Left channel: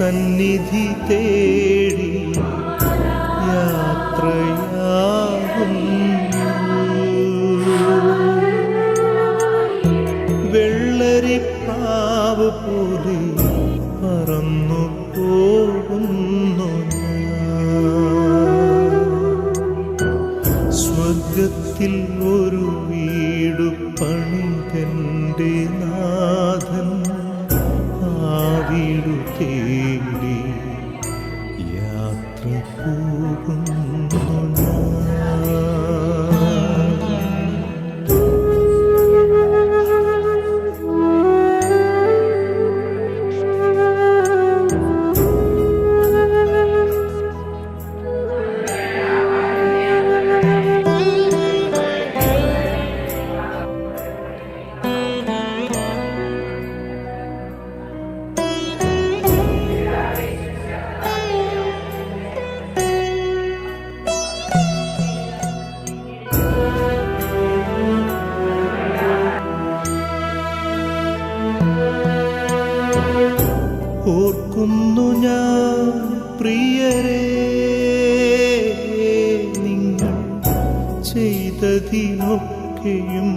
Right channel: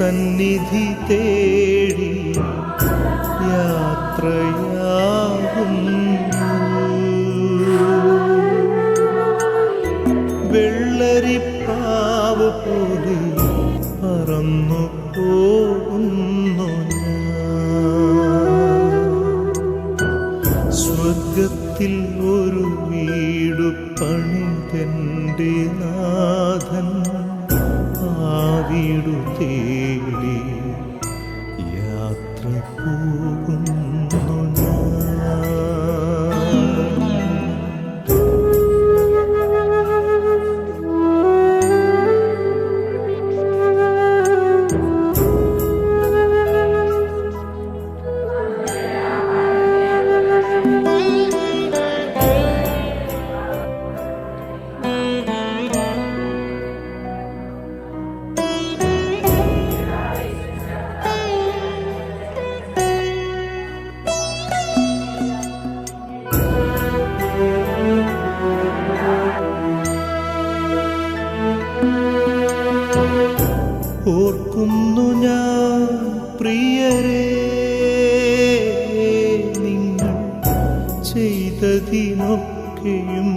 സന്നിധി തേടി യാത്രയാകുന്നു. വെള്ളരിപ്രാവ് പോലെ പറന്നു പോകുന്നു ഞാൻ. സ്വർഗത്തിൽ ഒരു വീടു പണിതെൻ്റെ നാഥൻ ആ വീടു തേടി യാത്ര പോകുന്നു ഞാൻ. ഓർക്കുന്നു ഞാൻ പ്രിയരേ, നിങ്ങൾ ചെയ്തതിനൊക്കെയും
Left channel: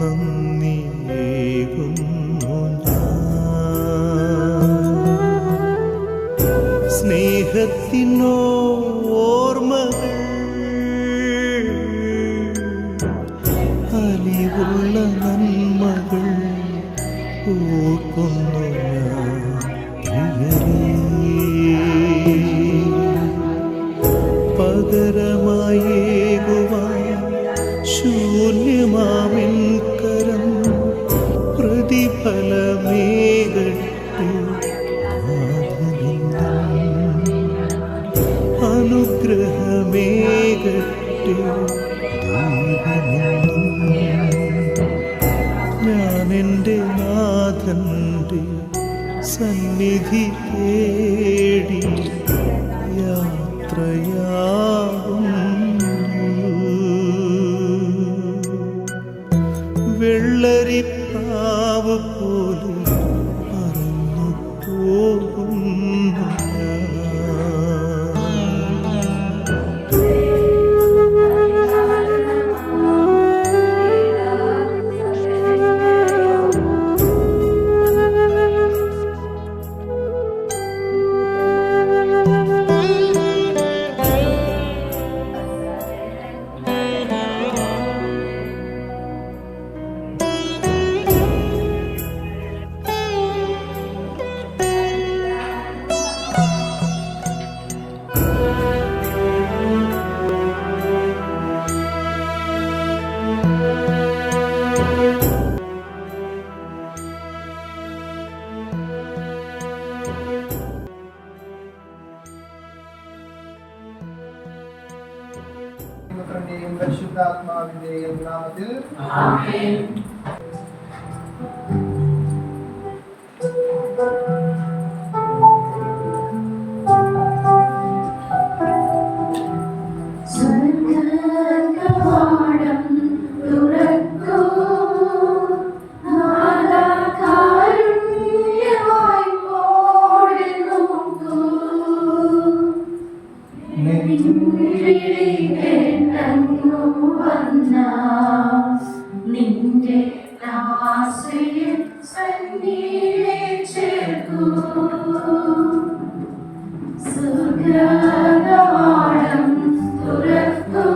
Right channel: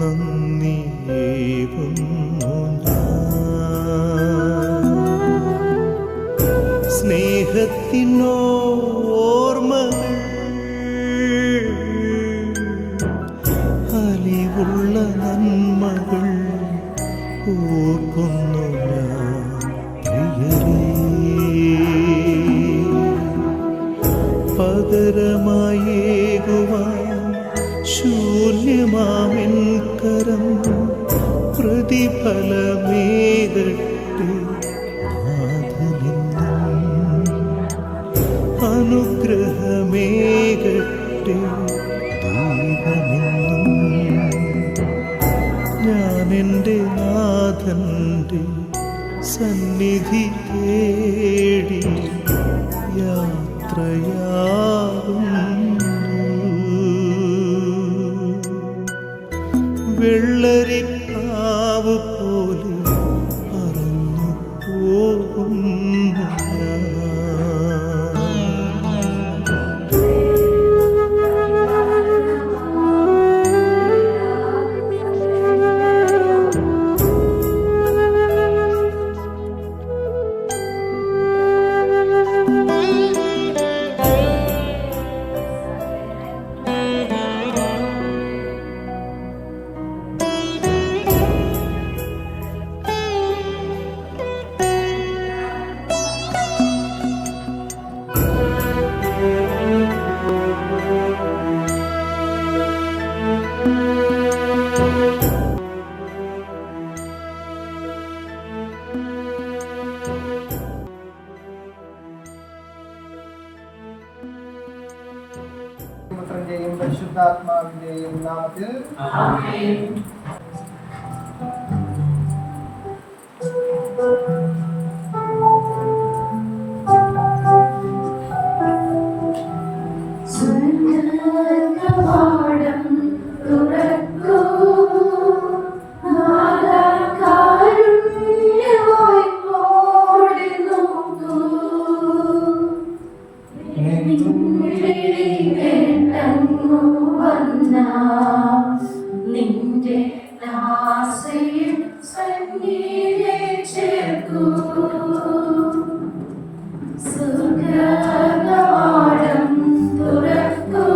നന്ദിയേകുന്നു ഞാൻ. സ്നേഹത്തിനോർമ്മകൾ അലിവുള്ള നന്മകൾ ഓർക്കുന്നു ഞാൻ പ്രിയരേ. പകരമായേകുവാൻ ശൂന്യമാമെൻ കരം പ്രതിഫലമേകട്ടെ നാഥനിന്നും. അനുഗ്രഹമേകട്ടെ ദൈവമെന്നും. ഞാൻ എൻ്റെ നാഥൻ്റെ സന്നിധി തേടി യാത്രയാകുന്നു. വെള്ളരിപ്രാവ് പോലെ പറന്നു പോകുന്നു ഞാൻ. പുത്രന്റെയും പരിശുദ്ധാത്മാവിന്റെയും നാമത്തിൽ ആമേൻ. നിന്റെ ദാസയിൽ സന്നിധി ചേർക്കൂ. സ്വർഗ്ഗദ്വാരം തുറക്കൂ.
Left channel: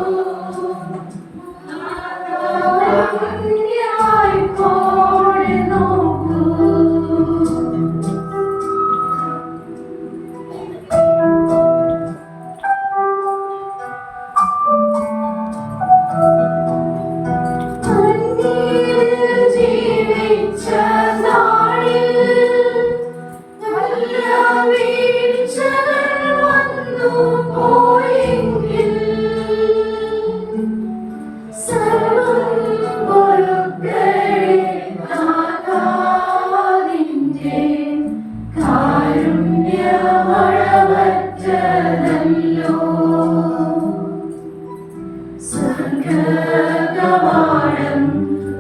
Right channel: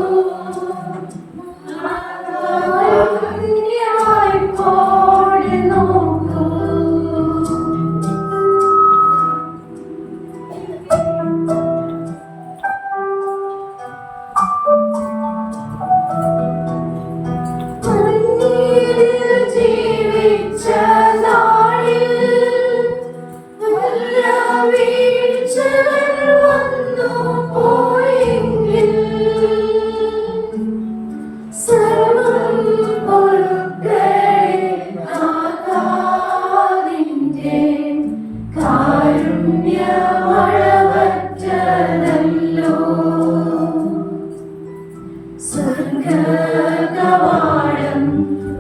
വായ്പോടെ നോക്കൂ. ജീവിച്ച നാളിൽ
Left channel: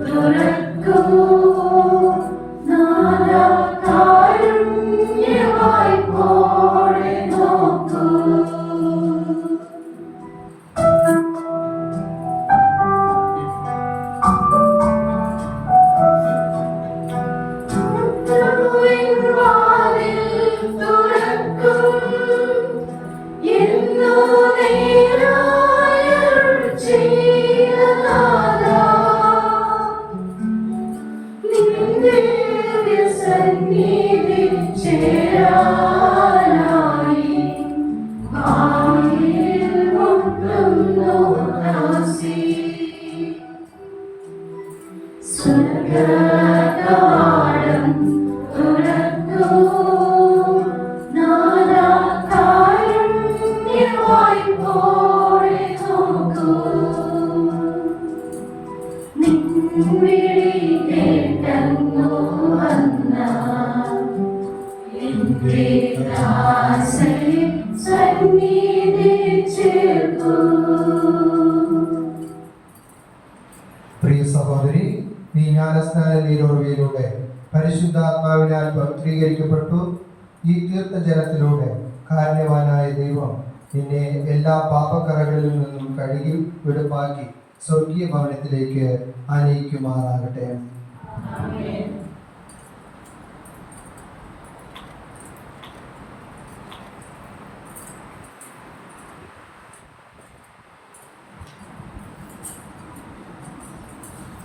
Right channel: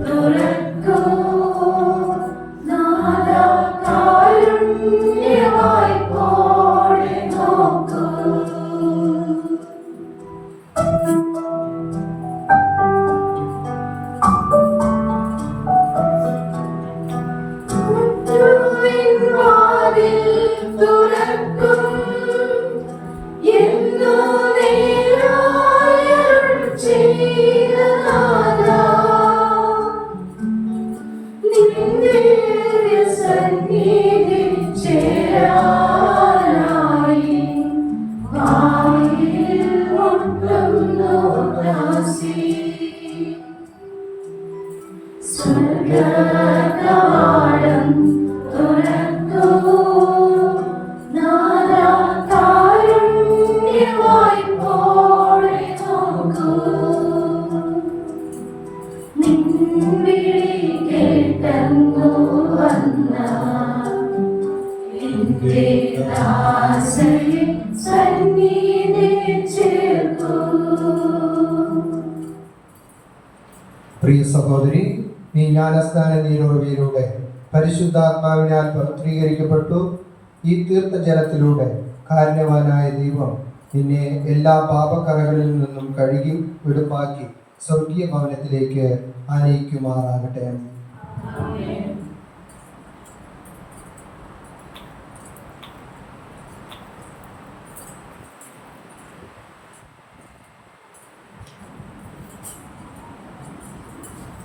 തുറക്കൂ നാദാ കാരുണ്യവാ കവാടം തുറക്കൂ. നാഥാ കാരുണ്യവായ്പോടെ നോക്കൂ. നിൻ വിളി കേട്ടങ്ങു വന്ന എന്റെ ദാസനെ സന്നിധിയിൽ ചേർക്കൂ. പ്രിയ സഹോദരി, നീ ജ്ഞാനസ്നാന നീരുറവയിലൂടെ പരിശുദ്ധാത്മാവിനാൽ പവിത്രീകരിക്കപ്പെട്ടു. ഈ തീർത്ഥജലത്തിലൂടെ കാരുണ്യവാനായ ദൈവം നിന്നെ എല്ലാ പാപക്കറകളിൽ നിന്നും കഴുകി വെടുപ്പാക്കി സ്വർഗീയ ഭവനത്തിലേക്ക് ആനയിക്കുമാറാകട്ടെ.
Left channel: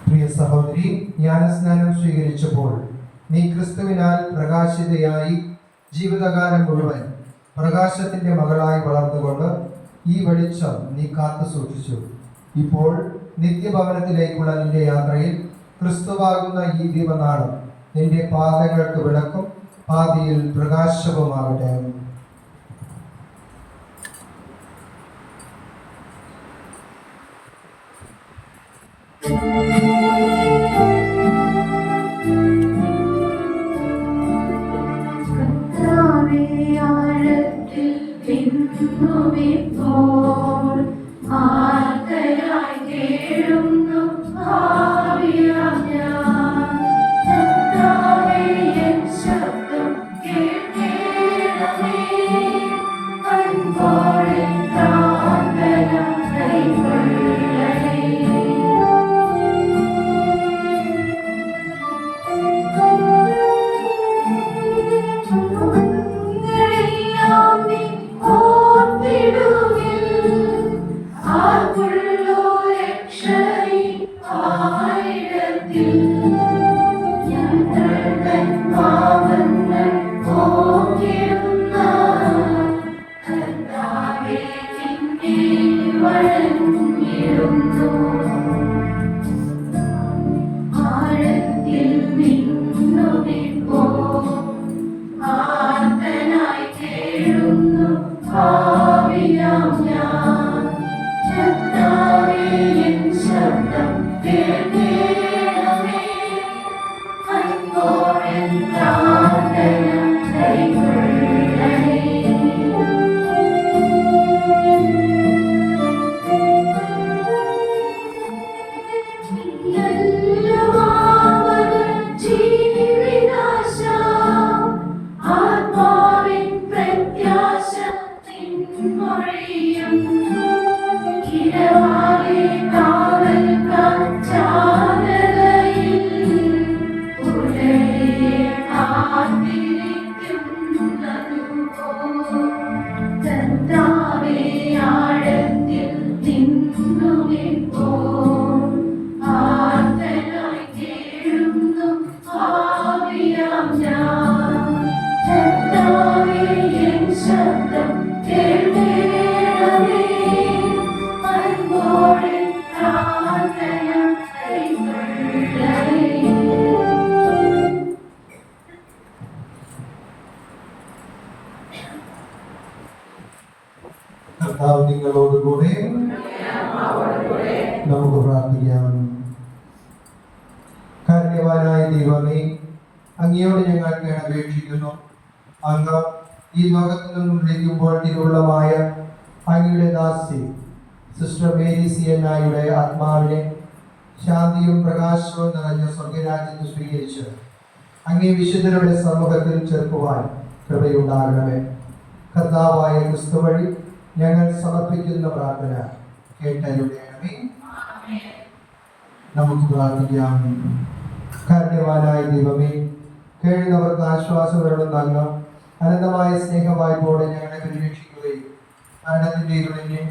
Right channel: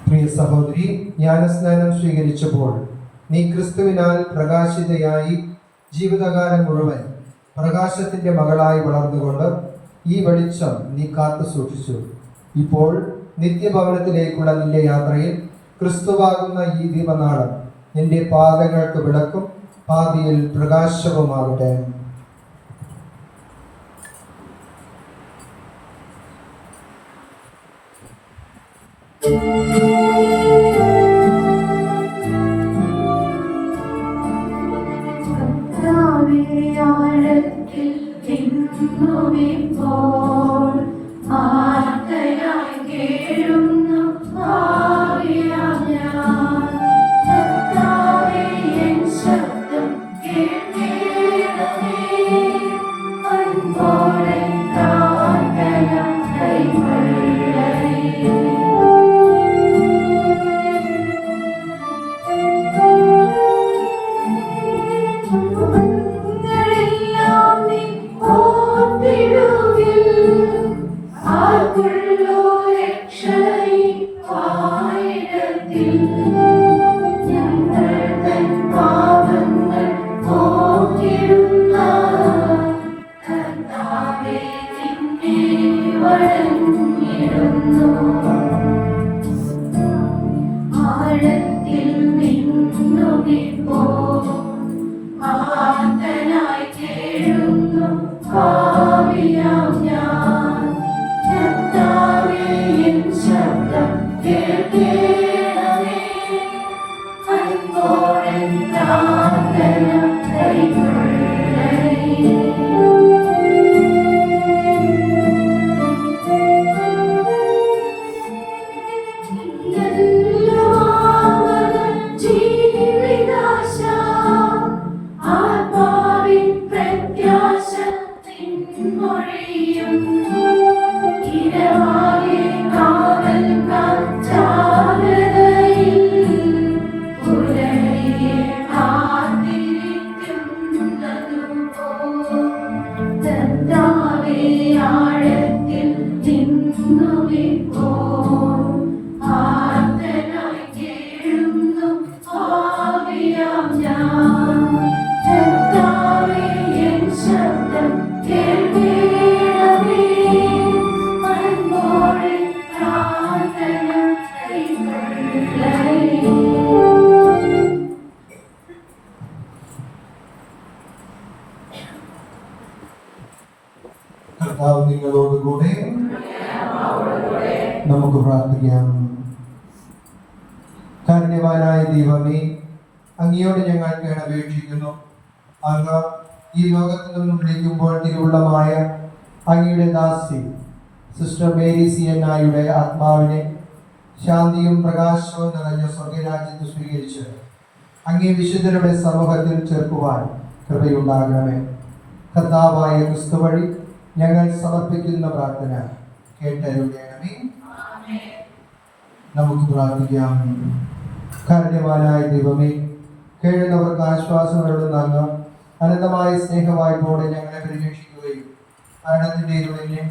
പ്രിയ സഹോദരി, ജ്ഞാനസ്നാനം സ്വീകരിച്ചപ്പോൾ നീ ക്രിസ്തുവിനാൽ പ്രകാശിതയായി ജീവിതകാലം മുഴുവൻ പ്രകാശത്തിന്റെ മകളായി വളർന്നുകൊണ്ട് ഈ വെളിച്ചം നീ കാത്തു സൂക്ഷിച്ചു. ഇപ്പോൾ നിത്യഭവനത്തിലേക്കുള്ള നിന്റെ യാത്രയിൽ ക്രിസ്തുവാകുന്ന ഈ ദീപനാളം നിന്റെ പാദങ്ങൾക്ക് വിളക്കും പാതിയിൽ പ്രകാശവുമാകട്ടെ. ആഴത്തിൽ തിന്നുമിപ്പോൾ ആർത്തയായി കേഴുന്നു ഭാവിയാം ഞാൻ. കർത്താവേ, എൻ ശബ്ദം കേൾക്കണമേ. അൻപോടെ പ്രാർത്ഥന കൈക്കൊള്ളണേ. െല്ലാം നീ ഓർത്തിടുകിൽ. ആർക്കുള്ളൂ രക്ഷകനീ ആയിടത്തിൽ. ഞങ്ങൾ തൻ പാപങ്ങൾ പോക്കിടുന്ന കർത്താവേ, നിന്നെ വണങ്ങിടുന്നു. ആഴത്തിൽ നിന്നുമിപ്പോ ആർത്തനായി കേഴുന്നു ഭാവിയാം ഞാൻ. കർത്താവേ, എൻ ശബ്ദം കേൾക്കണമേ. അൻപോടെ പ്രാർത്ഥന കൈക്കൊള്ളണേ. ജീവിതാശ ആത്മാവിൻ പ്രത്യാശ നിൻമൊഴിയും. ഇടവാകെ കാവൽ കാറ്റാകരയിൽ ഉലയെ കാത്തിരിക്കുന്നതുപോൽ. കർത്താവേ, ആഴത്തിൽ നിന്നുമിപ്പോൾ ആർത്തനായി കേഴുന്നു ഭാവിയാം ഞാൻ. കർത്താവേ, എൻ ശബ്ദം കേൾക്കണമേ. അൻപോടെ പ്രാർത്ഥന കൈക്കൊള്ളണേ. കർത്താവ് നിങ്ങളോടുകൂടെ. നമുക്ക് പ്രാർത്ഥിക്കാം. കാരുണ്യവാനായ ദൈവമേ, അങ്ങയോട് ഞങ്ങൾ കേണപേക്ഷിക്കുന്നു. അങ്ങ് ഈ ലോകത്തു നിന്നും വിളിക്കുമ്പോൾ തിരുവുള്ളമായ അങ്ങയുടെ ദാസി സിസ്റ്റർ മേരി സി എൻ നായുടെ ആത്മാവിനെ ശാന്തിയും പ്രകാശവും നിറഞ്ഞ സ്വർഗരാജ്യത്ത് സ്വീകരിച്ച് അങ്ങേ വിശുദ്ധരുടെ സമൂഹത്തിൽ ചേർക്കുവാൻ കൃപയുണ്ടാകണമേ. കർത്താവായ ക്രിസ്തു വഴി ഞങ്ങൾ സമർപ്പിക്കുന്ന പ്രാർത്ഥന കേട്ടരുളണമേ. നമുക്ക് പ്രാർത്ഥിക്കാം. കാരുണ്യവാനായ ദൈവമേ, കേഴുന്നവർക്ക് ആശ്വാസമരുളുന്ന അങ്ങ് അനന്തമായ സ്നേഹവായ്പോടെ ഞങ്ങളെ പരിരക്ഷിക്കുകയും മരണത്തിന്റെ ഇരുളിനെ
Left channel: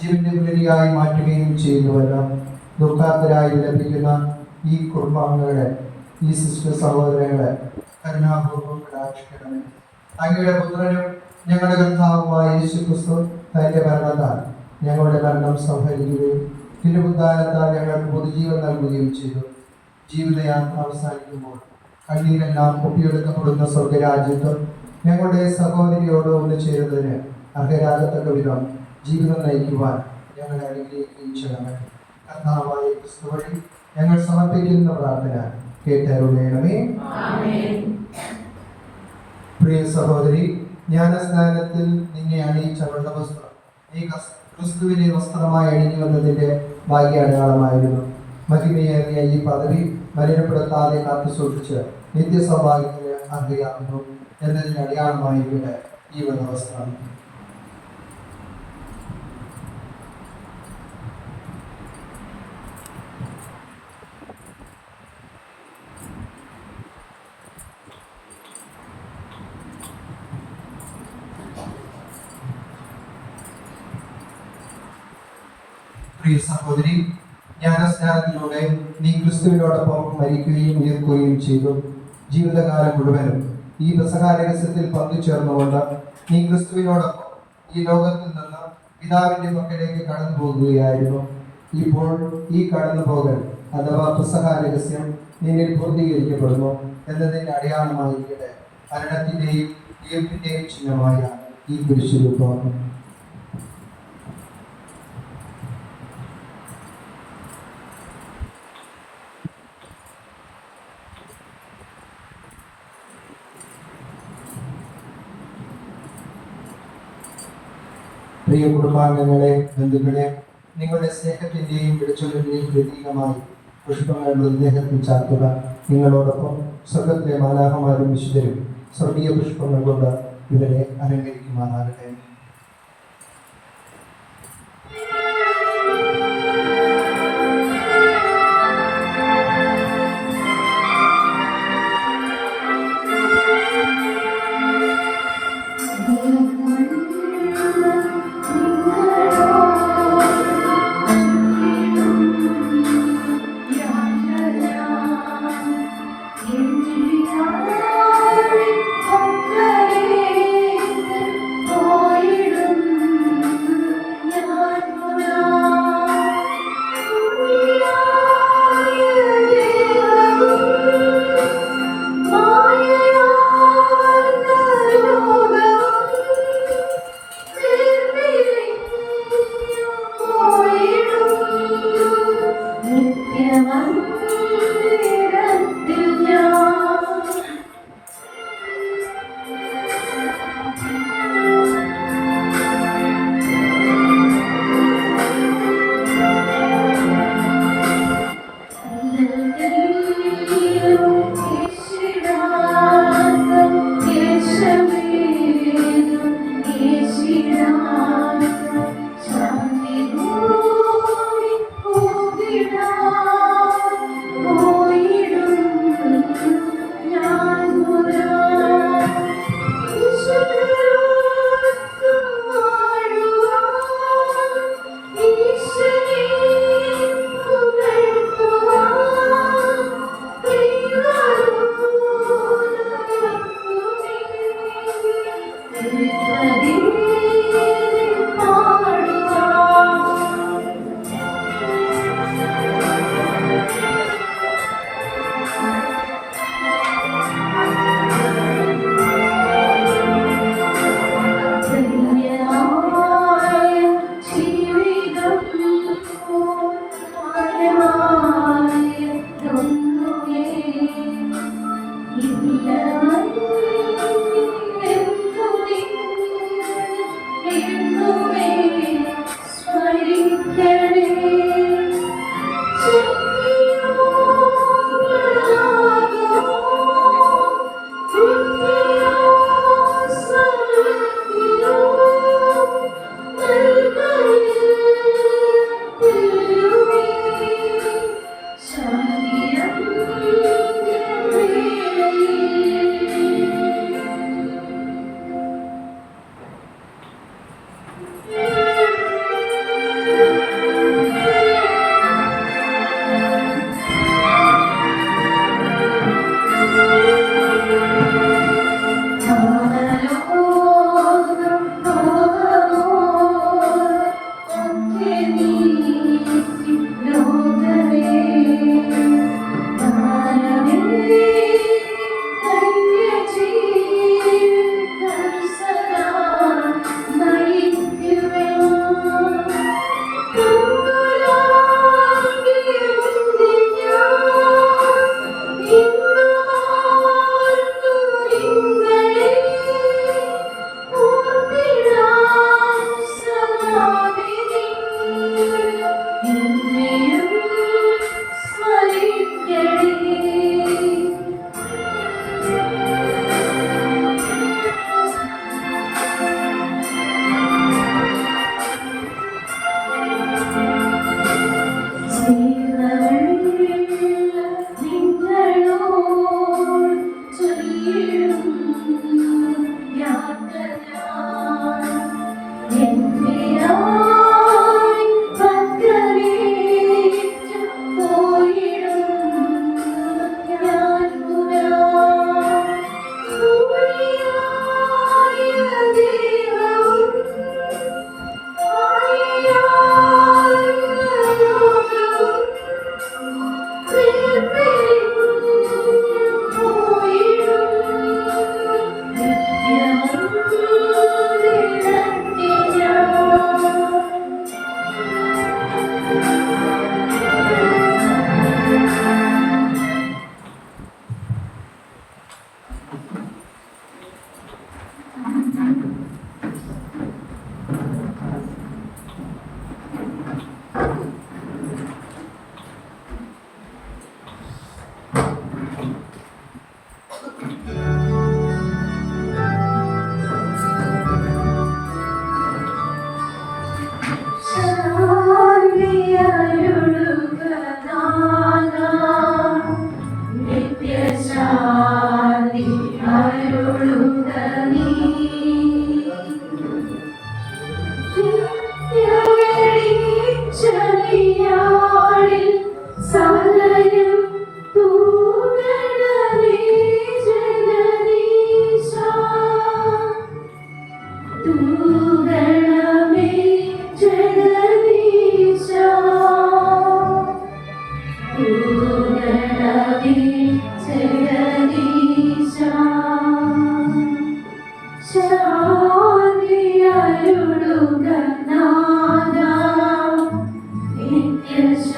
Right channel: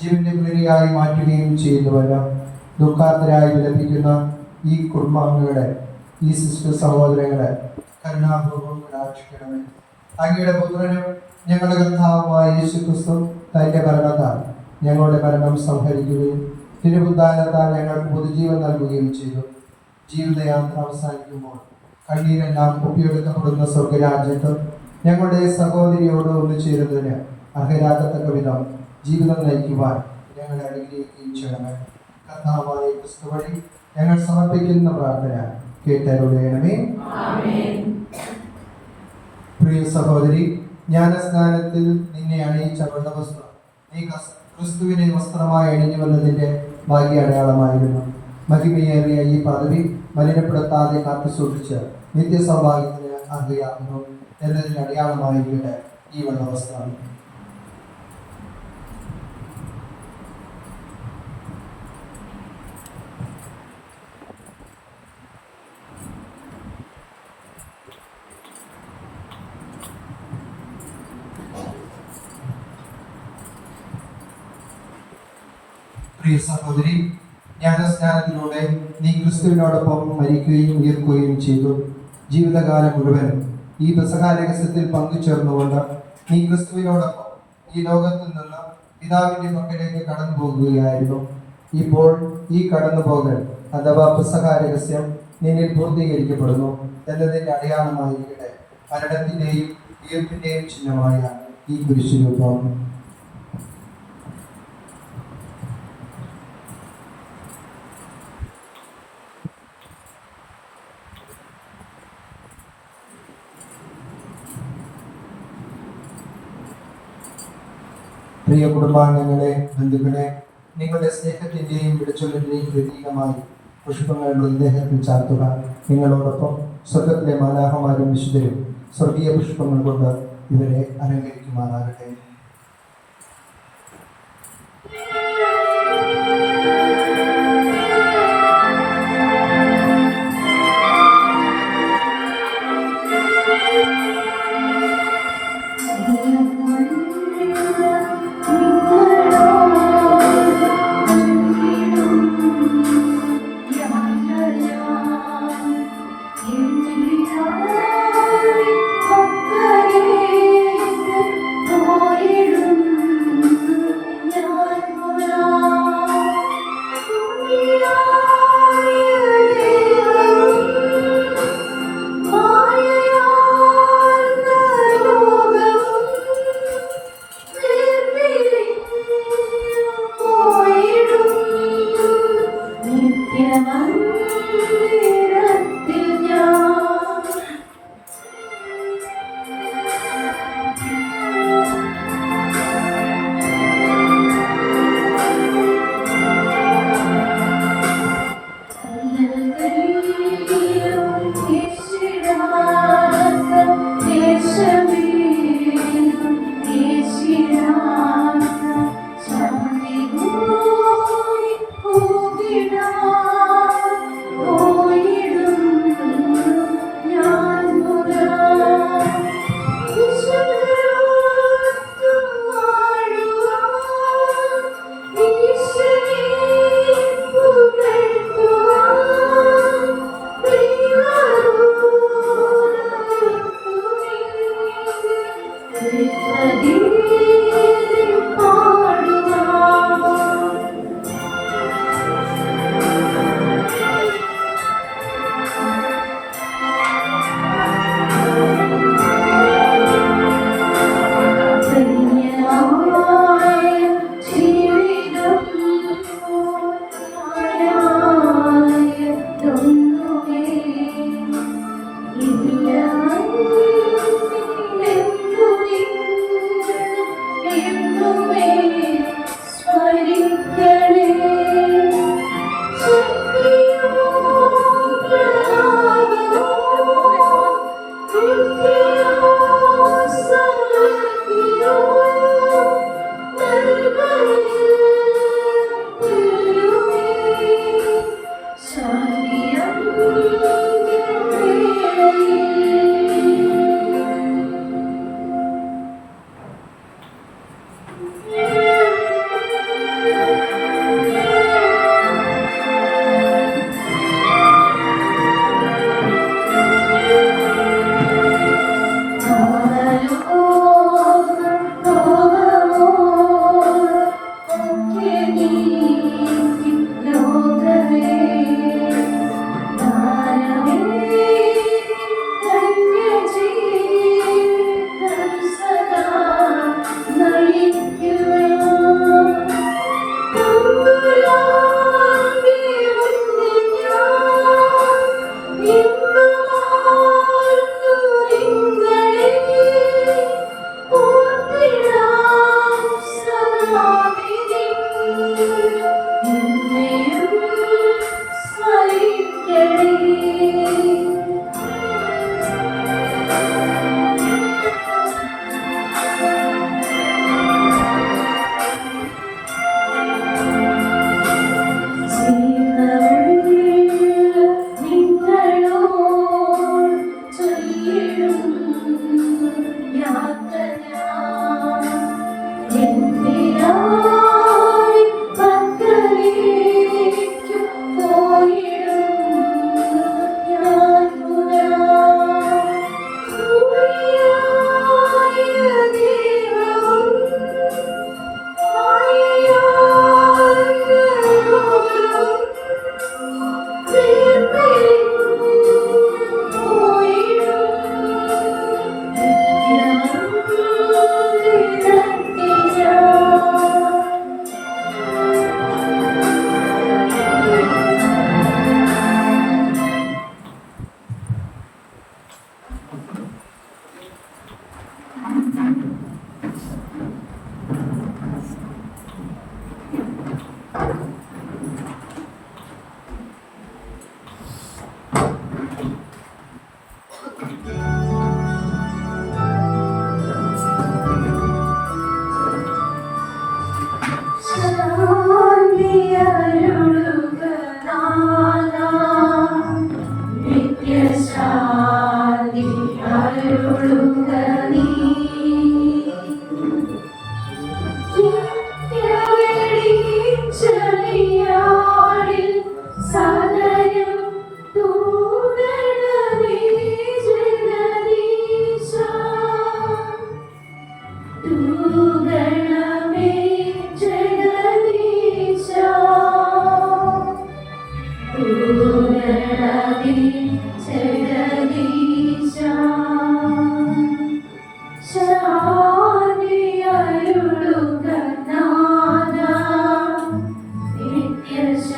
ജീവന്റെ പുലരിയായി മാറ്റുകയും ചെയ്യുന്നുവല്ലോ. ദുഃഖാർത്തരായി വിലപിക്കുന്ന ഈ കുടുംബാംഗങ്ങളെ, ഈ സിസ്റ്റർ സഹോദരങ്ങളെ കരുണാപൂർവ്വം കടാക്ഷിക്കണമേ. അങ്ങയുടെ പുത്രനും ഞങ്ങളുടെ കർത്താവുമായ യേശു ക്രിസ്തു തന്റെ മരണത്താൽ ഞങ്ങളുടെ മരണം സംഹരിക്കുകയും തിരുവുദ്ധാനത്താൽ ഞങ്ങൾക്ക് പുതുജീവൻ നൽകുകയും ചെയ്തു. ജീവിതയാത്ര അവസാനിക്കുമ്പോൾ കണ്ണീരെല്ലാം ഒപ്പിയെടുക്കപ്പെടുന്ന സ്വർഗരാജ്യത്ത് ഞങ്ങളുടെ സഹോദരിയോട് ഒന്ന് ചേരുന്നതിന് അർഹരാകത്തക്ക വിധം ജീവിതം നയിക്കുവാൻ ഞങ്ങളെ അനുഗ്രഹിക്കുകയും ചെയ്യണമേ. കർത്താവായ ക്രിസ്തു വഴി ഞങ്ങൾ സമർപ്പിക്കുന്ന പ്രാർത്ഥന കേട്ടരുളയണമേ. പ്രിയ സഹോദരി, ജ്ഞാനസ്നാനത്തിൽ നിന്നെ അണിയിച്ച വെള്ളവസ്ത്രം നീ ക്രിസ്തുവിനെ വസ്ത്രമായി അണിഞ്ഞു വന്നതിന്റെ ഭാഗ്യാടയാളമായിരുന്നു. മഹിമയേറിയ ഈ പദവി മലിനപ്പെടുത്താതെ കാത്തു സൂക്ഷിച്ച് നിത്യസൗഭാഗ്യത്തിന് അർഹയാകുന്നു എന്നതിന് അടയാളമായിരിക്കട്ടെ ഈ വെള്ളവസ്ത്രം. പ്രിയ സഹോദരി, ജ്ഞാനസ്നാനത്തിലൂടെ നീ ക്രിസ്തുവിനോടൊപ്പം മരിക്കുകയും ഉയർക്കുകയും ചെയ്തു. ജീവിതകാലം മുഴുവനും ഈ പെസഹ രഹസ്യത്തിൽ പങ്കുചേർന്നുകൊണ്ട് നീ ക്രിസ്തുവിനോടൊപ്പം ഈ ലോകത്തിൽ നിന്ന് പിതാവിന്റെ പക്കലേക്ക് കടന്നു പോകുകയായിരുന്നു. ഇപ്പോൾ ഈ കടന്നുപോകൽ അഥവാ പെസഹ രഹസ്യം നിന്നിൽ പൂർത്തീകരിക്കപ്പെടുന്നു എന്നതിന്റെ അടയാളമായിരിക്കട്ടെ മരണത്തിന്റെയും ഉയർപ്പിന്റെയും ചിഹ്നമായ ഈ കുരിശുരൂപം. പ്രിയ കുടുംബാംഗങ്ങളെ, ബന്ധുക്കളെ, നിങ്ങളുടെ സ്നേഹത്തിന്റെയും വിളിച്ചലിന്റെയും പ്രതീകമായി പുഷ്പങ്ങൾ മൃതദേഹത്തിൽ ചാർത്തുക. നിങ്ങളോടൊപ്പം സ്വർഗത്തിലെ മാലാഖമാരും വിശുദ്ധരും സ്വർഗീയ പുഷ്പങ്ങൾ കൊണ്ട് ഇവരെ അലങ്കരിക്കുമാറാകട്ടെ. Oh,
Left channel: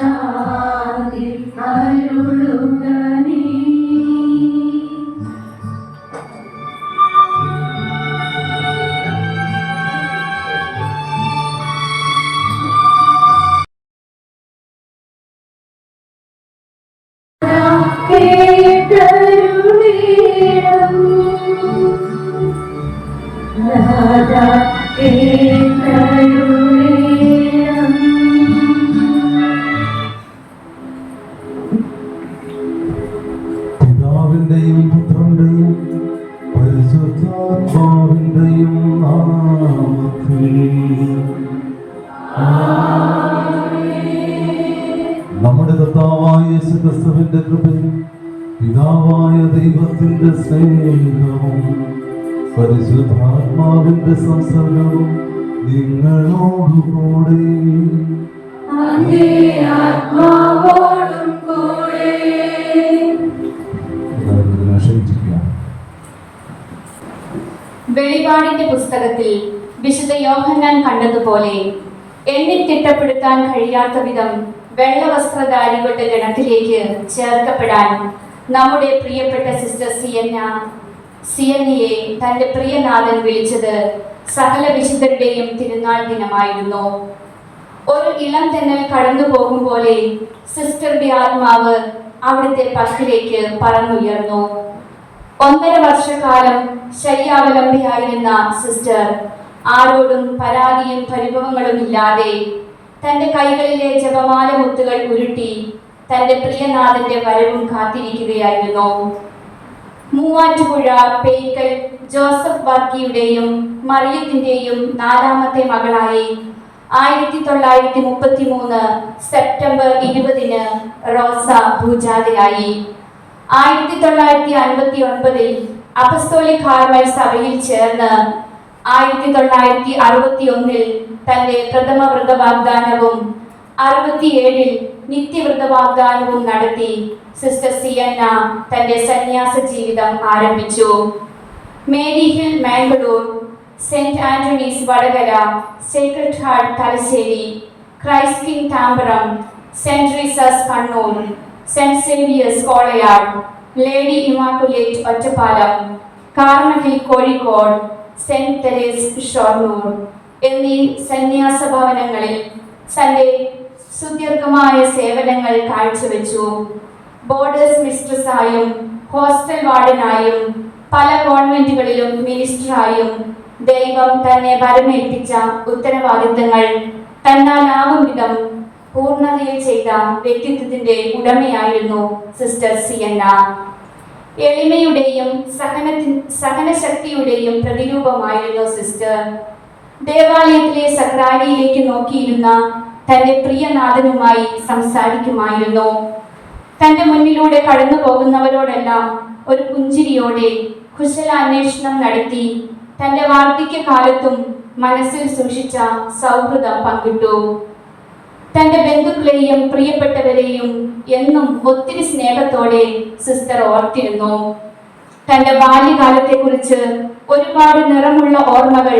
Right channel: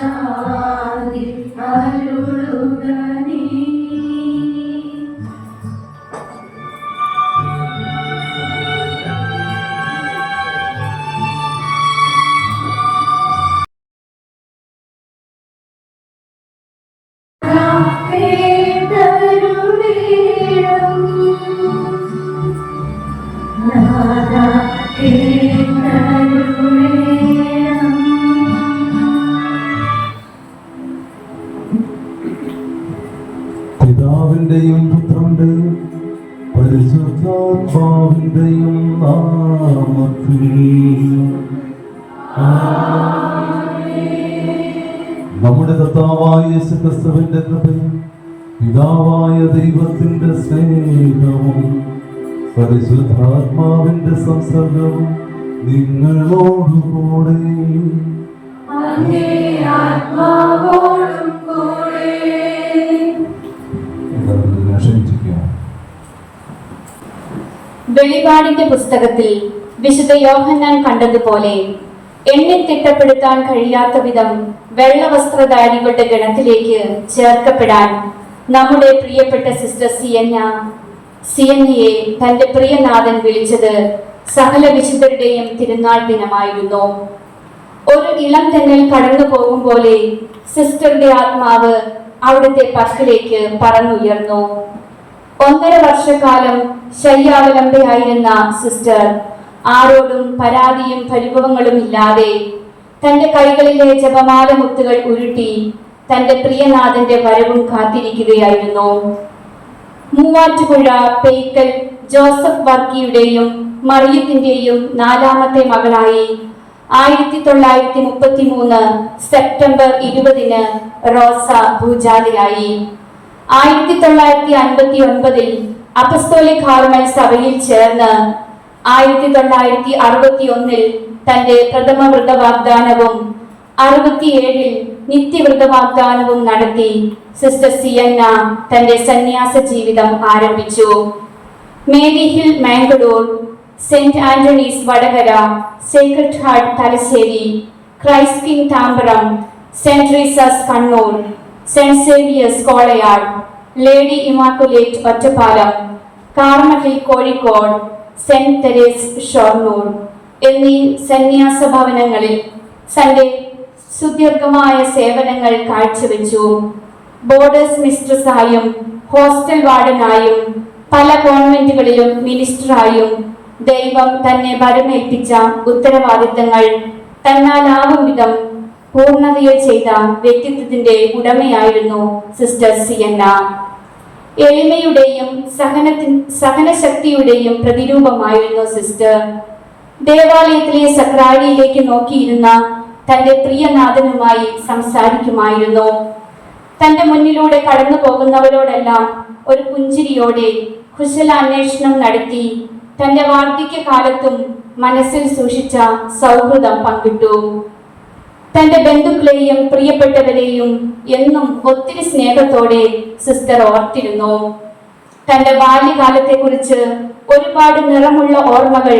ശാന്തി അരുളുകനേ. കേട്ടരുളീണം നാദാ കേട്ടരുളീണം. പിതാവിന്റെയും പുത്രന്റെയും പരിശുദ്ധാത്മാവിന്റെയും നാമത്തിൽ നമ്മുടെ കർത്താവായ യേശുക്രിസ്തുവിന്റെ കൃപയും പിതാവായ ദൈവത്തിന്റെ സ്നേഹവും പരിശുദ്ധാത്മാവിന്റെ സംസർഗവും നിങ്ങളോടുകൂടെ അങ്ങേ ആത്മാവോടും കൂടെ. ക്ഷണിച്ചിരിക്കുക. വെളിപാടിന്റെ പുസ്തകത്തിൽ വിശുദ്ധ യോഹന്നാൻ കണ്ടതുപോലെ എണ്ണി തിട്ടപ്പെടുത്താൻ കഴിയാത്ത വിധം വെള്ളവസ്ത്രധാരികളുടെ ഗണത്തിലേക്ക് ചേർക്കപ്പെടാൻ നമ്മുടെ പ്രിയപ്പെട്ട സിസ്റ്റർ സിയന്നയെ തന്റെ പ്രിയനാഥൻ വിളിച്ചത് സകല വിശുദ്ധരുടെയും തിരുനാൾ ദിനമായിരുന്നു. ഒരു ഇളം തെന്നൽ കടന്നു പോകും പോലെ സിസ്റ്ററുടെ ആത്മാവ് അവിടുത്തെ പക്കലേക്ക് പറന്നുയർന്നു. 1.5 വർഷക്കാലം ശയ്യാവലംബയായിരുന്ന സിസ്റ്റർ ആരോടും പരാതിയും പരിഭവങ്ങളും ഇല്ലാതെ തന്റെ കൈകളിലെ ജപമാല മുത്തുകൾ ഉരുട്ടി തന്റെ പ്രിയനാഥന്റെ വരവും കാത്തിരിക്കുകയായിരുന്നു. മൂവാറ്റുപുഴ പേക്കൽ ജോസഫ് വർക്കിയുടെയും മറിയത്തിന്റെയും 4ാമത്തെ മകളായി 1933 സെപ്റ്റംബർ 20 റോസ ഭൂജാതയായി. 1959 അപ്പസ്തോലിക് കാർമൽ സഭയിൽ ചേർന്ന് 1961 തന്റെ പ്രഥമ വ്രതവാഗ്ദാനവും 67 നിത്യവ്രതവാഗ്ദാനവും നടത്തി സിസ്റ്റർ സിയന്ന തന്റെ സന്യാസ ജീവിതം ആരംഭിച്ചു. Mary Hill Mangalore, Saint Antony's Vadakara, Sacred Heart Thalassery, Christ King Tambaram, Saint Teresa's Kannur, Saint Xavier's Kolayad, Lady Immaculate Ottapalam, Carmel Kozhikode, Saint Therese Shoranur എന്നീ സന്യാസ ഭവനങ്ങളിൽ തന്റെ സുദീർഘമായ സേവനങ്ങൾ കാഴ്ചവെച്ചു. ബോർഡേഴ്സ് മിസ്ട്രസായും ഹോസ്റ്റൽ വാർഡനായും പല കോൺവെന്റുകളിലും മിനിസ്റ്ററായും ദൈവം തന്നെ ഭരമേൽപ്പിച്ച ഉത്തരവാദിത്തങ്ങൾ തന്നാലാവും വിധം പൂർണ്ണതയിൽ ചെയ്ത വ്യക്തിത്വത്തിന്റെ ഉടമയായിരുന്നു സിസ്റ്റർ സിയന്ന. എളിമയുടെയും സഹനശക്തിയുടെയും പ്രതിരൂപമായിരുന്നു സിസ്റ്റർ. ദേവാലയത്തിലെ സക്രാരിയിലേക്ക് നോക്കിയിരുന്ന തന്റെ പ്രിയനാഥനുമായി സംസാരിക്കുമായിരുന്നു. തന്റെ മുന്നിലൂടെ കടന്നു പോകുന്നവരോടെല്ലാം ഒരു പുഞ്ചിരിയോടെ കുശലാന്വേഷണം നടത്തി തന്റെ വാർദ്ധക്യകാലത്തും മനസ്സിൽ സൂക്ഷിച്ച സൗഹൃദം പങ്കിട്ടു. തന്റെ ബന്ധുക്കളെയും പ്രിയപ്പെട്ടവരെയും എന്നും ഒത്തിരി സ്നേഹത്തോടെ സിസ്റ്റർ ഓർത്തിരുന്നു. തന്റെ ബാല്യകാലത്തെക്കുറിച്ച് ഒരുപാട് നിറമുള്ള ഓർമ്മകൾ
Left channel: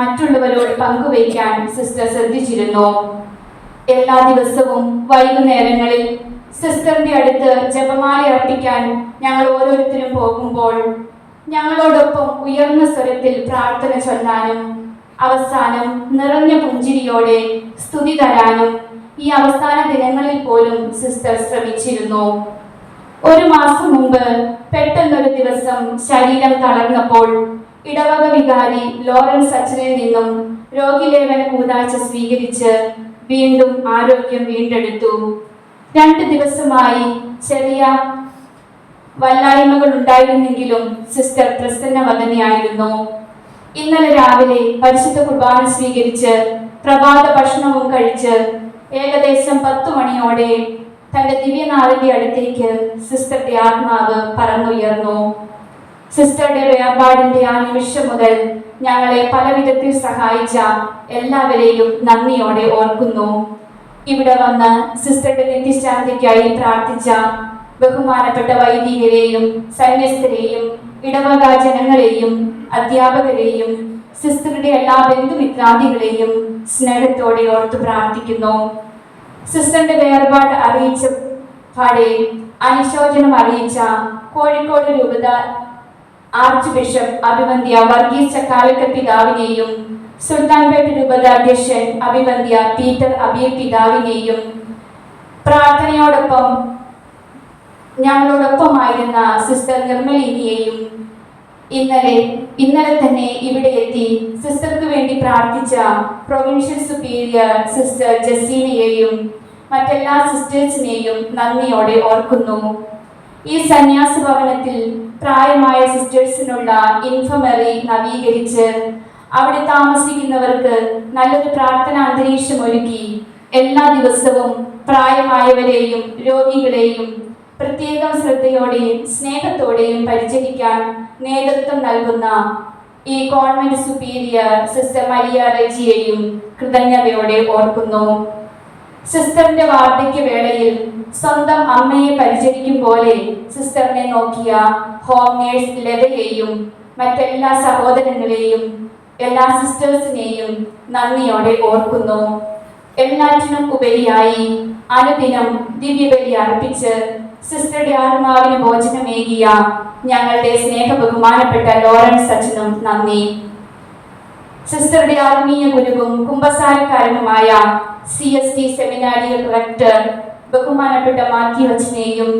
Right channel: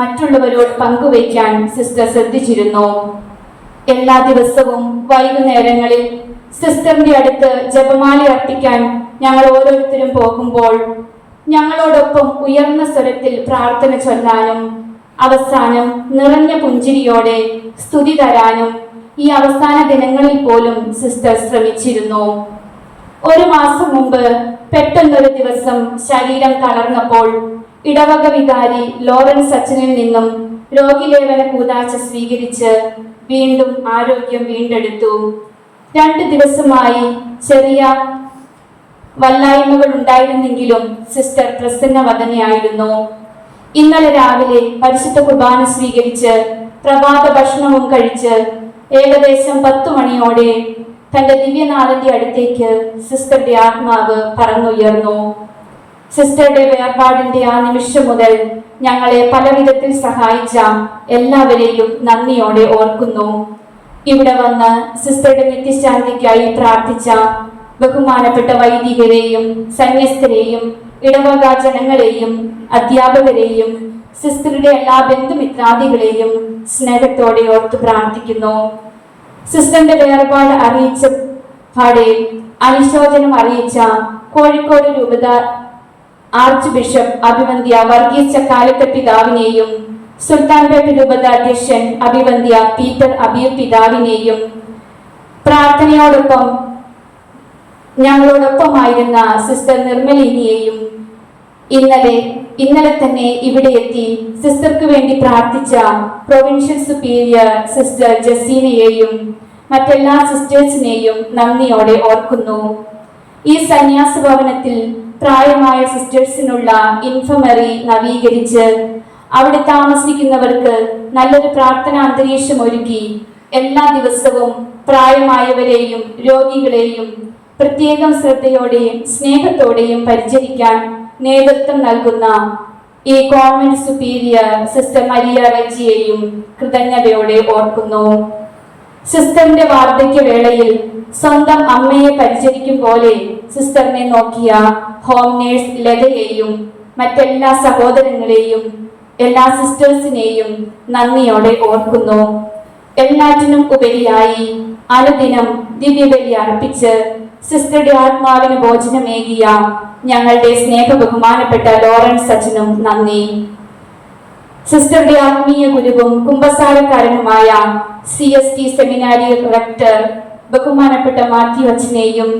മറ്റുള്ളവരോട് പങ്കുവയ്ക്കാൻ സിസ്റ്റർ ശ്രദ്ധിച്ചിരുന്നു. എല്ലാ ദിവസവും വൈകുന്നേരങ്ങളിൽ സിസ്റ്ററിന്റെ അടുത്ത് ജപമാല അർപ്പിക്കാൻ ഞങ്ങൾ ഓരോരുത്തരും പോകുമ്പോൾ ഞങ്ങളോടൊപ്പം ഉയർന്ന സ്വരത്തിൽ പ്രാർത്ഥന ചൊല്ലാനും അവസാനം നിറഞ്ഞ പുഞ്ചിരിയോടെ സ്തുതി തരാനും ഈ അവസാന ദിനങ്ങളിൽ പോലും സിസ്റ്റർ ശ്രമിച്ചിരുന്നു. 1 മാസം മുമ്പ് പെട്ടെന്നൊരു ദിവസം ശരീരം തളർന്നപ്പോൾ ഇടവക വികാരി ലോറൻസ് അച്ഛനിൽ നിന്നും രോഗിലേവന കൂതാശ സ്വീകരിച്ച് വീണ്ടും ആരോഗ്യം വീണ്ടെടുത്തു. 2 ദിവസമായി ചെറിയ വല്ലായ്മകൾ ഉണ്ടായിരുന്നെങ്കിലും സിസ്റ്റർ പ്രസന്നവദനയായിരുന്നു. ഇന്നലെ രാവിലെ പരിശുദ്ധ കുർബാന സ്വീകരിച്ച് പ്രഭാത ഭക്ഷണവും കഴിച്ച് ഏകദേശം 10 മണിയോടെ തന്റെ ദിവ്യനാഥന്റെ അടുത്തേക്ക് സിസ്റ്ററുടെ ആത്മാവ് പറന്നുയർന്നു. സിസ്റ്ററുടെ വേർപാടിന്റെ ആ നിമിഷം മുതൽ ഞങ്ങളെ പലവിധത്തിൽ സഹായിച്ച എല്ലാവരെയും നന്ദിയോടെ ഓർക്കുന്നു. ഇവിടെ വന്ന് സിസ്റ്ററുടെ നിത്യശാന്തിക്കായി പ്രാർത്ഥിച്ച ബഹുമാനപ്പെട്ട വൈദികരെയും സന്യസ്തരെയും ഇടവക ജനങ്ങളെയും അധ്യാപകരെയും സിസ്റ്ററുടെ എല്ലാ ബന്ധുമിത്രാദികളെയും സ്നേഹത്തോടെ ഓർത്തു പ്രാർത്ഥിക്കുന്നു. സിസ്റ്ററിന്റെ വേർപാട് അറിയിച്ച പാടെ അനുശോചനം അറിയിച്ച കോഴിക്കോട് രൂപത ആർച്ച് ബിഷപ്പ് അഭിവന്ദ്യ വർഗീസ് ചക്കാലക്കൽ പിതാവിനെയും സുൽത്താൻപേട്ട് രൂപത അധ്യക്ഷൻ അഭിവന്ദ്യ പീറ്റർ അബിയു പിതാവിനെയും പ്രാർത്ഥനയോടൊപ്പം ഞങ്ങളോടൊപ്പമായിരുന്ന സിസ്റ്റർ നിർമ്മലിനിയെയും ഇന്നലെ തന്നെ ഇവിടെ എത്തി സിസ്റ്റർക്ക് വേണ്ടി പ്രാർത്ഥിച്ച പ്രൊവിൻഷ്യൽ സുപ്പീരിയർ സിസ്റ്റർ ജസീനയെയും മറ്റെല്ലാ സിസ്റ്റേഴ്സിനെയും നന്ദിയോടെ ഓർക്കുന്നു. ഈ സന്യാസ ഭവനത്തിൽ പ്രായമായ സിസ്റ്റേഴ്സിനുള്ള ഇൻഫർമറി നവീകരിച്ച് അവിടെ താമസിക്കുന്നവർക്ക് നല്ലൊരു പ്രാർത്ഥനാ അന്തരീക്ഷം ഒരുക്കി എല്ലാ ദിവസവും പ്രായമായവരെയും രോഗികളെയും പ്രത്യേകം ശ്രദ്ധയോടെയും സ്നേഹത്തോടെയും പരിചരിക്കാൻ നേതൃത്വം നൽകുന്ന ഈ കോൺവെന്റ് സുപ്പീരിയർ സിസ്റ്റർ മരിയ റെജിയെയും കൃതജ്ഞതയോടെ ഓർക്കുന്നു. സിസ്റ്ററിന്റെ വാർദ്ധക്യ വേളയിൽ സ്വന്തം അമ്മയെ പരിചരിക്കും പോലെ സിസ്റ്ററിനെ നോക്കിയ ഹോം നേഴ്സ് ലതയെയും മറ്റെല്ലാ സഹോദരങ്ങളെയും എല്ലാ സിസ്റ്റേഴ്സിനെയും നന്ദിയോടെ ഓർക്കുന്നു. എല്ലാറ്റിനും ഉപരിയായി അനുദിനം ദിവ്യബലി അർപ്പിച്ച് സിസ്റ്ററുടെ ആത്മാവിന് ഭോജനമേകിയ ഞങ്ങളുടെ സ്നേഹ ബഹുമാനപ്പെട്ട ലോറൻസ് അച്ഛനും നന്ദി. സിസ്റ്ററുടെ ആത്മീയ ഗുരുവും കുമ്പസാരക്കാരനുമായ CST സെമിനാരി റെക്ടർ ബഹുമാനപ്പെട്ട മാത്യു അച്ഛനെയും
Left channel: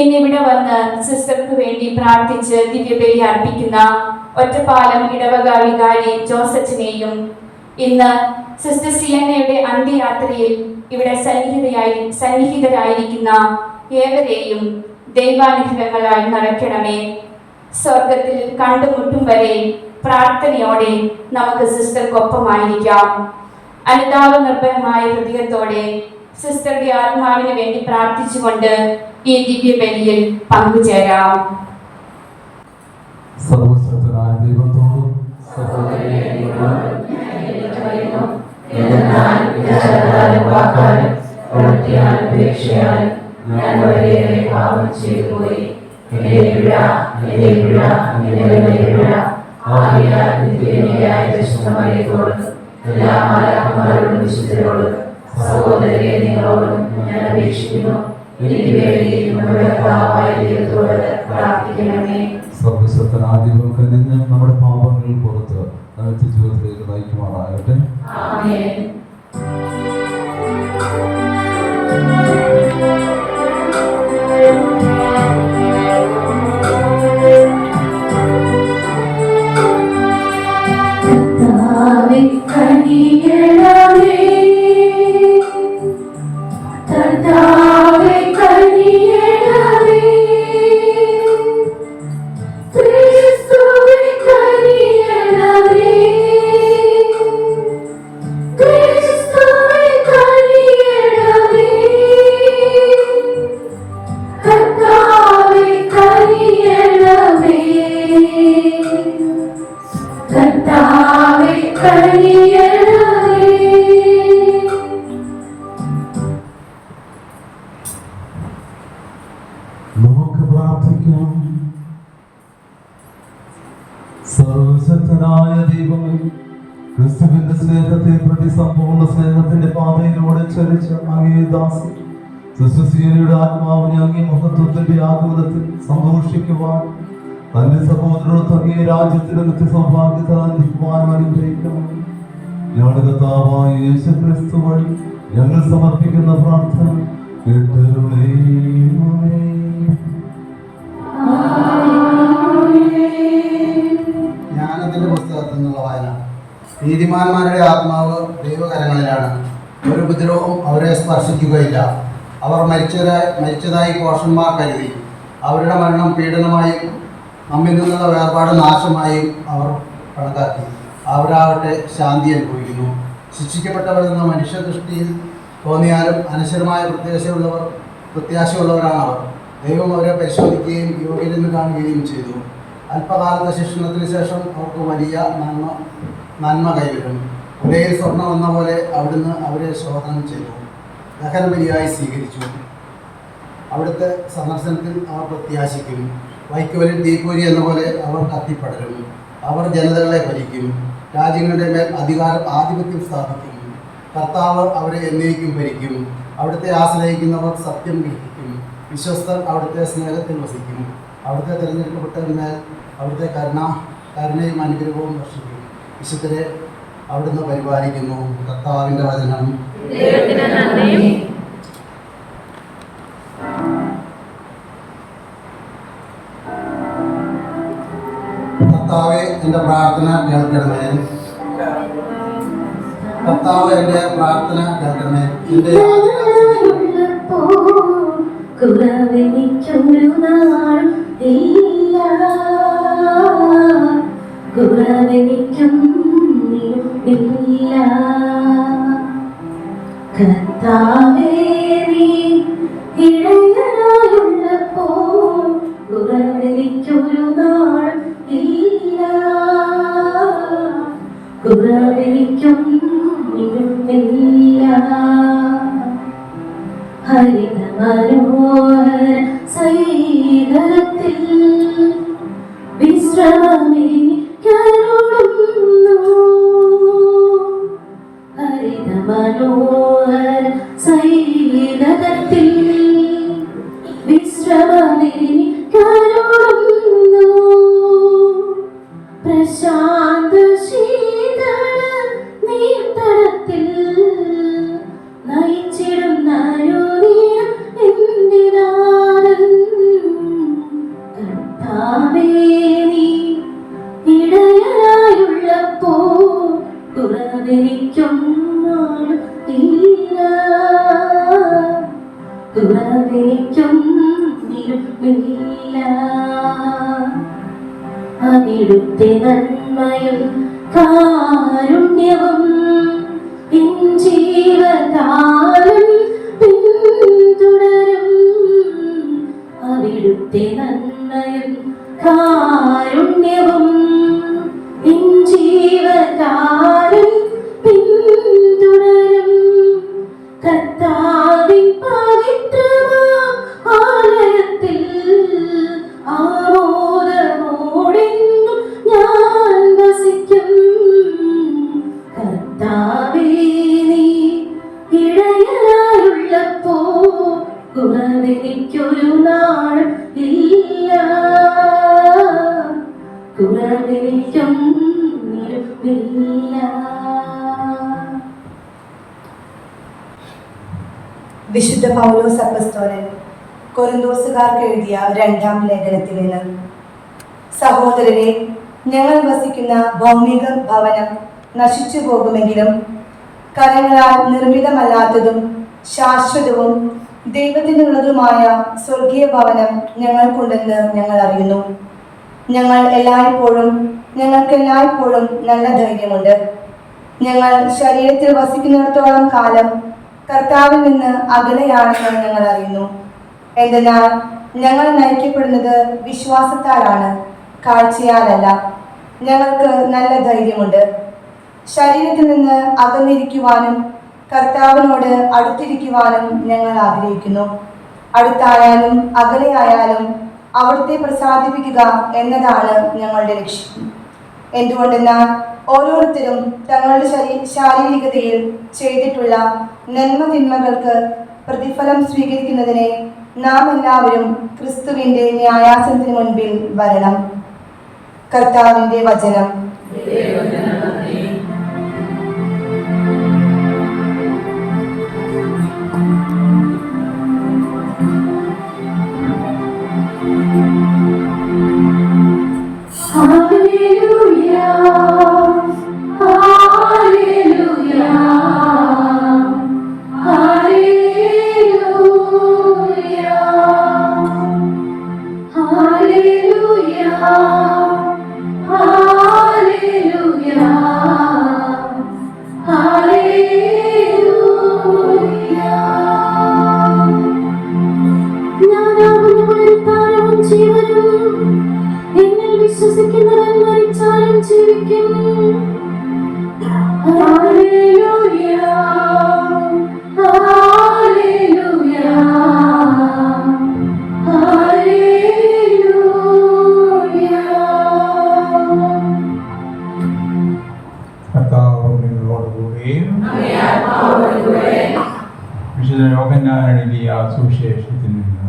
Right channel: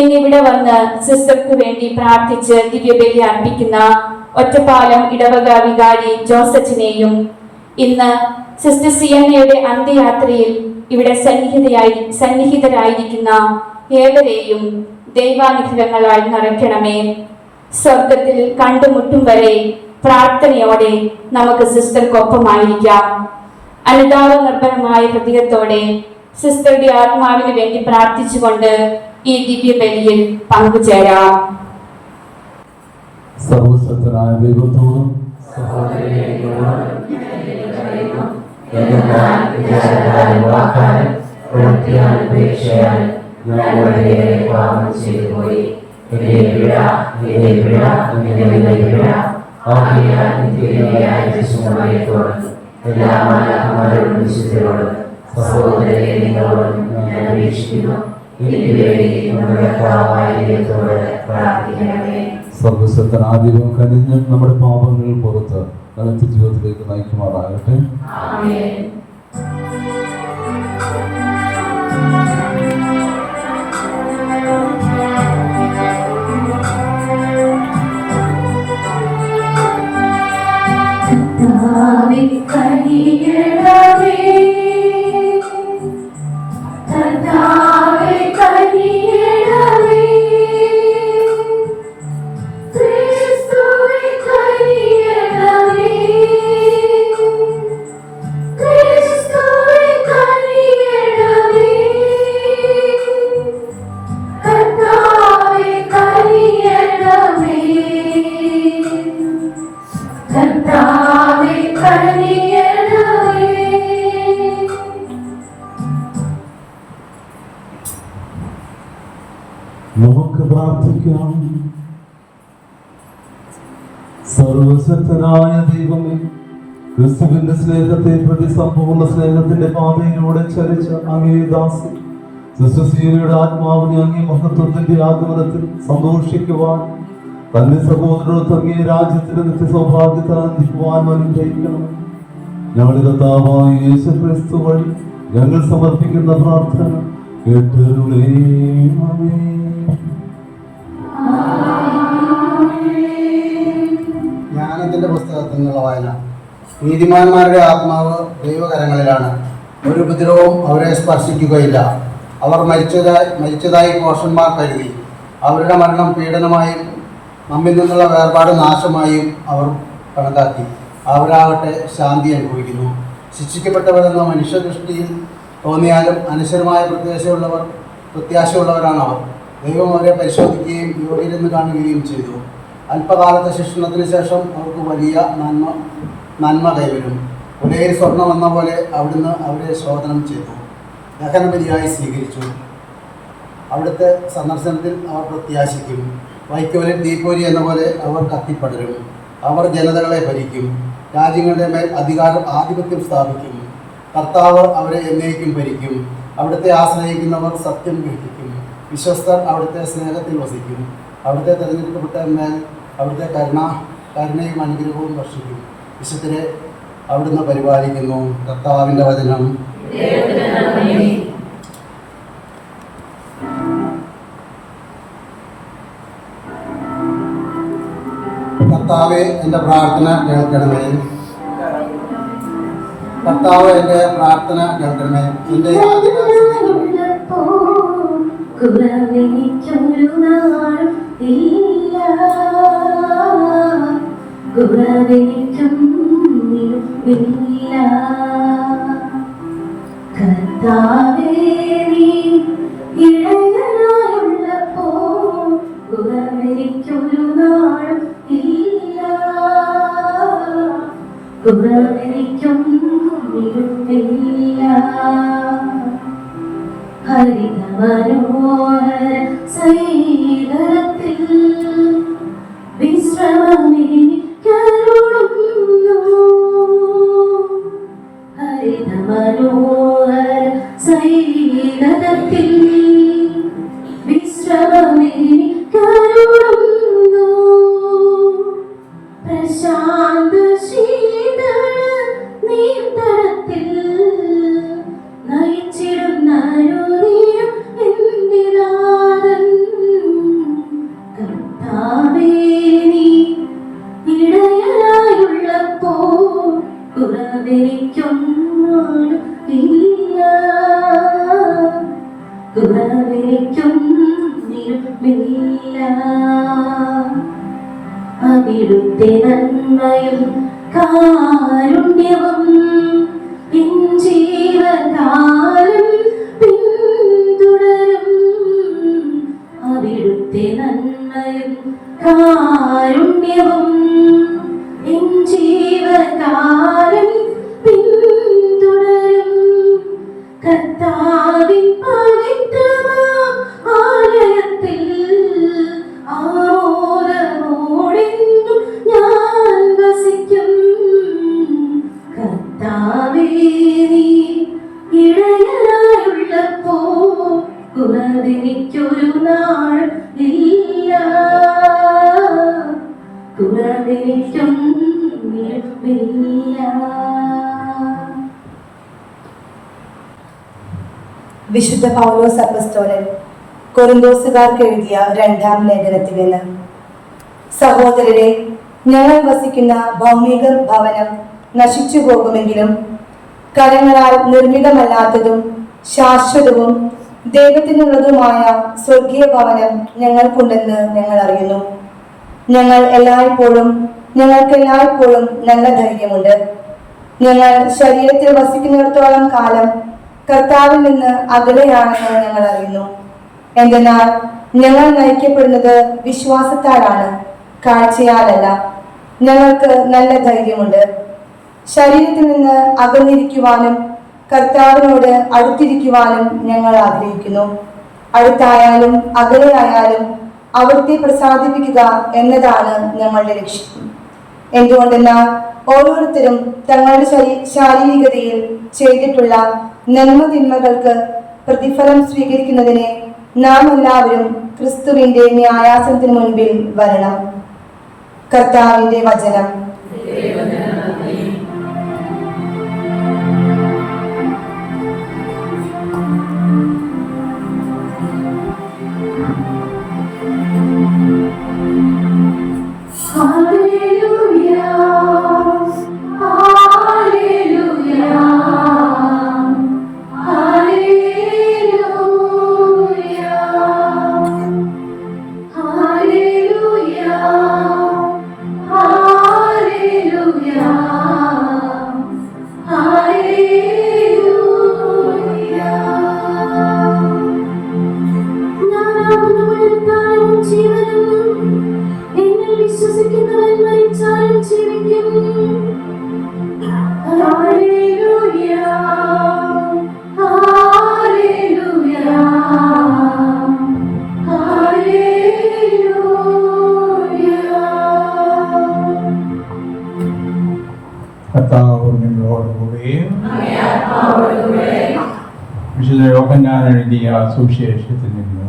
ഇന്നിവിടെ വന്ന് സിസ്റ്റർക്ക് വേണ്ടി പ്രാർത്ഥിച്ച് ദിവ്യബലി അർപ്പിക്കുന്ന ഒറ്റപ്പാലം ഇടവക വികാരി ജോസ് അച്ഛനെയും ഇന്ന് സിസ്റ്റർ സിയന്നയുടെ അന്ത്യയാത്രയിൽ ഇവിടെ സന്നിഹിതരായിരിക്കുന്ന ഏവരെയും ദൈവാനുഗ്രഹങ്ങളാൽ നിറയ്ക്കണമേ. സ്വർഗത്തിൽ കണ്ടുമുട്ടും വരെ പ്രാർത്ഥനയോടെ നമുക്ക് സിസ്റ്റർക്കൊപ്പമായിരിക്കാം. അനുതാപ നിർഭരമായ ഹൃദയത്തോടെ സിസ്റ്ററുടെ ആത്മാവിന് വേണ്ടി പ്രാർത്ഥിച്ചുകൊണ്ട് ഈ ദിവ്യബലിയിൽ പങ്കുചേരാം. സർവശക്തനായ ദൈവത്തോടും സഹോദരരെ നിങ്ങളോടും ഞാൻ അപേക്ഷിക്കുന്നു. പ്രാർത്ഥിക്കണമേ. സർവശക്തനാദിവം കനിഞ്ഞ് നമ്മുടെ പാപങ്ങൾ പുറത്ത് അനന്ത ജീവിതത്തിലേക്ക് നയിക്കുമാറാകട്ടെ. ആമേൻ. നമുക്ക് പ്രാർത്ഥിക്കാം. സർവശക്തനായ ദൈവമേ, ക്രിസ്തുവിന്റെ സ്നേഹത്തെ പ്രതി സമ്പൂർണ്ണ സ്നേഹത്തിന്റെ പാതയിലൂടെ ചരിച്ച അങ്ങേ ദാസി സിസ്റ്റർ ആത്മാവിനെ അങ്ങേ മഹത്വത്തിന്റെ ആഗമനത്തിൽ സന്തോഷിക്കുവാൻ തന്റെ സഹോദരർക്ക് അങ്ങേ രാജ്യത്തിന്റെ നിത്യ സൗഭാഗ്യത്തിൽ അന്തിക്കുവാൻ അനുഗ്രഹിക്കണം. ഞങ്ങളുടെ കർത്താവായ യേശു ക്രിസ്തു വഴി ഞങ്ങൾ സമർപ്പിക്കുന്ന പ്രാർത്ഥന കേട്ടരുളേണമേ. ജ്ഞാനത്തിന്റെ പുസ്തകത്തിൽ നിന്നുള്ള വായന. നീതിമാന്മാരുടെ ആത്മാവ് ദൈവകരങ്ങളിലാണ്, ഒരു ഉപദ്രവവും അവരെ സ്പർശിക്കുകയില്ല. അവർ മരിച്ചതായി കോഷന്മാർ കരുതി. അവരുടെ മരണം പീഡനമായും നമ്മിൽ നിന്നുള്ള വേർപാട് നാശമായും അവർ കണക്കാക്കി. അവരാകട്ടെ ശാന്തി അനുഭവിക്കുന്നു. ശിക്ഷിക്കപ്പെട്ടവരെന്ന മനുഷ്യദൃഷ്ടിയിൽ തോന്നിയാലും അനശ്വരമായ പ്രത്യാശയുള്ളവരാണ് അവർ. ദൈവം അവരെ പരിശോധിക്കുകയും യോഗ്യരെന്ന് കാണുകയും ചെയ്തു. അല്പകാലത്തെ ശിക്ഷണത്തിന് ശേഷം അവർക്ക് വലിയ നന്മ കൈവരും. ഒരേ സ്വർണം എന്ന പോലെ അവിടുന്ന് അവരെ ശോധനം ചെയ്തു, ദഹനബലിയായി സ്വീകരിച്ചു. അവിടുത്തെ സന്ദർശനത്തിൽ അവർ പ്രത്യാശിക്കും. വൈക്കോലിൽ തീക്കോരി എന്ന പോലെ അവർ കത്തിപ്പടരും. അവർ ജനതകളെ ഭരിക്കും, രാജ്യങ്ങളുടെ മേൽ ആധിപത്യം സ്ഥാപിക്കും. കർത്താവ് അവരെ എന്നേക്കും ഭരിക്കും. അവിടുത്തെ ആശ്രയിക്കുന്നവർ സത്യം ഗ്രഹിക്കും. വിശ്വസ്തർ അവിടുത്തെ സ്നേഹത്തിൽ വസിക്കും. അവിടുത്തെ തിരഞ്ഞെടുക്കപ്പെട്ടവന്മേൽ അവിടുത്തെ കരുണയും അനുഗ്രഹവും വർഷിക്കും. വിശുദ്ധരെ അവിടുന്ന് പരിപാലിക്കുന്നു. കർത്താവിൻ്റെ വചനം. കർത്താവെ എൻ്റെ പ്രാർത്ഥന കേൾക്കണമേ. കർത്താവ് എൻ്റെ പ്രാർത്ഥന കേൾക്കണമേ. എൻ്റെ കുറവെനിക്കൊരു നാൾ ഇല്ല, കുറവെനിക്കും ഇല്ല. കർത്താവേ നീ ഇടയനായുള്ളപ്പോൾ കുറവെനിക്കൊരു നാൾ ഇല്ല, കുറവെനിക്കും ഇല്ല. ഹരിതമനോഹര സൈകരത്തിൽ വിശ്രമമേനിക്കരുളുന്നു. ഹരിതമനോഹര സൈകരത്തിൽ വിശ്രമമേനിക്കരുളുന്നു. പ്രശാന്ത ശീതള നീർത്തടത്തിൽ നയിച്ചിടുന്ന എന്റെ നാഥൻ. കർത്താവേ നീ ഇടയനായുള്ളപ്പോൾ കുറവെനിക്കും ഇല്ല, കുറവെനിക്കും ഇല്ല. അവിടുത്തെ നന്മയും കാരുണ്യവും എൻ ജീവകാലം പിന്തുടരും. അവിടുത്തെ നന്മയും കാരുണ്യവും എൻ ജീവകാലം പിന്തുടരും. കർത്താവിൻ പവിത്രമാം ആലയത്തിൽ ആമോദമോടെന്നും ഞാൻ വസിക്കും. കർത്താവേ നീ ഇടയനായുള്ളപ്പോൾ കുറവെനിക്കൊരു നാൾ ഇല്ല, കുറവെനിക്കും ഇല്ല. വിശുദ്ധ പൗലോസ് അപ്പസ്തോലൻ കൊരിന്തോസുകാർക്ക് എഴുതിയ 2-ാം ലേഖനത്തിൽ നിന്ന്: സഹോദരരെ, ഞങ്ങൾ വസിക്കുന്ന ഭൗമിക ഭവനം നശിച്ചു പോകുമെങ്കിലും കരങ്ങളാൽ നിർമ്മിതമല്ലാത്തതും ശാശ്വതവും ദൈവത്തിനുള്ളതുമായ സ്വർഗീയ ഭവനം ഞങ്ങൾക്കുണ്ടെന്ന് ഞങ്ങൾ അറിയുന്നു. ഞങ്ങൾക്ക് എല്ലായ്പ്പോഴും നല്ല ധൈര്യമുണ്ട്. ഞങ്ങൾ ശരീരത്തിൽ വസിക്കുന്നിടത്തോളം കാലം കർത്താവിൽ നിന്ന് അകലെയാണെന്ന് ഞങ്ങൾ അറിയുന്നു. എന്തെന്നാൽ ഞങ്ങൾ നയിക്കപ്പെടുന്നത് വിശ്വാസത്താലാണ്, കാഴ്ചയാലല്ല. ഞങ്ങൾക്ക് നല്ല ധൈര്യമുണ്ട്. ശരീരത്തിൽ നിന്ന് അകന്നിരിക്കുവാനും കർത്താവിനോട് അടുത്തിരിക്കുവാനും ഞങ്ങൾ ആഗ്രഹിക്കുന്നു. അടുത്തായാലും അകലെയായാലും അവിടുത്തെ പ്രസാദിപ്പിക്കുക എന്നതാണ് ഞങ്ങളുടെ ലക്ഷ്യം. എന്തുകൊണ്ടെന്നാൽ ഓരോരുത്തരും തങ്ങളുടെ ശാരീരികതയിൽ ചെയ്തിട്ടുള്ള നന്മ തിന്മകൾക്ക് പ്രതിഫലം സ്വീകരിക്കുന്നതിനെ നാം എല്ലാവരും ക്രിസ്തുവിന്റെ ന്യായാസനത്തിന് മുൻപിൽ വരണം. കർത്താവിന്റെ വചനം. വിശ്വസിക്കുന്നവൻ മരിച്ചാലും ജീവിക്കും. Hallelujah, hallelujah, hallelujah. കർത്താവ് നിങ്ങളോടുകൂടി. വിശുദ്ധ യോഗ യോഹന്നാൻ എഴുതിയ സുവിശേഷത്തിൽ നിന്ന്.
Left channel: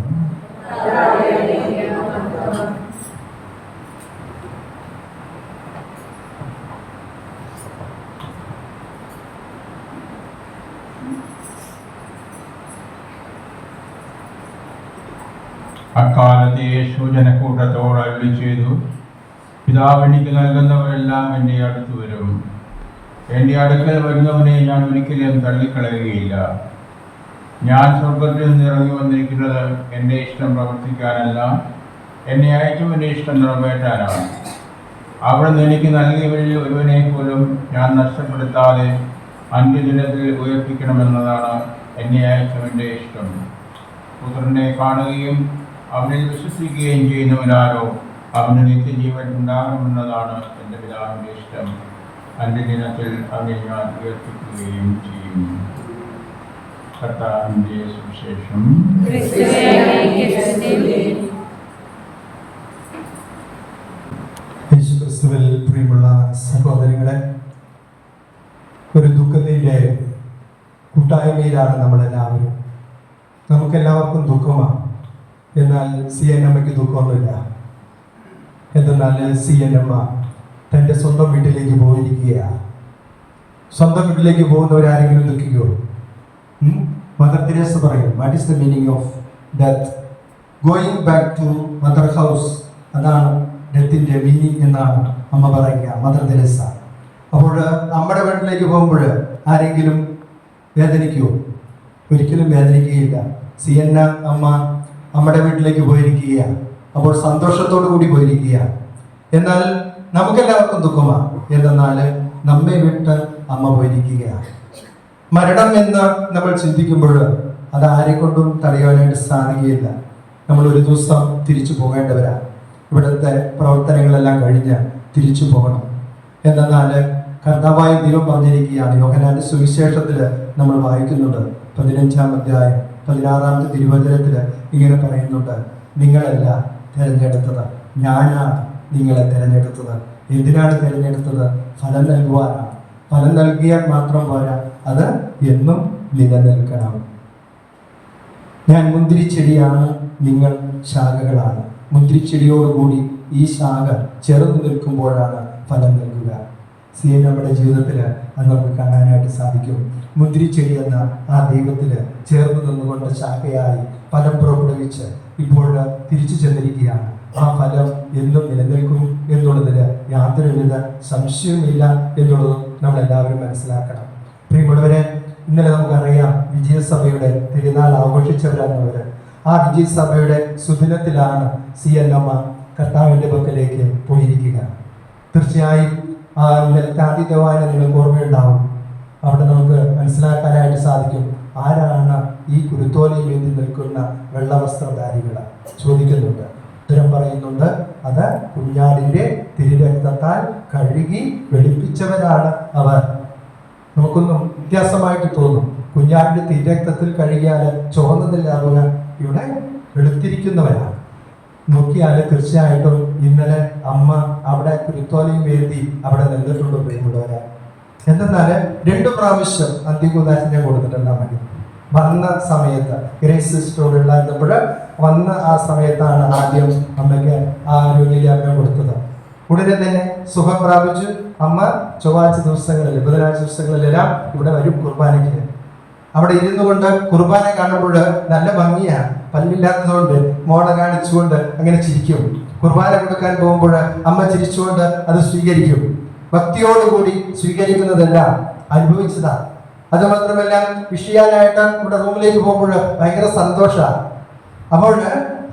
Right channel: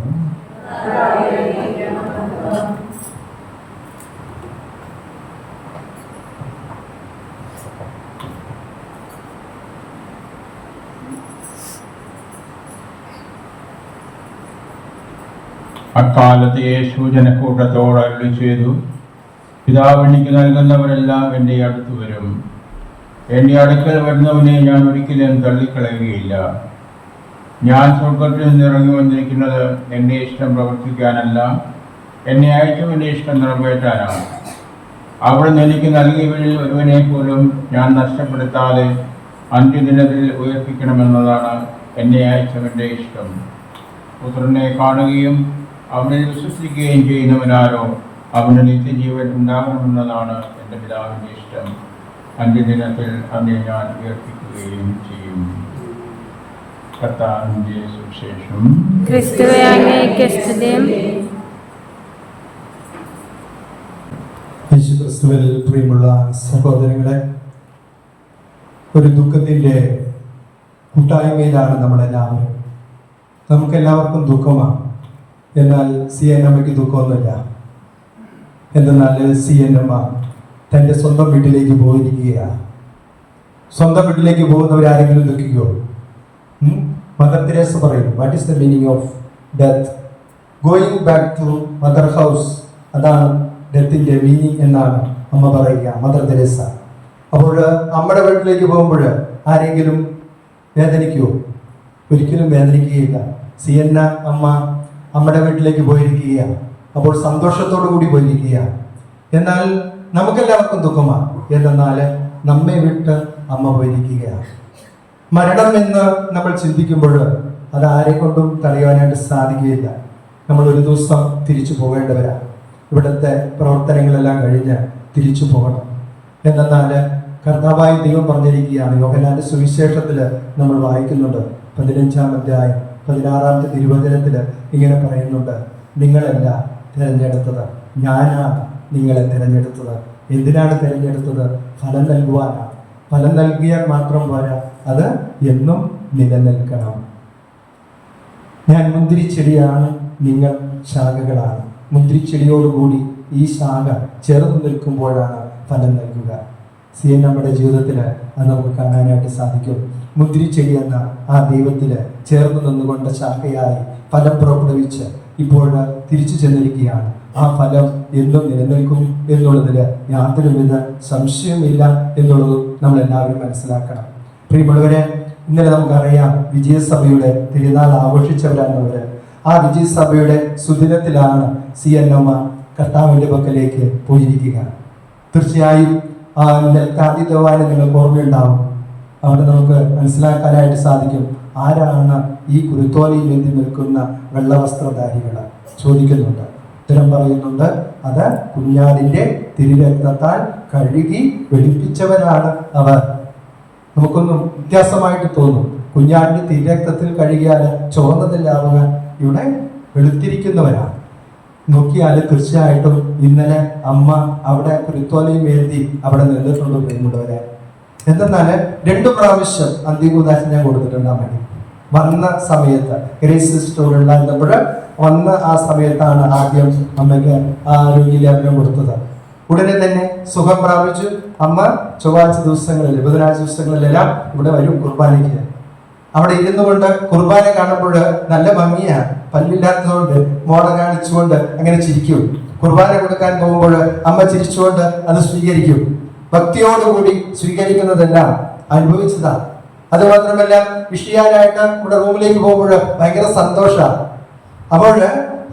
അക്കാലത്ത് യേശു ജനക്കൂട്ടത്തോട് അരുളി ചെയ്തു, പിതാവ് എനിക്ക് നൽകുന്നവരെല്ലാം എൻ്റെ അടുത്ത് വരും. എൻ്റെ അടുക്കൽ വരുന്നവനെ ഞാൻ ഒരിക്കലും തള്ളിക്കളയുകയില്ല. ഞാൻ സ്വർഗത്തിൽ നിന്ന് ഇറങ്ങി വന്നിരിക്കുന്നത് എൻ്റെ ഇഷ്ടം പ്രവർത്തിക്കാനല്ല, എന്നെ അയച്ചവൻ്റെ ഇഷ്ടം നിറവേറ്റാനാണ്. അവിടുന്ന് എനിക്ക് നൽകിയവരിൽ ഒരുവനെ പോലും ഞാൻ നഷ്ടപ്പെടുത്താതെ അന്ത്യദിനത്തിൽ ഉയർപ്പിക്കണമെന്നതാണ് എന്നെ അയച്ചവൻ്റെ ഇഷ്ടം. പുത്രനെ കാണുകയും അവനിൽ വിശ്വസിക്കുകയും ചെയ്യുന്നവനാരോ അവന് നിത്യജീവൻ ഉണ്ടാകണമെന്നതാണ് എൻ്റെ പിതാവിൻ്റെ ഇഷ്ടം. അന്ത്യദിനത്തിൽ അവനെ ഞാൻ ഉയർപ്പിക്കുകയും ചെയ്യും. കർത്താവിൻ്റെ സുവിശേഷം. യേശുക്രിസ്തുവിൽ പ്രിയമുള്ള സഹോദരങ്ങളെ, ഒരു ദുഃഖത്തിൻ്റെ കൂട്ടായ്മയിലാണ് നമ്മളെല്ലാവരും. നമുക്കെല്ലാവർക്കും ദുഃഖമാണ്. എന്നാൽ CNMയ്ക്ക് ദുഃഖമൊന്നുമില്ല. എന്തെന്നാൽ CNM തൻ്റെ സ്വന്തം വീട്ടിലേക്ക് പോയിരിക്കുകയാണ്. സ്വന്തം വീട്ടിലേക്ക് പോകുന്നവരാരെങ്കിലും ദുഃഖിക്കുമോ? മദർ തെരേസ പറയും, what is the meaning of death? Going back to mother house, അതാണ് ഡെത്തിൻ്റെ മീനിങ് എന്നാണ് അമ്മ പറയുക, മദർ തെരേസ. അപ്പോൾ അമ്മയുടെ വീട്ടിലേക്ക് പോകുമ്പോൾ ആരെങ്കിലും വേദനിക്കുമോ? ഒരിക്കലും വേദനിക്കുകയില്ല. CN അമ്മ അമ്മയുടെ വീട്ടിലേക്ക് പോയിരിക്കുകയാണ്. അപ്പോൾ സന്തോഷത്തോടു കൂടി പോയിരിക്കുകയാണ്. എന്നാൽ നമുക്കെല്ലാവർക്കും ദുഃഖമാണ്. എന്തെന്നാൽ നമ്മെ വിട്ട് അമ്മ പോയിരിക്കുകയാണ്. മരണം എന്ന് നമ്മൾ ചിന്തിക്കുമ്പോൾ അത് ആരെക്കൊണ്ടും തടയാനായിട്ട് സാധിക്കുകയില്ല. നമ്മൾ ഒരു ദിവസം തിരിച്ചു പോകേണ്ടവരാണ്. ഇവിടുത്തെ പ്രവർത്തനങ്ങളെല്ലാം കഴിഞ്ഞ് തിരിച്ചു പോകണം. എന്നാൽ കർത്താവായ ദൈവം പറഞ്ഞിരിക്കുകയാണ്. യോഹന്നാന്റെ സുവിശേഷത്തിൽ നമ്മൾ വായിക്കുന്നുണ്ട്, 15-ാം അധ്യായം 16-ാമത്തെ തിരുവചനത്തിൽ ഇങ്ങനെ പറയുന്നുണ്ട്, നിങ്ങളല്ല തിരഞ്ഞെടുത്തത്, ഞാനാണ് നിങ്ങളെ തിരഞ്ഞെടുത്തത്. എന്തിനാണ് തിരഞ്ഞെടുത്തത്? ഫലം നൽകുവാനാണ്. ഫലം നൽകിയാൽ മാത്രം പോരാ, അത് എന്നും നിലനിൽക്കണം. ഞാൻ മുന്തിരിച്ചെടിയാണ്, നിങ്ങൾ ശാഖകളാണ്. മുന്തിരിച്ചെടിയോടുകൂടി ഈ ശാഖ ചേർന്ന് നിൽക്കുമ്പോഴാണ് ഫലം നൽകുക. നമ്മുടെ ജീവിതത്തിൽ അത് നമുക്ക് കാണാനായിട്ട് സാധിക്കും. മുന്തിരിച്ചെടി എന്ന ആ ദൈവത്തിൽ ചേർന്ന് നിന്നുകൊണ്ട് ശാഖയായി ഫലം പുറപ്പെടുവിച്ച് ഇപ്പോൾ തിരിച്ചു ചെന്നിരിക്കുകയാണ്. ആ ഫലം എന്നും നിലനിൽക്കും എന്നുള്ളതിൽ യാതൊരുവിധ സംശയമില്ല എന്നുള്ളത് നമ്മളെല്ലാവരും മനസ്സിലാക്കണം. പ്രിയമുള്ളവരെ, ഇന്നലെ നമുക്കറിയാം വിജയസഭയുടെ തിരുനാൾ ആഘോഷിച്ചവരാണെന്നവർ. ആ വിജയസഭയുടെ സുദിനത്തിലാണ് CNM കർത്താവിൻ്റെ പക്കലേക്ക് പോയിരിക്കുക. തീർച്ചയായും ആ നെൽക്കാന്തിതവാനെ നിങ്ങൾക്ക് ഓർമ്മയുണ്ടാവും. അവിടെ നമുക്ക് മനസ്സിലാക്കാനായിട്ട് സാധിക്കും ആരാണ് ഈ കുരുത്തോലയിൽ വേണ്ടി നിൽക്കുന്ന വെള്ളവസ്ത്രധാരികൾ ചോദിക്കുന്നുണ്ട്. ഉത്തരം പറയുന്നുണ്ട്, അത് കുഞ്ഞാടിൻ്റെ തിരുരക്തത്താൽ കഴുകി വെളുപ്പിച്ചവരാണ് അവർ. നമുക്കൊന്നും വ്യത്യാസമായിട്ട് തോന്നും. കുഞ്ഞാടിന്റെ തിരുരക്തത്തിൽ കഴുകിയാൽ ചുവന്നതില്ലാവുക, ഇവിടെ വെളുത്തിരിക്കുന്നവരാണ്. നോക്കിയാൽ തീർച്ചയായിട്ടും ഇന്നലെ അമ്മ അവിടെ കുരുത്തോലയും വേണ്ടി അവിടെ നിന്നിട്ടുണ്ടോ എന്നുള്ളവരെ. എന്തെന്നാൽ 2 പ്രാവശ്യം അന്ത്യകൂദാശിനെ കൊടുത്തിട്ടുണ്ട് അമ്മയ്ക്ക്. വന്ന സമയത്ത് ഗ്രേസ് സിസ്റ്ററോടുള്ള നമ്മൾ വന്ന ആ സമയത്താണ് ആദ്യം അമ്മയ്ക്ക് ആ രോഗിലാഭ്യം കൊടുത്തത്. ഉടനെ തന്നെ സുഖം പ്രാപിച്ചു. അമ്മ ചൊവ്വാഴ്ച ദിവസങ്ങളിൽ, ബുധനാഴ്ച ദിവസങ്ങളിലെല്ലാം ഇവിടെ വരും കുർബാനയ്ക്ക്. അവിടെ ഇരുന്നു കൊണ്ട് കുർബാന കാണുമ്പോൾ നല്ല ഭംഗിയാണ്. പല്ലില്ലാത്തതുകൊണ്ട് മോണ കാണിച്ചുകൊണ്ട് അങ്ങനെ ചിരിക്കും. കുർബാന കൊടുക്കാൻ പോകുമ്പോൾ അമ്മ ചിരിച്ചുകൊണ്ട് അത് സ്വീകരിക്കും. ഭക്തിയോടുകൂടി സ്വീകരിക്കുന്നതെല്ലാം അനുഭവിച്ചതാ. അത് മാത്രമല്ല വിഷയാനായിട്ട് ഇവിടെ റൂമിലേക്ക് പോകുമ്പോൾ ഭയങ്കര സന്തോഷമാണ്. അപ്പോൾ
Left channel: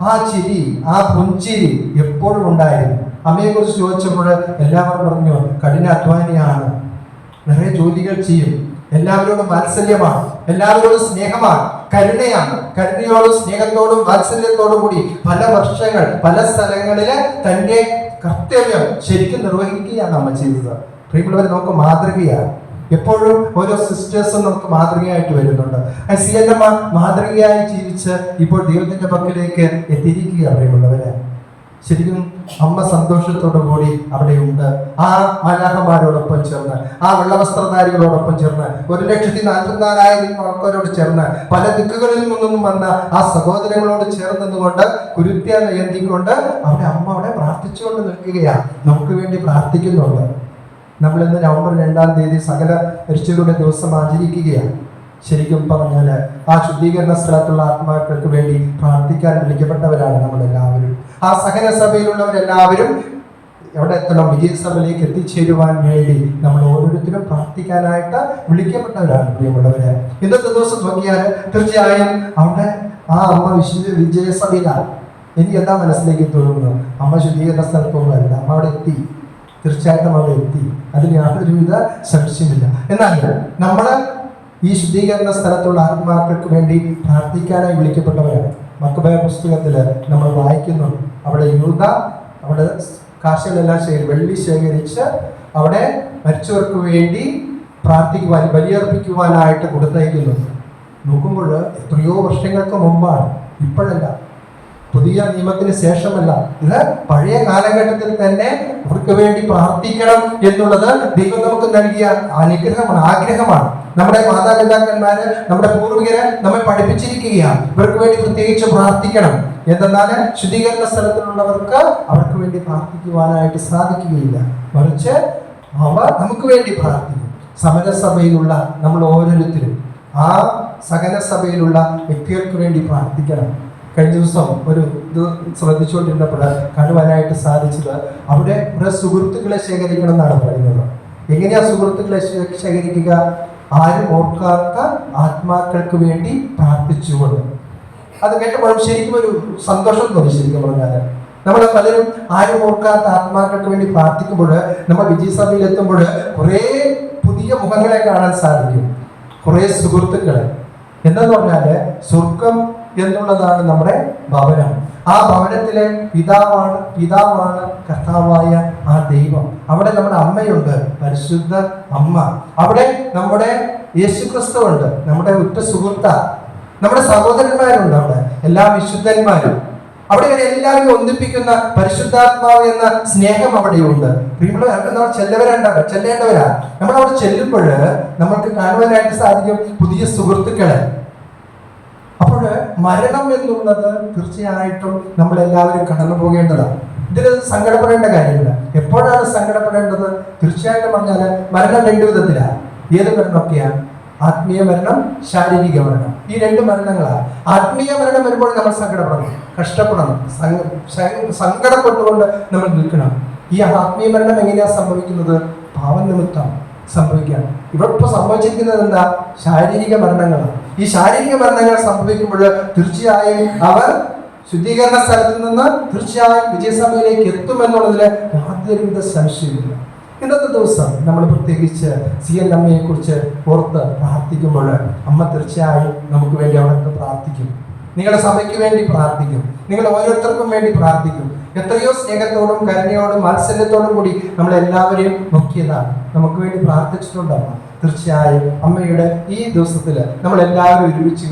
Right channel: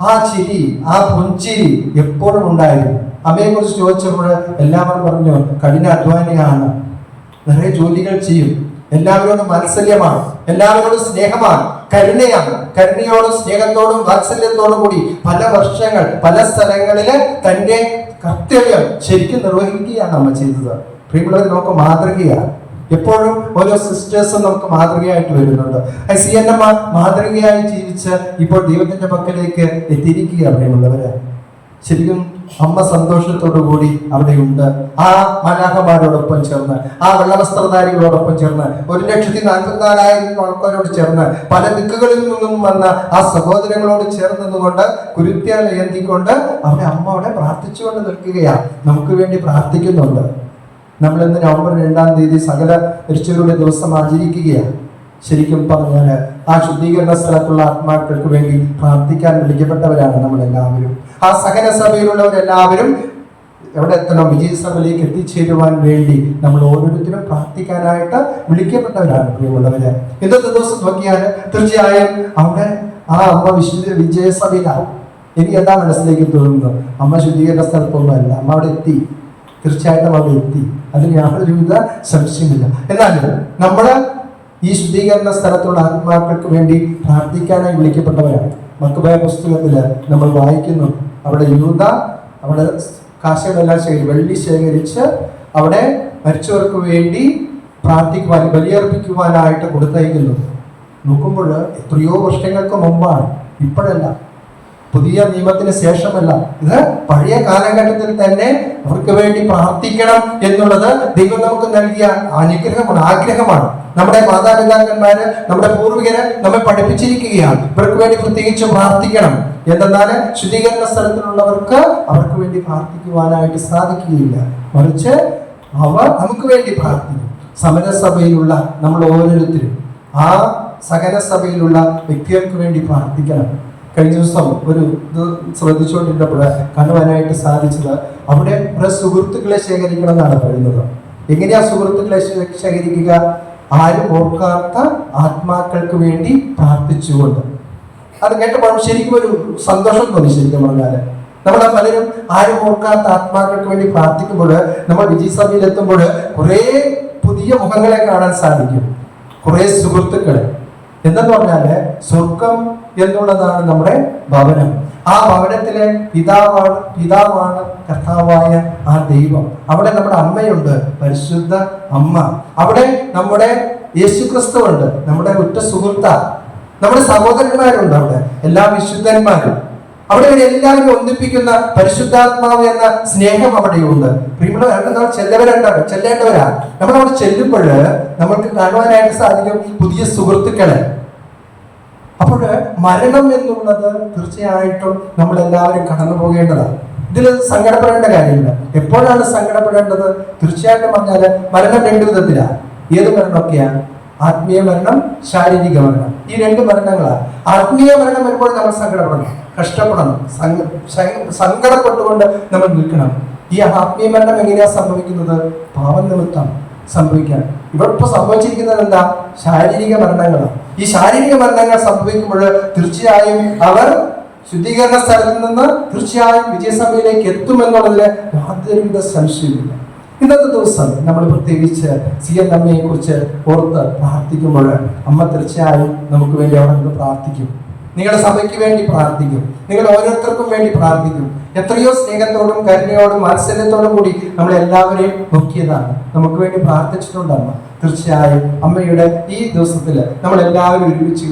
ആ ചിരി, ആ പുഞ്ചിരി എപ്പോഴും ഉണ്ടായിരുന്നു. അമ്മയെ കുറിച്ച് ചോദിച്ചപ്പോൾ എല്ലാവരും പറഞ്ഞു, കഠിനാധ്വാനിയാണ്, നിറയെ ജോലികൾ ചെയ്യും, എല്ലാവരോടും വാത്സല്യമാണ്, എല്ലാവരോടും സ്നേഹമാണ്, കരുണയാണ്. കരുണയോടും സ്നേഹത്തോടും വാത്സല്യത്തോടും കൂടി പല വർഷങ്ങൾ പല സ്ഥലങ്ങളില് തന്റെ കർത്തവ്യം ശരിക്കും നിർവഹിക്കുകയാണ് അമ്മ ചെയ്തത്. പ്രിയമുള്ളവർ, നമുക്ക് മാതൃകയാണ്. എപ്പോഴും ഓരോ സിസ്റ്റേഴ്സും നമുക്ക് മാതൃകയായിട്ട് വരുന്നുണ്ട്. CNM മാതൃകയായി ജീവിച്ച് ഇപ്പോൾ ദൈവത്തിന്റെ പക്കലേക്ക് എത്തിയിരിക്കുക. പ്രിയമുള്ളവരെ, ശരിക്കും അമ്മ സന്തോഷത്തോടു കൂടി അവിടെയുണ്ട്. ആ മലാഖമാരോടൊപ്പം ചേർന്ന്, ആ വെള്ളവസ്ത്രധാരികളോടൊപ്പം ചേർന്ന്, 1,44,000 ആൾക്കാരോട് ചേർന്ന്, പല ദിക്കുകളിൽ നിന്നും വന്ന ആ സഹോദരങ്ങളോട് ചേർന്നതുകൊണ്ട് കുരുത്യാൽ ഏന്തിക്കൊണ്ട് അവിടെ അമ്മ അവിടെ പ്രാർത്ഥിച്ചുകൊണ്ട് നിൽക്കുകയാണ്. നമുക്ക് വേണ്ടി പ്രാർത്ഥിക്കുന്നുണ്ട്. നമ്മൾ ഇന്ന് നവംബർ 2-ാം തീയതി സകല മരിച്ചവരുടെ ദിവസം ആചരിക്കുകയാണ്. ശരിക്കും പറഞ്ഞാൽ ആ ശുദ്ധീകരണ സ്ഥലത്തുള്ള ആത്മാക്കൾക്ക് വേണ്ടി പ്രാർത്ഥിക്കാൻ വിളിക്കപ്പെട്ടവരാണ് നമ്മളെല്ലാവരും. ആ സഹന സഭയിലുള്ളവരെല്ലാവരും എവിടെ എത്തണം? വിജയസഭയിലേക്ക് എത്തിച്ചേരുവാൻ വേണ്ടി നമ്മൾ ഓരോരുത്തരും പ്രാർത്ഥിക്കാനായിട്ട് വിളിക്കപ്പെട്ടവരാണ് പ്രിയമുള്ളവരെ. ഇന്നത്തെ ദിവസം നോക്കിയാൽ തീർച്ചയായും അവിടെ ആ അമ്മ വിജയസഭയിലാണ്. എനിക്ക് എന്താ മനസ്സിലേക്ക് തോന്നുന്നത്? അമ്മ ശുദ്ധീകരണ സ്ഥലത്തൊന്നുമല്ല, അമ്മ അവിടെ എത്തി. തീർച്ചയായിട്ടും അവിടെ എത്തി, അതിന് യാതൊരുവിധ സംശയമില്ല. എന്നാൽ നമ്മള് ഈ ശുദ്ധീകരണ സ്ഥലത്തുള്ള ആത്മാക്കൾക്ക് വേണ്ടി പ്രാർത്ഥിക്കാനായി വിളിക്കപ്പെട്ടവരാണ്. മക്കബായ പുസ്തകത്തില് നമ്മൾ വായിക്കുന്നു, അവിടെ യൂദ അവിടെ കാശുകളെല്ലാം വെള്ളി ശേഖരിച്ച് അവിടെ മരിച്ചവർക്ക് വേണ്ടി പ്രാർത്ഥിക്കുവാൻ, ബലിയർപ്പിക്കുവാനായിട്ട് കൊടുത്തയക്കുന്നു. നോക്കുമ്പോൾ എത്രയോ വർഷങ്ങൾക്ക് മുമ്പാണ്, ഇപ്പോഴല്ല, പുതിയ നിയമത്തിന് ശേഷമല്ല. ഇത് പഴയ കാലഘട്ടത്തിൽ തന്നെ അവർക്ക് വേണ്ടി പ്രാർത്ഥിക്കണം എന്നുള്ളത് ദൈവം നമുക്ക് നൽകിയ അനുഗ്രഹമാണ്, ആഗ്രഹമാണ്. നമ്മുടെ മാതാപിതാക്കന്മാര്, നമ്മുടെ പൂർവികര് നമ്മെ പഠിപ്പിച്ചിരിക്കുകയാണ് ഇവർക്ക് വേണ്ടി പ്രത്യേകിച്ച് പ്രാർത്ഥിക്കണം. എന്തെന്നാൽ ശുദ്ധീകരണ സ്ഥലത്തിലുള്ളവർക്ക് അവർക്ക് വേണ്ടി പ്രാർത്ഥിക്കുവാനായിട്ട് സാധിക്കുകയില്ല, മറിച്ച് അവർ നമുക്ക് വേണ്ടി പ്രാർത്ഥിക്കും. സമരസഭയിലുള്ള നമ്മൾ ഓരോരുത്തരും ആ സകല സഭയിലുള്ള വ്യക്തികൾക്ക് വേണ്ടി പ്രാർത്ഥിക്കണം. കഴിഞ്ഞ ദിവസം ഒരു ഇത് ശ്രദ്ധിച്ചുകൊണ്ടിരുന്നപ്പോൾ കാണുവാനായിട്ട് സാധിച്ചത്, അവിടെ കുറെ സുഹൃത്തുക്കളെ ശേഖരിക്കണം എന്നാണ് പറയുന്നത്. എങ്ങനെയാ സുഹൃത്തുക്കളെ ശേഖരിക്കുക? ആരും ഓർക്കാത്ത ആത്മാക്കൾക്ക് വേണ്ടി പ്രാർത്ഥിച്ചുകൊണ്ട്. അത് കേട്ടപ്പോൾ ശരിക്കും ഒരു സന്തോഷം തോന്നി. ശരിക്കും പറഞ്ഞാൽ നമ്മൾ പലരും ആരും ഓർക്കാത്ത ആത്മാക്കൾക്ക് വേണ്ടി പ്രാർത്ഥിക്കുമ്പോൾ, നമ്മൾ വിജയസഭയിൽ എത്തുമ്പോൾ കുറെ പുതിയ മുഖങ്ങളെ കാണാൻ സാധിക്കും, കുറെ സുഹൃത്തുക്കളെ. എന്തെന്ന് പറഞ്ഞാല് സ്വർഗം എന്നുള്ളതാണ് നമ്മുടെ ഭവനം. ആ ഭവനത്തിലെ പിതാവാണ് കർത്താവായ ആ ദൈവം. അവിടെ നമ്മുടെ അമ്മയുണ്ട്, പരിശുദ്ധ അമ്മ. അവിടെ നമ്മുടെ യേശുക്രിസ്തു ഉണ്ട്, നമ്മുടെ ഉറ്റ സുഹൃത്ത. നമ്മുടെ സഹോദരന്മാരുണ്ട്, അവിടെ എല്ലാ വിശുദ്ധന്മാരും. അവിടെ എല്ലാവരും ഒന്നിപ്പിക്കുന്ന പരിശുദ്ധാത്മാവ് എന്ന സ്നേഹം അവിടെയുണ്ട്. ചെല്ലേണ്ടവരാ. നമ്മളവിടെ ചെല്ലുമ്പോൾ നമുക്ക് കാണുവാനായിട്ട് സാധിക്കും പുതിയ സുഹൃത്തുക്കളെ. അപ്പോൾ മരണം എന്നുള്ളത് തീർച്ചയായിട്ടും നമ്മളെല്ലാവരും കടന്നു പോകേണ്ടതാണ്. ഇതിൽ സങ്കടപ്പെടേണ്ട കാര്യമില്ല. എപ്പോഴാണ് സങ്കടപ്പെടേണ്ടത്? തീർച്ചയായിട്ടും പറഞ്ഞാൽ മരണം 2 വിധത്തിലാണ്. ഏത് മരണമൊക്കെയാണ്? ആത്മീയ മരണം, ശാരീരിക മരണം. ഈ 2 മരണങ്ങളാണ്. ആത്മീയ മരണം വരുമ്പോൾ നമ്മൾ സങ്കടപ്പെടണം, കഷ്ടപ്പെടണം, സങ്കടപ്പെട്ടുകൊണ്ട് നമ്മൾ നിൽക്കണം. ഈ ആത്മീയ മരണം എങ്ങനെയാ സംഭവിക്കുന്നത്? പാപനിമിത്തം സംഭവിക്കാം. ഇവരിപ്പോ സംഭവിച്ചിരിക്കുന്നത് എന്താ? ശാരീരിക മരണങ്ങളാണ്. ഈ ശാരീരിക മരണങ്ങൾ സംഭവിക്കുമ്പോൾ തീർച്ചയായും അവർ ശുദ്ധീകരണ സ്ഥലത്ത് നിന്ന് തീർച്ചയായും വിജയസഭയിലേക്ക് എത്തുമെന്നുള്ളതിന് യാതൊരുവിധ സംശയമില്ല. ഇന്നത്തെ ദിവസം നമ്മൾ പ്രത്യേകിച്ച് CL കുറിച്ച് ഓർത്ത് പ്രാർത്ഥിക്കുമ്പോൾ അമ്മ തീർച്ചയായും നമുക്ക് വേണ്ടി അവിടെ നിന്ന് പ്രാർത്ഥിക്കും. നിങ്ങളുടെ സഭയ്ക്ക് വേണ്ടി പ്രാർത്ഥിക്കും, നിങ്ങൾ ഓരോരുത്തർക്കും വേണ്ടി പ്രാർത്ഥിക്കും. എത്രയോ സ്നേഹത്തോടും കരുണയോടും വാത്സല്യത്തോടും കൂടി നമ്മളെല്ലാവരെയും നോക്കിയതാണ്, നമുക്ക് വേണ്ടി പ്രാർത്ഥിച്ചിട്ടുണ്ട് അമ്മ. തീർച്ചയായും അമ്മയുടെ ഈ ദിവസത്തിൽ നമ്മളെല്ലാവരും ഒരുമിച്ച്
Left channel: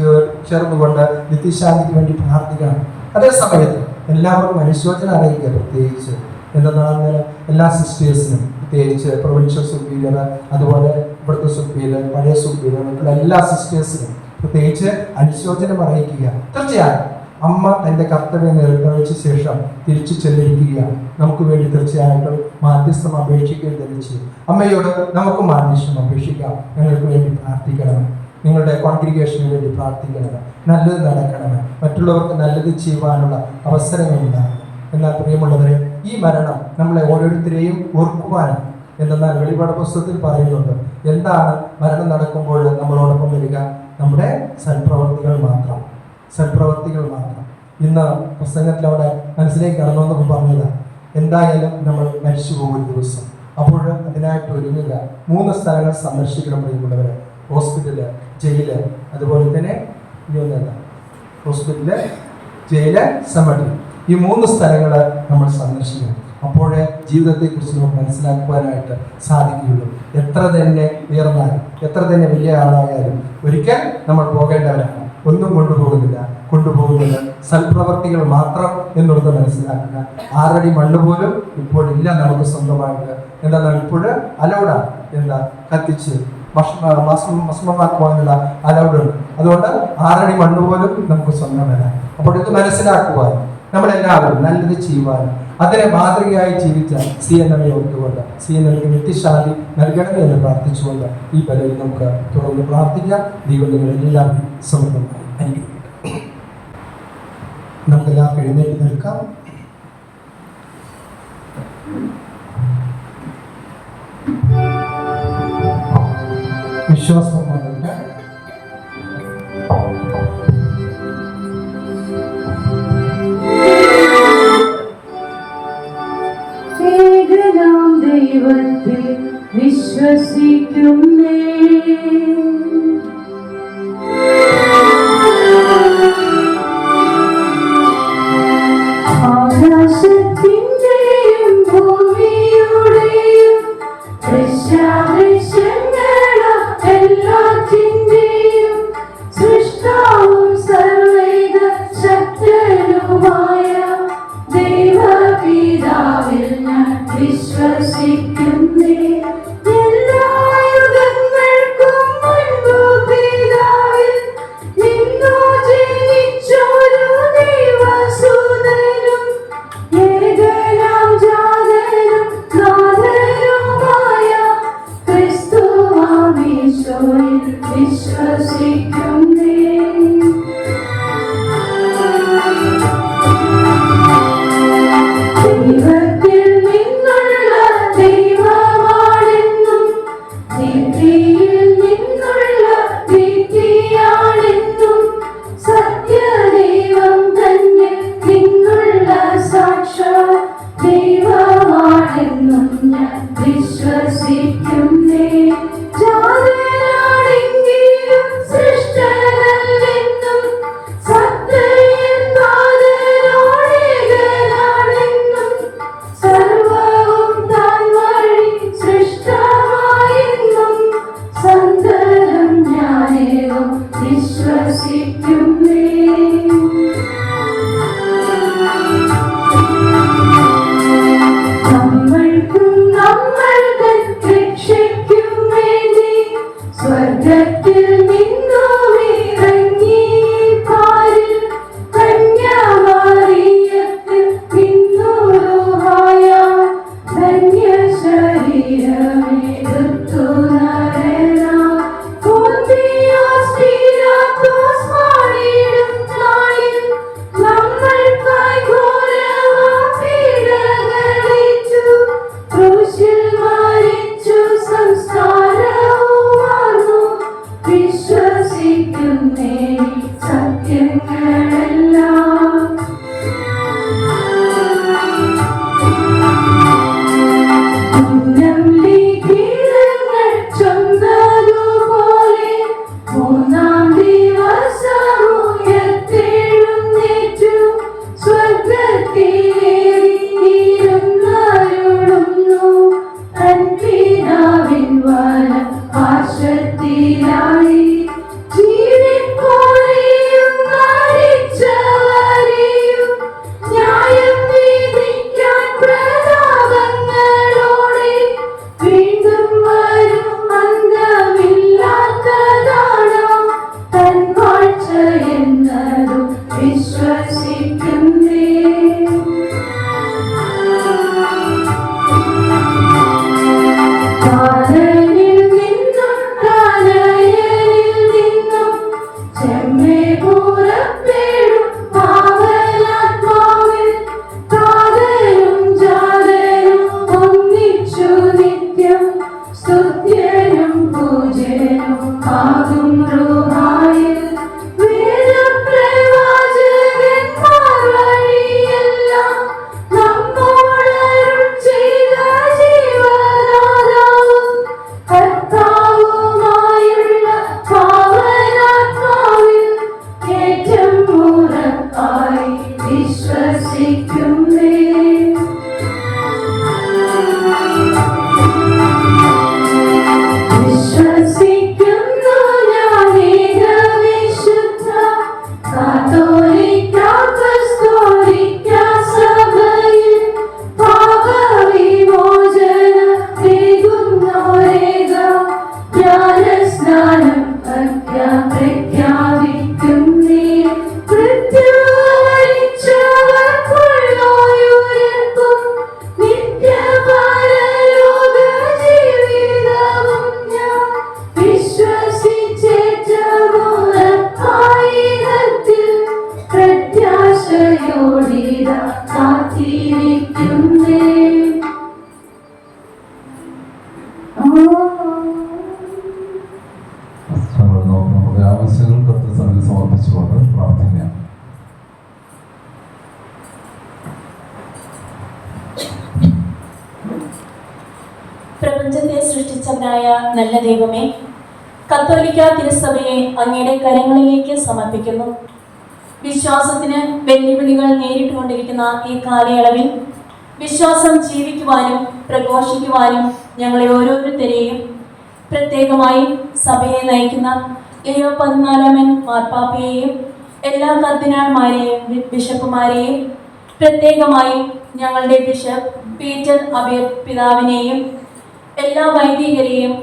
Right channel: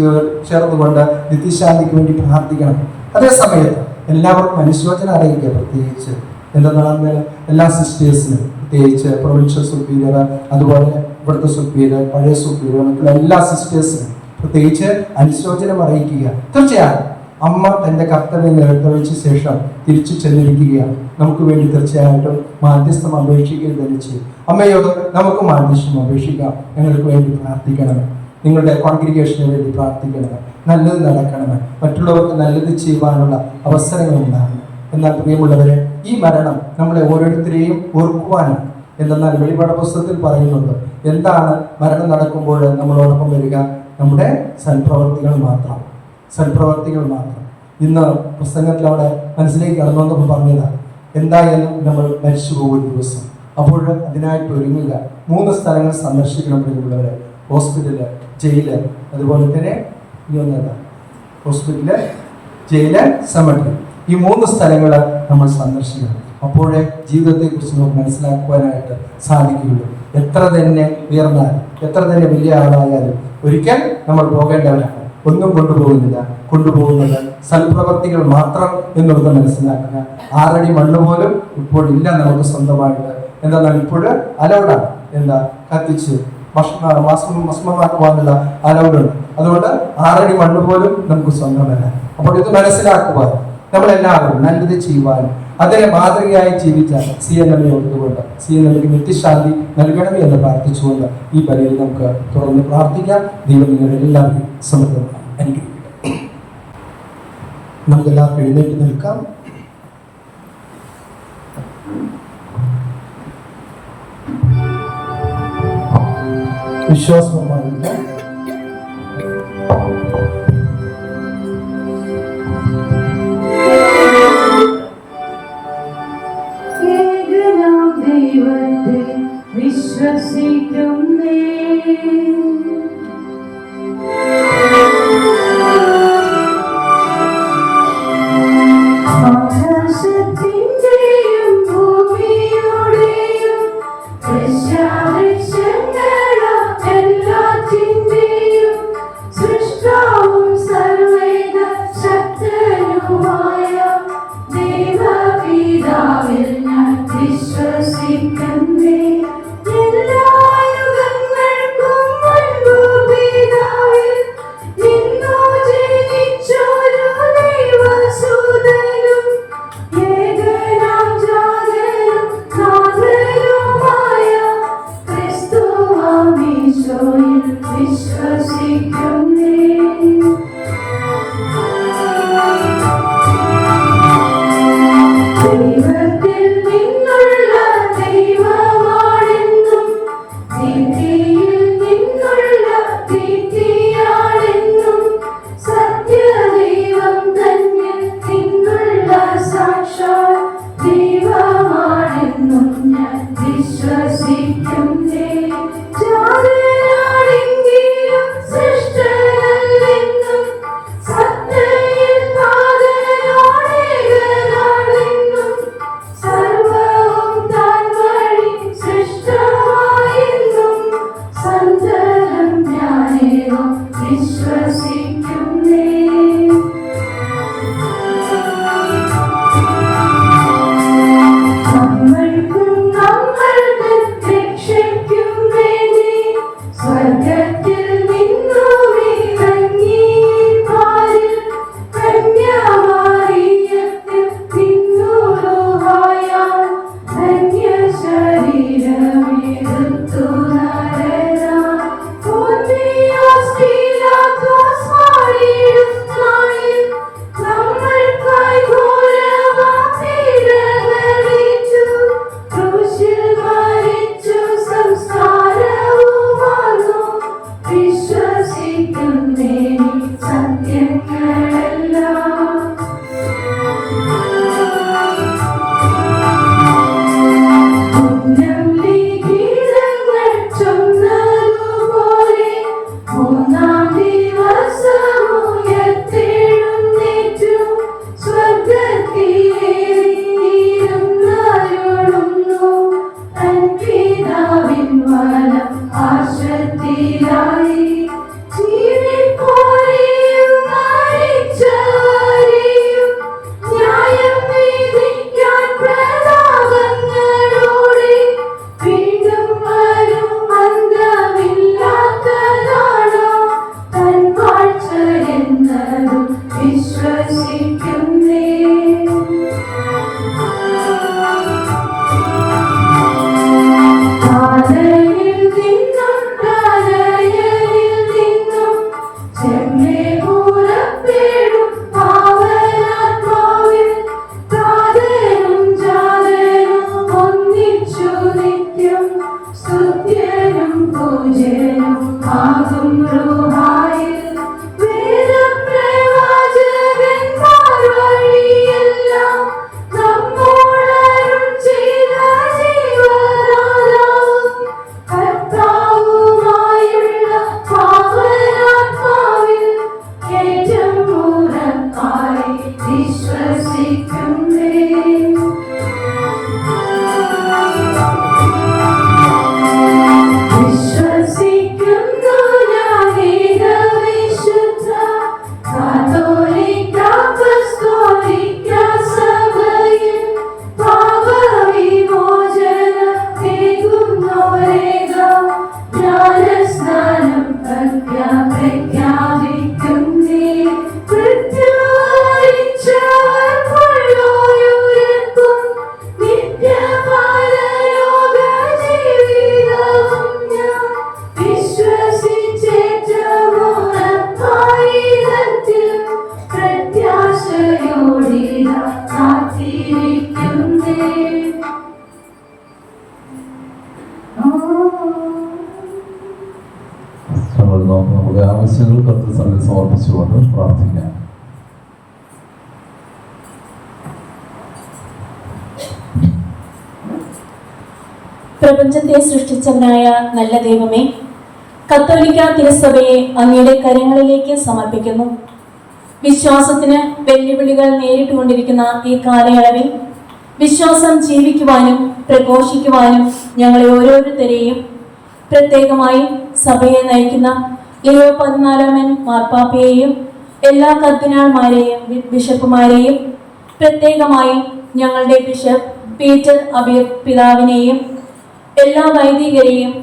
ചേർന്നുകൊണ്ട് നിത്യശാന്തിക്ക് വേണ്ടി പ്രാർത്ഥിക്കണം. അതേ സമയത്ത് എല്ലാവർക്കും അനുശോചനം അറിയിക്കുക. പ്രത്യേകിച്ച് എന്തെന്നാൽ എല്ലാ സിസ്റ്റേഴ്സിനും, പ്രത്യേകിച്ച് പ്രൊവിൻഷ്യൽ സുപ്പീരിയർ, അതുപോലെ ഇവിടുത്തെ സുപ്പീരിയർ, പഴയ സുപ്പീരിയർ, എല്ലാ സിസ്റ്റേഴ്സിനും പ്രത്യേകിച്ച് അനുശോചനം അറിയിക്കുക. തീർച്ചയായും അമ്മ തന്റെ കർത്തവ്യം നിർവഹിച്ച ശേഷം തിരിച്ചു ചെന്നിരിക്കുകയാണ്. നമുക്ക് വേണ്ടി തീർച്ചയായിട്ടും മാധ്യസ്ഥം അപേക്ഷിക്കുകയും ധരിച്ചു. അമ്മയോട് നമുക്ക് മാധ്യസ്ഥം അപേക്ഷിക്കാം. ഞങ്ങൾക്ക് വേണ്ടി പ്രാർത്ഥിക്കണം, നിങ്ങളുടെ കോൺഗ്രിഗേഷന് വേണ്ടി പ്രാർത്ഥിക്കണം, നല്ലത് നടക്കണം, മറ്റുള്ളവർക്ക് നല്ലത് ചെയ്യുവാനുള്ള അവസരങ്ങൾ ഉണ്ടാകണം. എന്നാൽ പ്രിയമുള്ളവരെ, ഈ മരണം നമ്മളെ ഓരോരുത്തരെയും ഓർക്കുവാനാണ്. എന്തെന്നാൽ വെളിപാട് പുസ്തകത്തിൽ പറയുന്നുണ്ട്, എന്താണ് മരണം നടക്കുമ്പോൾ നമ്മളോടൊപ്പം വരിക? നമ്മുടെ സൽപ്രവർത്തികൾ മാത്രം, സൽപ്രവർത്തികൾ മാത്രം. ഇന്ന് പ്രസംഗത്തിൽ അവിടെ മനസ്സിലേക്ക് കടന്നു വന്നപ്പോൾ പറഞ്ഞതാണ്, എന്തായാലും നമ്മൾ മരിച്ചു പോകുന്ന ദിവസം. അപ്പോൾ അതിനായിട്ട് ഒരുങ്ങുക. 3 സ്ഥലങ്ങൾ സന്ദർശിക്കണം പ്രിയമുള്ളവരെ: ഹോസ്പിറ്റല്, ജയില്, അതുപോലെ തന്നെ ഹോസ്പിറ്റല്, ജയില്, സെമട്രി. ഈ 3 സ്ഥലങ്ങൾ നമ്മൾ സന്ദർശിക്കണം. അപ്പോഴേ ജീവിതത്തെക്കുറിച്ച് നമുക്ക് മനസ്സിലാക്കുവാനായിട്ട് സാധിക്കുകയുള്ളൂ. എത്ര തന്നെ ഉയർന്നാലും, എത്ര തന്നെ വലിയ ആളായാലും ഒരിക്കൽ നമ്മൾ പോകേണ്ടവരാണ്. ഒന്നും കൊണ്ടുപോകുന്നില്ല, കൊണ്ടുപോകുന്നത് സൽപ്രവർത്തികൾ മാത്രം എന്നുള്ളത് മനസ്സിലാക്കുക. 6 അടി മണ്ണ് പോലും ഇപ്പോഴില്ല നമുക്ക് സ്വന്തമായിട്ട്. എന്നാൽ ഇപ്പോഴ് അലൗഡാണ്, എന്താ കത്തിച്ച് ഭസ്മമാക്കുവാനുള്ള അലൗഡുണ്ട്. അതുകൊണ്ട് 6 അടി മണ്ണ് പോലും നമുക്ക് സ്വന്തമല്ല. അപ്പോൾ ഇത് മനസ്സിലാക്കുവാൻ നമ്മളെല്ലാവരും നല്ലത് ചെയ്യുവാൻ അതിനെ മാതൃകയായി ജീവിക്കാൻ CNMA ഉള്ളതുകൊണ്ട് CNMAക്ക് നിത്യശാന്തി നൽകണമേ എന്ന് പ്രാർത്ഥിച്ചുകൊണ്ട് ഈ ബലിയിൽ നമുക്ക് തുറന്ന് പ്രാർത്ഥിക്കാം. ദൈവം നിങ്ങളെല്ലാവരും സമൃദ്ധമായി അനുഗ്രഹിക്കട്ടെ. നമുക്കെല്ലാവർക്കും എഴുന്നേറ്റ് നിൽക്കാം. വിശ്വാസമാവില്ല. ഏകനാം ദൈവത്തിൽ വിശ്വസിക്കുന്നേ. ആകാശത്തിന്റെയും ഭൂമിയുടെയും ദൃശ്യാദൃശ്യങ്ങളും എല്ലാറ്റിന്റെയും സൃഷ്ടാവും സർവ്വേക ശക്തനുമായ ദൈവപിതാവിൽ ഞാൻ വിശ്വസിക്കുന്നേ. എല്ലാ യുഗങ്ങൾക്കും മുൻപ് പിതാവിൽ നിന്നു ജനിച്ചൊരു ദൈവസുതനും ഏകനാം ജാതനും നാഥനുമായ ക്രിസ്തുവാമീശോയിൽ വിശ്വസിക്കുന്നേ. ദൈവത്തിൽ നിന്നുള്ള ദൈവമാണെന്നും നീതിയിൽ നിന്നുള്ള നീതിയാണെന്നും സത്യദൈവം തന്നെ നിന്നുള്ള സാക്ഷാൽ ദൈവമാണെന്നും ഞാൻ വിശ്വസിക്കുന്നേ. ജാതനാണെങ്കിലും സൃഷ്ടനല്ലെന്നും സത്തയിൽ താതനോടേകനാണെന്നും സർവ്വവും താൻ വഴി സൃഷ്ടമായെന്നും സന്തതം ഞാനേവം വിശ്വസിക്കുന്നേ. നമ്മൾക്കും നമ്മൾക്ക് രക്ഷയ്ക്കും വേണ്ടി സ്വർഗത്തിൽ നിന്നും ഇറങ്ങി പാരിൽ കന്യാമറിയത്തിൽ നിന്നുരുഹായ ധന്യ ശരീരമെടുത്തു നരനായി പോന്തിയോസ് പീലാത്തോസ് പാടിയിടും നാളിൽ നമ്മൾക്കായി ഘോരമാം പീഡകളേറ്റു ക്രൂശിൽ മരിച്ചു സംസ്കാരവുമാർന്നു വിശ്വസിക്കുന്നേ സത്യങ്ങളെല്ലാം. ഉന്നം ലിഖിതങ്ങൾ ചൊന്നതുപോലെ മൂന്നാം ദിവസം ഉയർത്തെഴുന്നേറ്റു സ്വർഗ്ഗത്തിലേറിയിരുന്നരുളുന്നു തൻ പിതാവിൻ വലം പാർശ്വത്തിലായി. ജീവിപ്പോരെയും മരിച്ചവരെയും ന്യായം വിധിക്കാൻ പ്രതാപങ്ങളോടെ വീണ്ടും വരും അന്തമില്ലാത്തതാണോ തൻ വാഴ്ച എന്നതും വിശ്വസിക്കുന്നേ. താതനിൽ നിന്നും തനയനിൽ നിന്നും ചെമ്മേ പുറപ്പെടും പാവനാത്മാവിൽ താതനും ജാതനും ഒന്നിച്ചു നിത്യം സ്തുത്യനും പൂജനും ആകും റൂഹായിൽ വേദപ്രവാചകന്മാർ കാത്തിരിക്കുന്നേ. നമുക്ക് ആവശ്യങ്ങൾ കർത്തൃസന്നിധിയിൽ സമർപ്പിച്ചുകൊണ്ട് പ്രാർത്ഥിക്കാം. പ്രപഞ്ചത്തെ സൃഷ്ടിച്ചവനായ നല്ല ദൈവമേ, കത്തോലിക്ക തിരുസഭയെ അങ്ങയുടെ കരങ്ങളിലേക്ക് സമർപ്പിക്കുന്നു. വിശ്വാസത്തിന് വെല്ലുവിളികൾ നേരിട്ടുകൊണ്ടിരിക്കുന്ന ഈ കാലയളവിൽ വിശ്വാസം ജീവിക്കുവാനും പ്രഘോഷിക്കുവാനും ഞങ്ങളെ ഓരോരുത്തരെയും, പ്രത്യേകമായി സഭയെ നയിക്കുന്ന ലിയോ 14 മാർപ്പാപ്പയെയും എല്ലാ കർദിനാൾമാരെയും ബിഷപ്പുമാരെയും, പ്രത്യേകമായി ഞങ്ങളുടെ ബിഷപ്പ് പീറ്റർ അബിയ പിതാവിനെയും എല്ലാ വൈദികരെയും,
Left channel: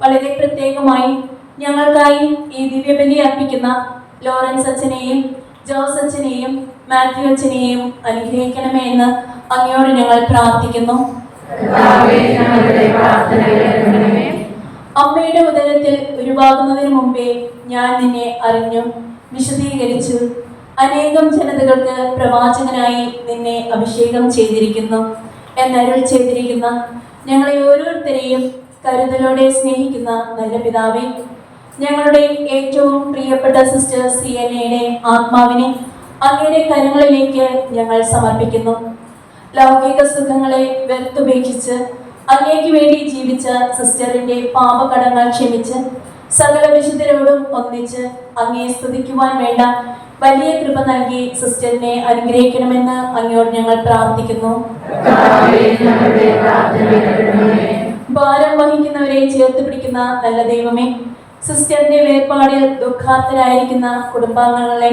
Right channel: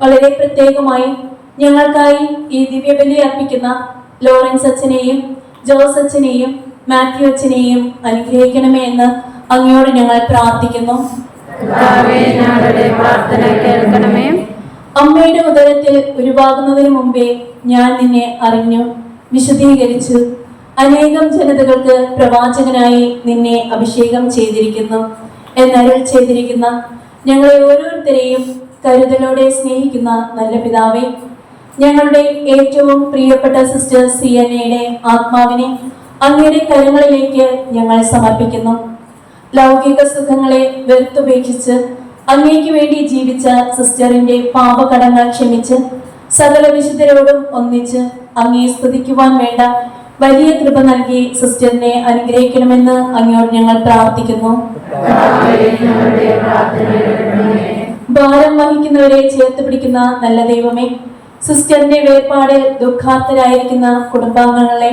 വളരെ പ്രത്യേകമായി ഞങ്ങൾക്കായി ഈ ദിവ്യബലി അർപ്പിക്കുന്ന ലോറൻസ് അച്ഛനെയും ജോസ് അച്ഛനെയും മാത്യു അച്ഛനെയും അനുഗ്രഹിക്കണമേ എന്ന് അങ്ങയോട് ഞങ്ങൾ പ്രാർത്ഥിക്കുന്നു. അമ്മയുടെ ഉദരത്തിൽ ഉരുവാകുന്നതിന് മുമ്പേ ഞാൻ നിന്നെ അറിഞ്ഞു, വിശദീകരിച്ചു. അനേകം ജനതകൾക്ക് പ്രവാചകനായി നിന്നെ അഭിഷേകം ചെയ്തിരിക്കുന്നു എന്നരുൾ ചെയ്തിരിക്കുന്ന ഞങ്ങളെ ഓരോരുത്തരെയും കരുതലോടെ സ്നേഹിക്കുന്ന നല്ല പിതാവേ, ഞങ്ങളുടെ ഏറ്റവും പ്രിയപ്പെട്ട സിസ്റ്റർ സിയനയുടെ ആത്മാവിനെ അങ്ങയുടെ കരങ്ങളിലേക്ക് ഞങ്ങൾ സമർപ്പിക്കുന്നു. ലൗകിക സുഖങ്ങളെ വെറുത്തുപേക്ഷിച്ച് അങ്ങേക്ക് വേണ്ടി ജീവിച്ച സിസ്റ്ററിന്റെ പാപകടങ്ങൾ ക്ഷമിച്ച് സകല വിശുദ്ധരോടും ഒന്നിച്ച് അങ്ങയെ സ്തുതിക്കുവാൻ വേണ്ട വലിയ കൃപ നൽകി സിസ്റ്ററിനെ അനുഗ്രഹിക്കണമെന്ന് അങ്ങയോട് ഞങ്ങൾ പ്രാർത്ഥിക്കുന്നു. ഭാരം വഹിക്കുന്നവരെ ചേർത്ത് പിടിക്കുന്ന നല്ല ദൈവമേ, സിസ്റ്ററിന്റെ വേർപാടിൽ ദുഃഖാർത്തരായിരിക്കുന്ന കുടുംബാംഗങ്ങളെ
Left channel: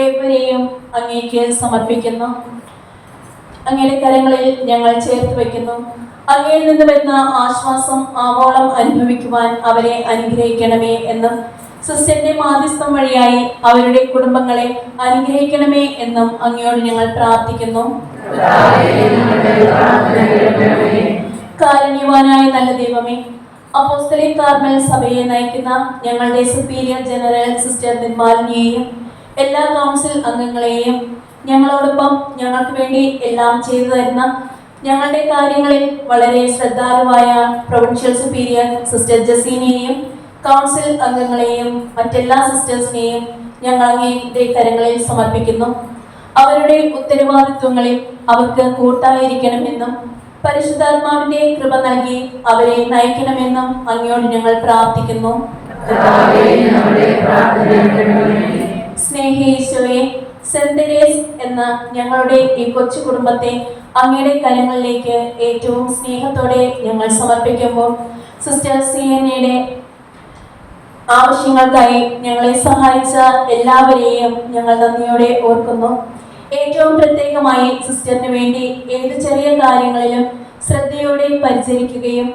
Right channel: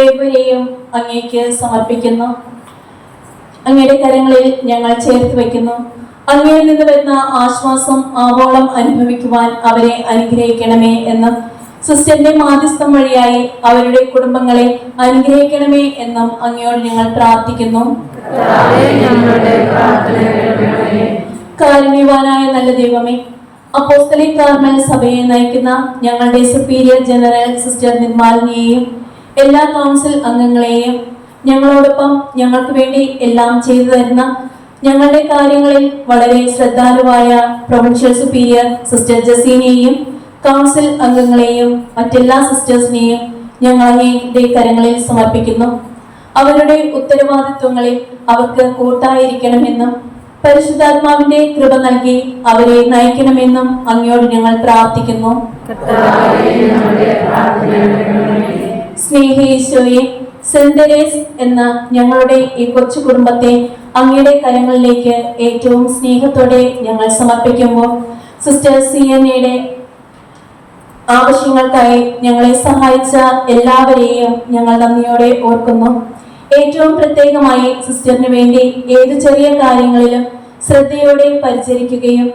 ഏവരെയും അങ്ങേക്ക് സമർപ്പിക്കുന്നു. അങ്ങയുടെ കരങ്ങളിൽ ഞങ്ങൾ ചേർത്ത് വയ്ക്കുന്നു. അങ്ങയിൽ നിന്ന് വരുന്ന ആശ്വാസം ആവോളം അനുഭവിക്കുവാൻ അവരെ അനുഗ്രഹിക്കണമേ എന്ന്, സിസ്റ്ററിന്റെ മാധ്യസ്ഥം വഴിയായി അവരുടെ കുടുംബങ്ങളെ അനുഗ്രഹിക്കണമേ എന്നും അങ്ങയോട് ഞങ്ങൾ പ്രാർത്ഥിക്കുന്നു. കാരുണ്യവാനായ നല്ല ദൈവമേ, അപ്പോസ്തലിക് കാർമൽ സഭയെ നയിക്കുന്ന ഞങ്ങളുടെ സുപ്പീരിയർ ജനറൽ സിസ്റ്റർ നിർമാലിനിയെയും എല്ലാ കൗൺസിൽ അംഗങ്ങളെയും, ഞങ്ങളോടൊപ്പം ഞങ്ങൾക്ക് വേണ്ടി എല്ലാം ചെയ്തു തരുന്ന ഞങ്ങളുടെ കാര്യങ്ങളിൽ വളരെ ശ്രദ്ധാലുവായ പ്രൊവിൻഷ്യൽ സുപ്പീരിയർ സിസ്റ്റർ ജസീനെയും കൗൺസിൽ അംഗങ്ങളെയും മറ്റെല്ലാ സിസ്റ്റേഴ്സിനെയും ഞങ്ങൾ അങ്ങയുടെ കരങ്ങളിൽ സമർപ്പിക്കുന്നു. അവരുടെ ഉത്തരവാദിത്വങ്ങളിൽ അവർക്ക് കൂട്ടായിരിക്കണമെന്നും പരിശുദ്ധാത്മാവിന്റെ കൃപ നൽകി അവരെ നയിക്കണമെന്നും അങ്ങയോട് ഞങ്ങൾ പ്രാർത്ഥിക്കുന്നു. സ്നേഹീശോയെ, സെന്റ് തെരേസ് എന്ന ഞങ്ങളുടെ ഈ കൊച്ചു കുടുംബത്തെ അങ്ങയുടെ കരങ്ങളിലേക്ക് ഏറ്റവും സ്നേഹത്തോടെ ഞങ്ങൾ സമർപ്പിക്കുമ്പോൾ സിസ്റ്റർ സിയനയുടെ ആവശ്യങ്ങൾക്കായി ഞങ്ങളെ സഹായിച്ച എല്ലാവരെയും ഞങ്ങൾ നന്ദിയോടെ ഓർക്കുന്നു. ഏറ്റവും പ്രത്യേകമായി സിസ്റ്ററിന് വേണ്ടി ഏത് ചെറിയ കാര്യങ്ങളിലും ശ്രദ്ധയോടെ പരിചരിക്കുകയും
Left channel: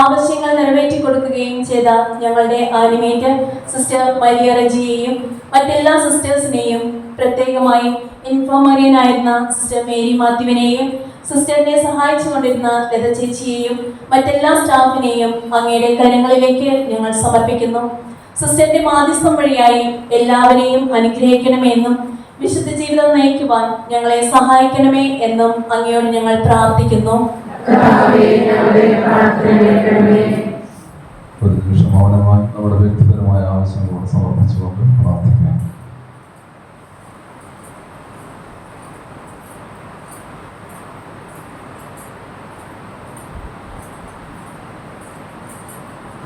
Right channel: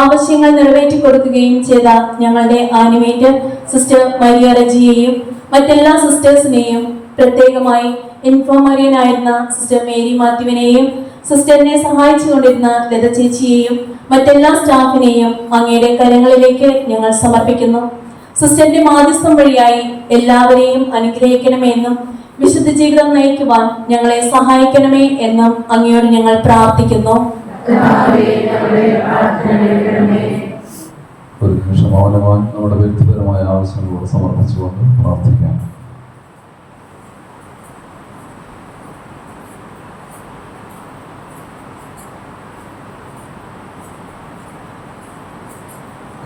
ആവശ്യങ്ങൾ നിറവേറ്റി കൊടുക്കുകയും ചെയ്ത ഞങ്ങളുടെ ആനിമേറ്റർ സിസ്റ്റർ മരിയ റജിയെയും മറ്റെല്ലാ സിസ്റ്റേഴ്സിനെയും, പ്രത്യേകമായി ഇൻഫോമറിയനായിരുന്ന സിസ്റ്റർ മേരി മാത്യുവിനെയും സിസ്റ്ററിനെ സഹായിച്ചു കൊണ്ടിരുന്ന ലത ചേച്ചിയെയും മറ്റെല്ലാ സ്റ്റാഫിനെയും അങ്ങയുടെ കരങ്ങളിലേക്ക് ഞങ്ങൾ സമർപ്പിക്കുന്നു. സിസ്റ്ററിന്റെ മാധ്യസ്ഥം വഴിയായി എല്ലാവരെയും അനുഗ്രഹിക്കണമേ എന്നും വിശുദ്ധ ജീവിതം നയിക്കുവാൻ ഞങ്ങളെ സഹായിക്കണമേ എന്നും അങ്ങയോട് ഞങ്ങൾ പ്രാർത്ഥിക്കുന്നു. ഒരു നിമിഷം മൗനമായി നമ്മുടെ വ്യക്തിപരമായ ആവശ്യങ്ങളോട് സമർപ്പിച്ചുകൊണ്ട് പ്രാർത്ഥിക്കാം.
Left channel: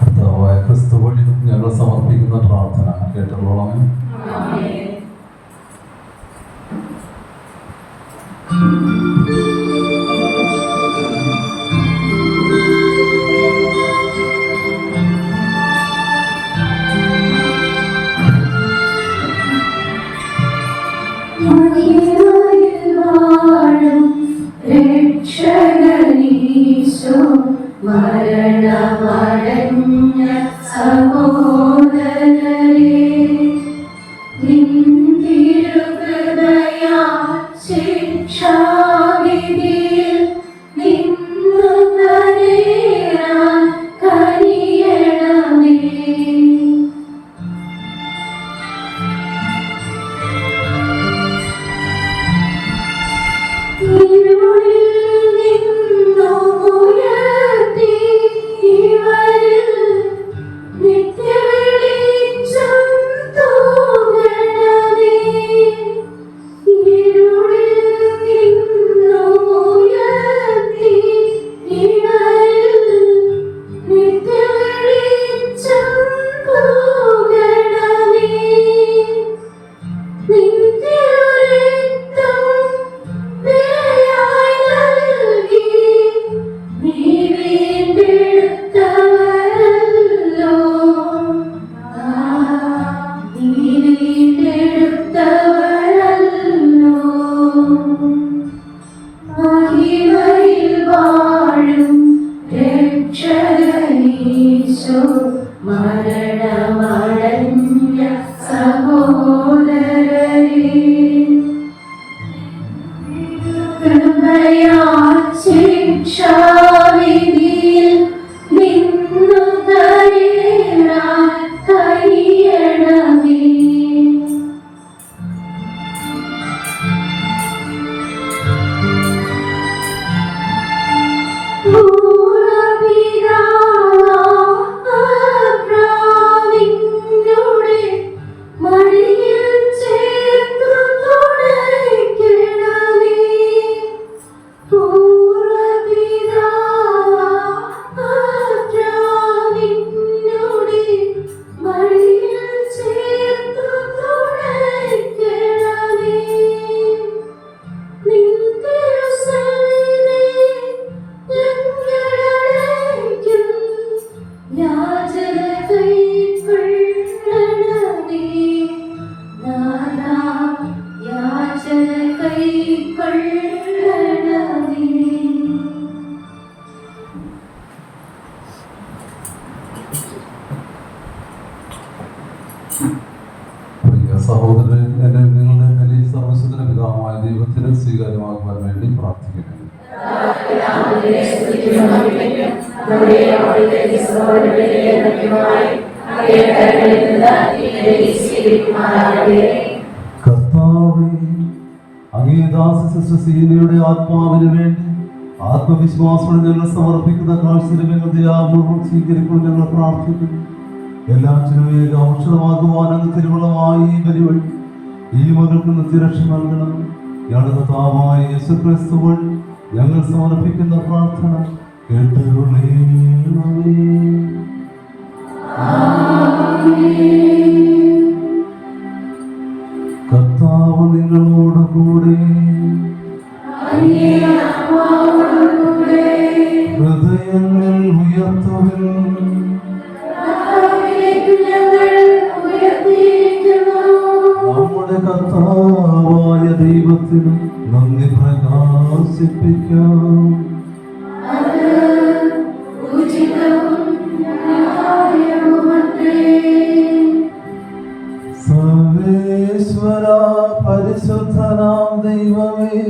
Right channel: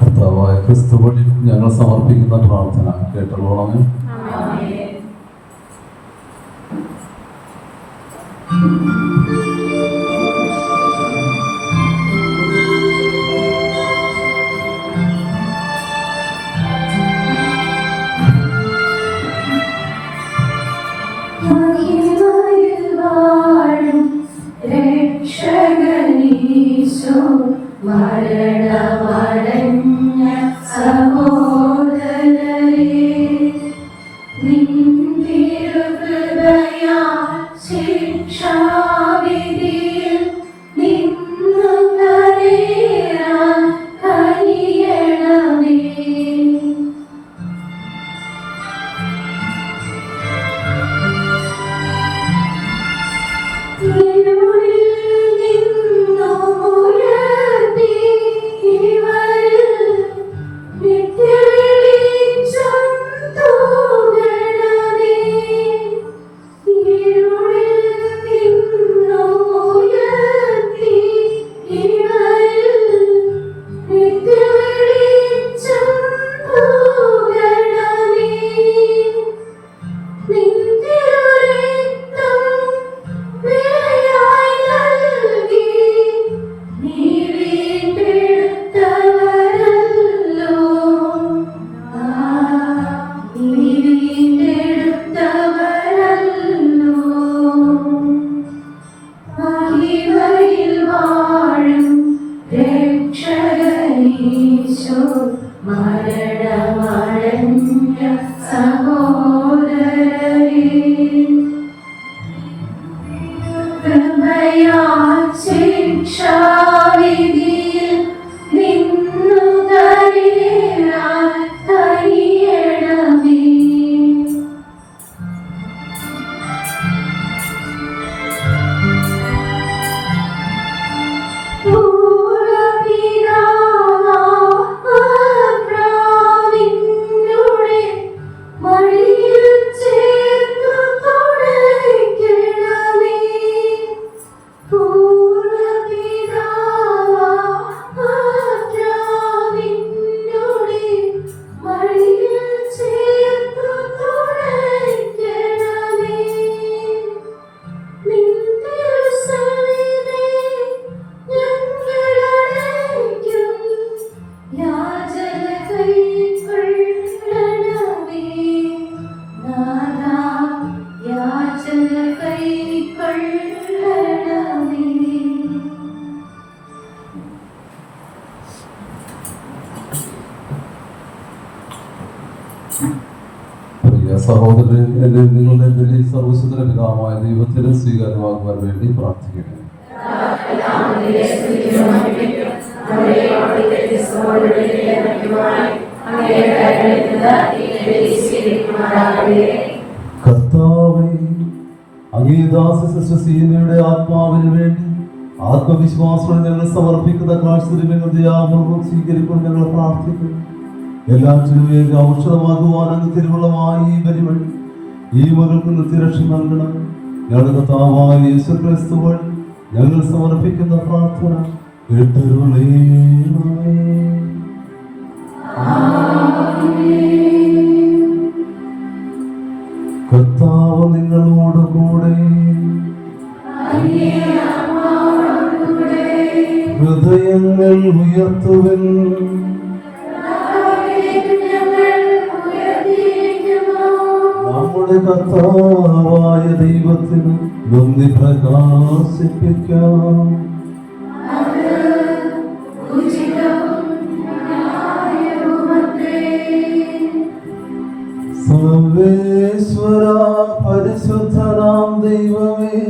കർത്താവായ ക്രിസ്തു വഴി ഞങ്ങൾ സമർപ്പിക്കുന്ന പ്രാർത്ഥന കേട്ടോളാമേ. മരണമടഞ്ഞ സഹോദരരെ, നിന്തിരുഹൃദയാ ശിക്ഷാവിധിയിൽ നിന്നു കരയാൻ കഴിയണമേ. നിന്നു ശിക്ഷാവിധിയിൽ നിന്നു കരേറാൻ കഴിയണമേ. അബ്രാമിന്നുടെ മടിയിൽ ചേർത്തു തുണയ്ക്കണമേ. അബ്രാമിന്നുടെ മടിയിൽ ചേർത്തു തുണയ്ക്കണമേ. നിന്റെ ഞങ്ങളടയ്ക്കും യാചന കൈക്കൊള്ളണമേ. നാഥാ, യാചന കൈക്കൊള്ളണമേ. പ്രിയ സഹോദരൻ, എന്റെ നിങ്ങളുടെ ബലി സർവ്വസുന്ദര പിതാവായ ദൈവത്തിന് സ്വീകാര്യമാകുവാൻ വേണ്ടി പ്രാർത്ഥിക്കുന്നു. കർത്താവേ, അങ്ങേ ദാസ സിസ്റ്റർ സീനയുടെ ആത്മാവിന് വേണ്ടി ആത്മവിശ്വാസത്തോടെ ഞങ്ങൾ സമർപ്പിക്കുന്ന കാഴ്ചകൾ ദയാപൂർവ്വം സ്വീകരിക്കൊണ്ട് ഞങ്ങൾ പ്രാർത്ഥിക്കുന്നു. എല്ലാറ്റിനും ഏക ഔഷധമാകുവാൻ അങ്ങ് തിരുവുള്ളമായി ഈ ബലി വഴി ഈ മകൾക്ക് നിത്യരക്ഷ നൽകണം. ഞങ്ങളുടെ കർത്താവായ യേശുക്രിസ്തു വഴി ഞങ്ങൾ സമർപ്പിക്കുന്ന പ്രാർത്ഥന കേട്ടരുളേണമേ. കർത്താവ് നിങ്ങളോട് കൂടെ. ഹൃദയങ്ങൾ ഉയർത്തുവിൻ. നമ്മുടെ കർത്താവായ ദൈവത്തിന് നന്ദി പ്രകാശിപ്പിക്കാം. സർവേശ്വര പരിശുദ്ധനാം ദൈവമേ,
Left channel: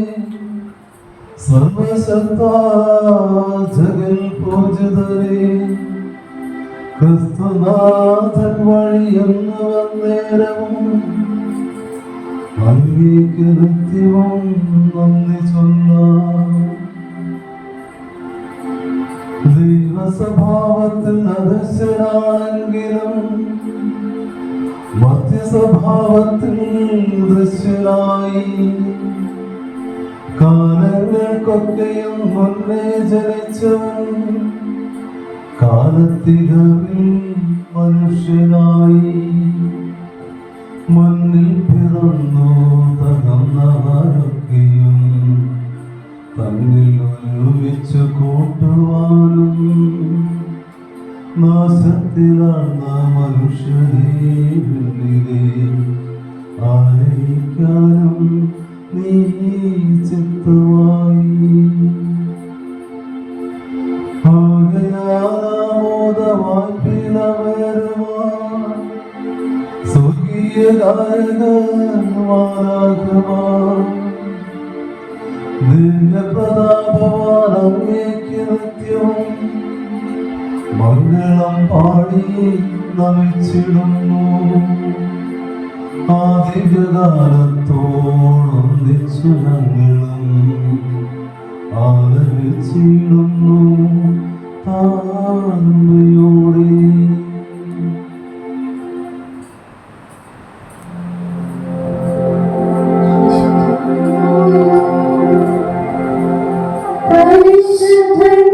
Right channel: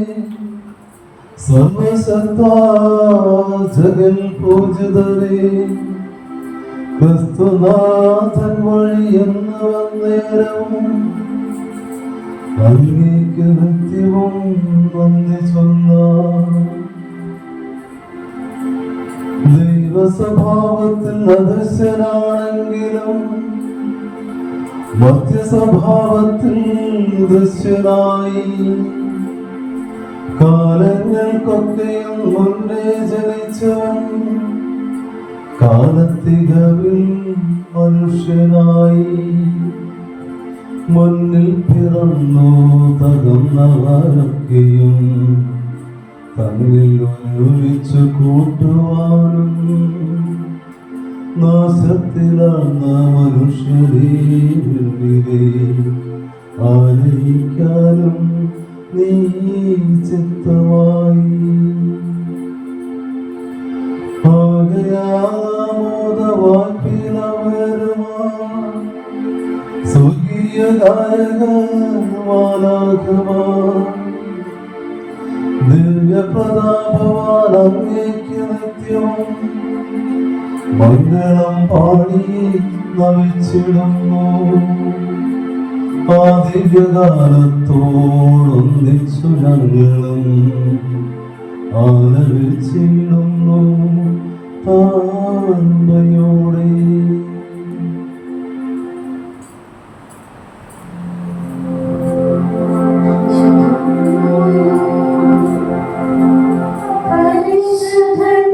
സർവശക്താ ജഗൽ പൂജിതരേ, ക്രിസ്തുനാഥൻ വഴിയെന്ന് വന്നേരം അങ്ങേക്ക് നിത്യവും നന്ദി ചൊല്ലാം. ദൈവസ്വഭാവത്തിൽ അദൃശ്യനാണെങ്കിലും മധ്യസ്വഭാവത്തിൽ ദൃശ്യനായി കാലങ്ങൾക്കൊക്കെയും മുന്നേ ജനിച്ചവൻ കാലത്തികവിൽ മനുഷ്യനായി മുന്നിൽ പിറന്നു തകർന്നവരൊക്കെയും തന്നിൽ ഒരുമിച്ചു കൂട്ടുവാനും നാശത്തിലാർന്ന മനുഷ്യരെ ആനയിക്കാനും നീ ചിത്തമായി. സ്വർഗീയ ഗായകമാരാകുവാൻ ദിവ്യപ്രതാപവാൻ അങ്ങേക്ക് നിത്യവും മംഗളം പാടി നമിച്ചിടുന്നു. ആ ദിവ്യകാലത്തോടൊന്നിച്ചു ഞങ്ങളും ആലപിച്ചിടുന്നു താഴ്മയോടെ. പരിശുദ്ധൻ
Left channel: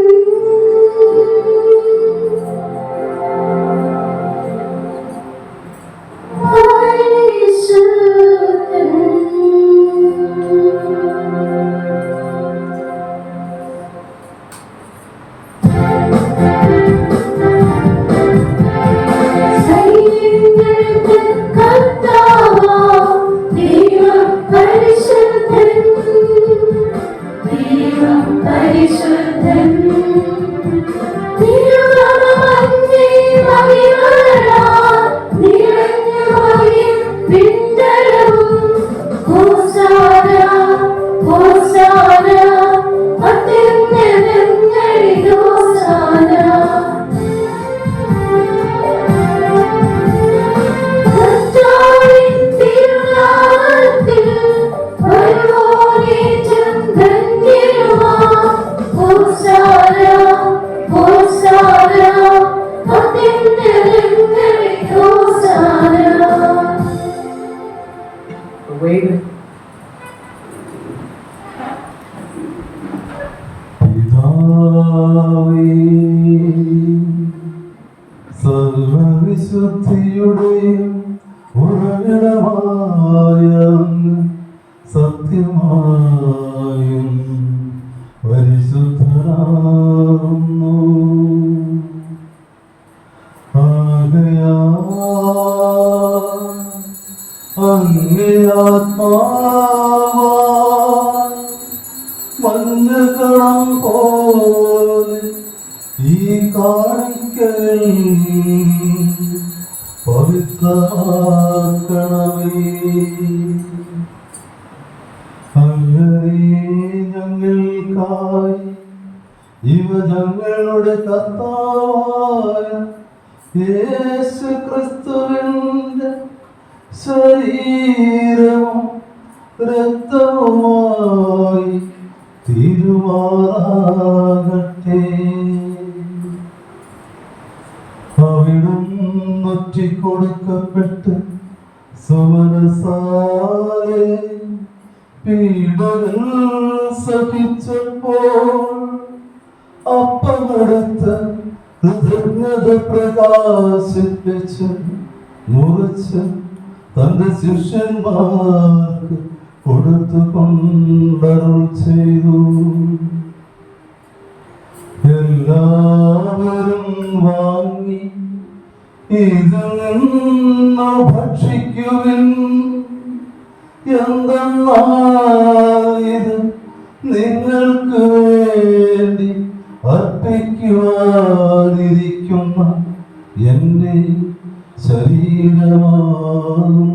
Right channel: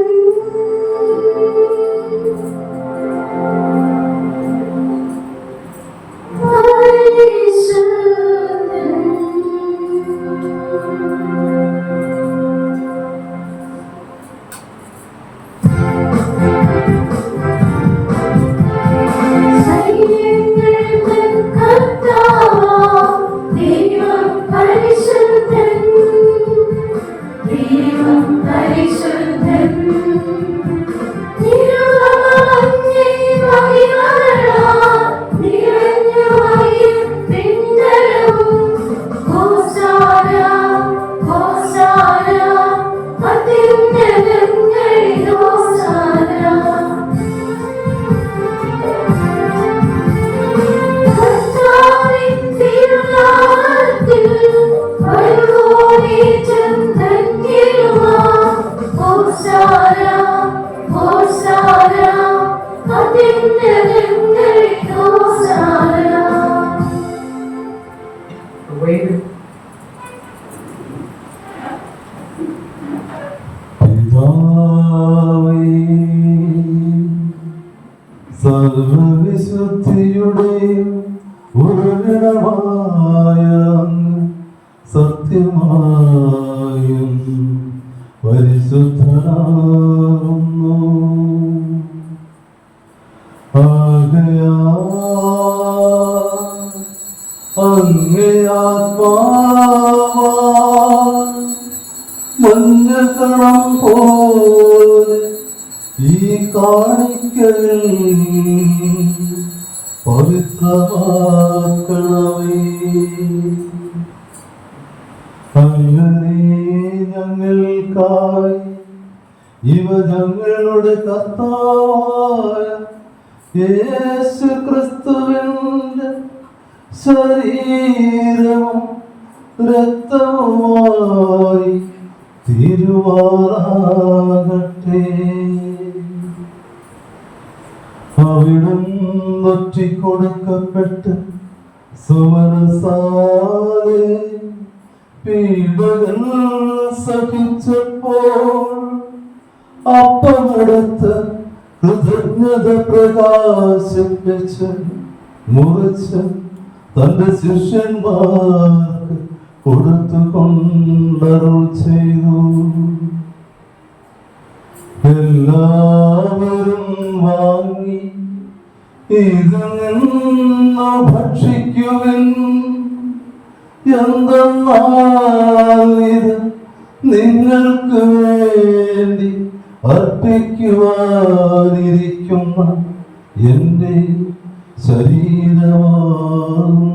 സർവവിശുദ്ധിയുടെ ഉറവിടമായ സത്യമായും പരിശുദ്ധനാകുന്നു. അങ്ങേ ആത്മാവാൽ മഞ്ഞകണം പോലെ ഈ കാണിക്കകൾ പവിത്രമാക്കണമേ. അങ്ങനെ ഞങ്ങൾക്കായി ഇവ ഞങ്ങളുടെ കർത്താവായ യേശു ക്രിസ്തുവിന്റെ ശരീരവും രക്തവുമായി തീരുമാറാകട്ടെ. അവിടുന്ന് ഒറ്റിക്കൊടുക്കപ്പെട്ട് സുമനസാലെ പീഡകൾ സഹിച്ചപ്പോൾ അപ്പമെടുത്ത് കൃതജ്ഞത പ്രകാശിപ്പിച്ച് മുറിച്ച് തന്റെ ശിഷ്യന്മാർക്ക് കൊടുത്തുകൊണ്ടരുൾ ചെയ്തു. എല്ലാവരും വാങ്ങി ഇതിൽ നിന്ന് ഭക്ഷിക്കുവിൻ. എന്തെന്നാൽ ഇത് നിങ്ങൾക്ക് വേണ്ടി അർപ്പിക്കുവാനിരിക്കുന്ന എൻ്റെ ശരീരമാകുന്നു.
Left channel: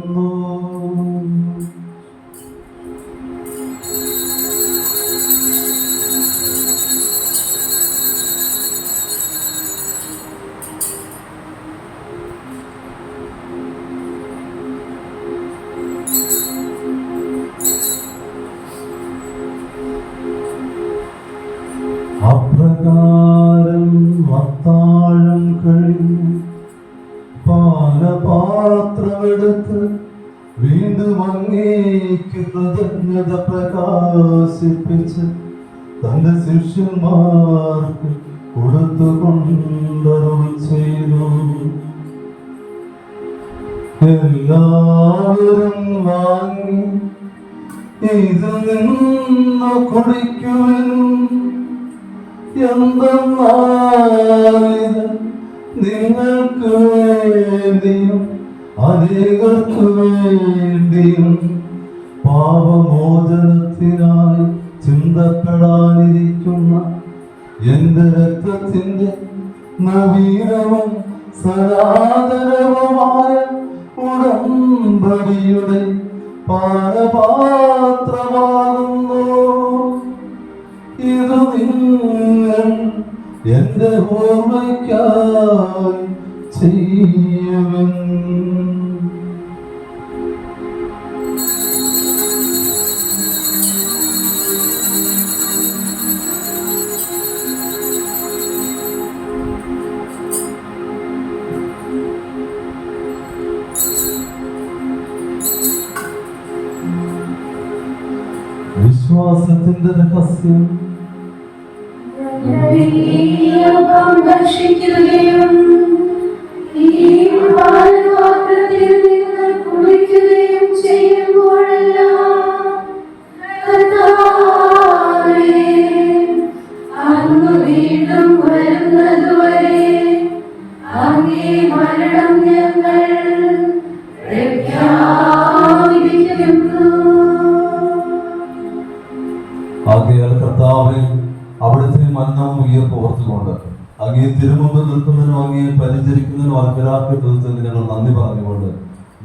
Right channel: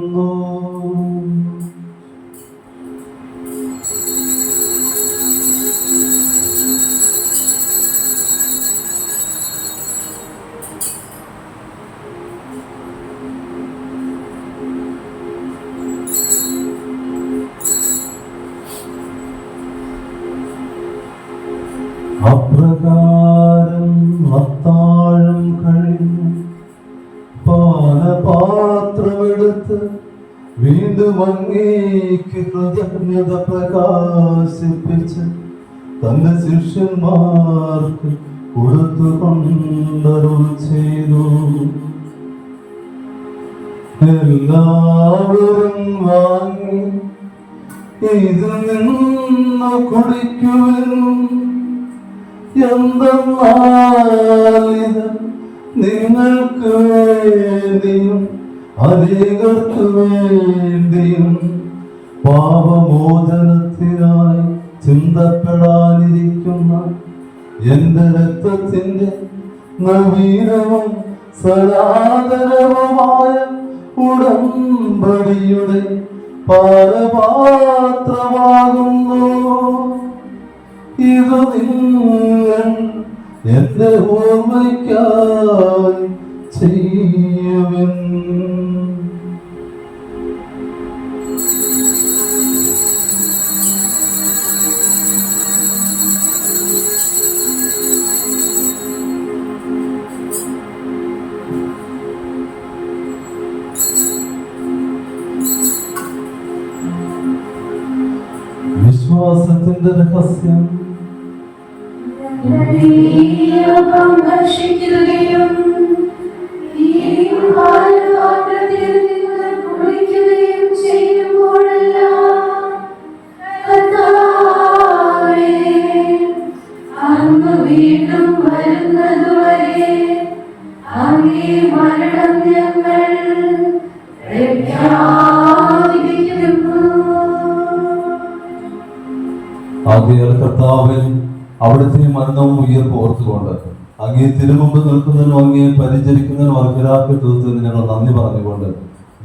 അപ്രകാരം അത്താഴം കഴിഞ്ഞ് പാനപാത്രമെടുത്ത് വീണ്ടും അങ്ങേക്ക് കൃതജ്ഞത പ്രകാശിപ്പിച്ച് തന്റെ ശിഷ്യന്മാർക്ക് കൊടുത്തുകൊണ്ടരുൾ ചെയ്തു. എല്ലാവരും വാങ്ങി ഇതിൽ നിന്ന് കുടിക്കുവിൻ. എന്തെന്നാൽ ഇത് നിങ്ങൾക്ക് വേണ്ടിയും അനേകർക്ക് വേണ്ടിയും പാപമോചനത്തിനായി ചിന്തപ്പെടാനിരിക്കുന്ന എന്റെ രക്തത്തിന്റെ നവീനവും സനാതനവുമായ ഉടമ്പടിയുടെ പാനപാത്രമാകുന്നു. ഇത് നിങ്ങൾ എന്റെ ഓർമ്മയ്ക്കായി ചെയ്യുവിൻ. വിശ്വാസത്തിന്റെ രഹസ്യം. ഭക്ഷിക്കുകയും ഈ പാനപാത്രത്തിൽ നിന്ന് കുടിക്കുകയും ചെയ്യുമ്പോഴെല്ലാം കർത്താവേ, അങ്ങ് വീണ്ടും വരുന്നതുവരെ അങ്ങേ മരണം ഞങ്ങൾ പ്രഖ്യാപിക്കുന്നു. ആകയാൽ കർത്താവേ, അവിടുത്തെ മരണവും ഉയർപ്പ് ഓർത്തുകൊണ്ട് അങ്ങേ തിരുമുമ്പ് നിൽക്കുന്നതിനും അങ്ങേ പരിചരിക്കുന്നതിനും അർഹരാക്കത്വത്തിന് ഞങ്ങൾ നന്ദി പറഞ്ഞുകൊണ്ട്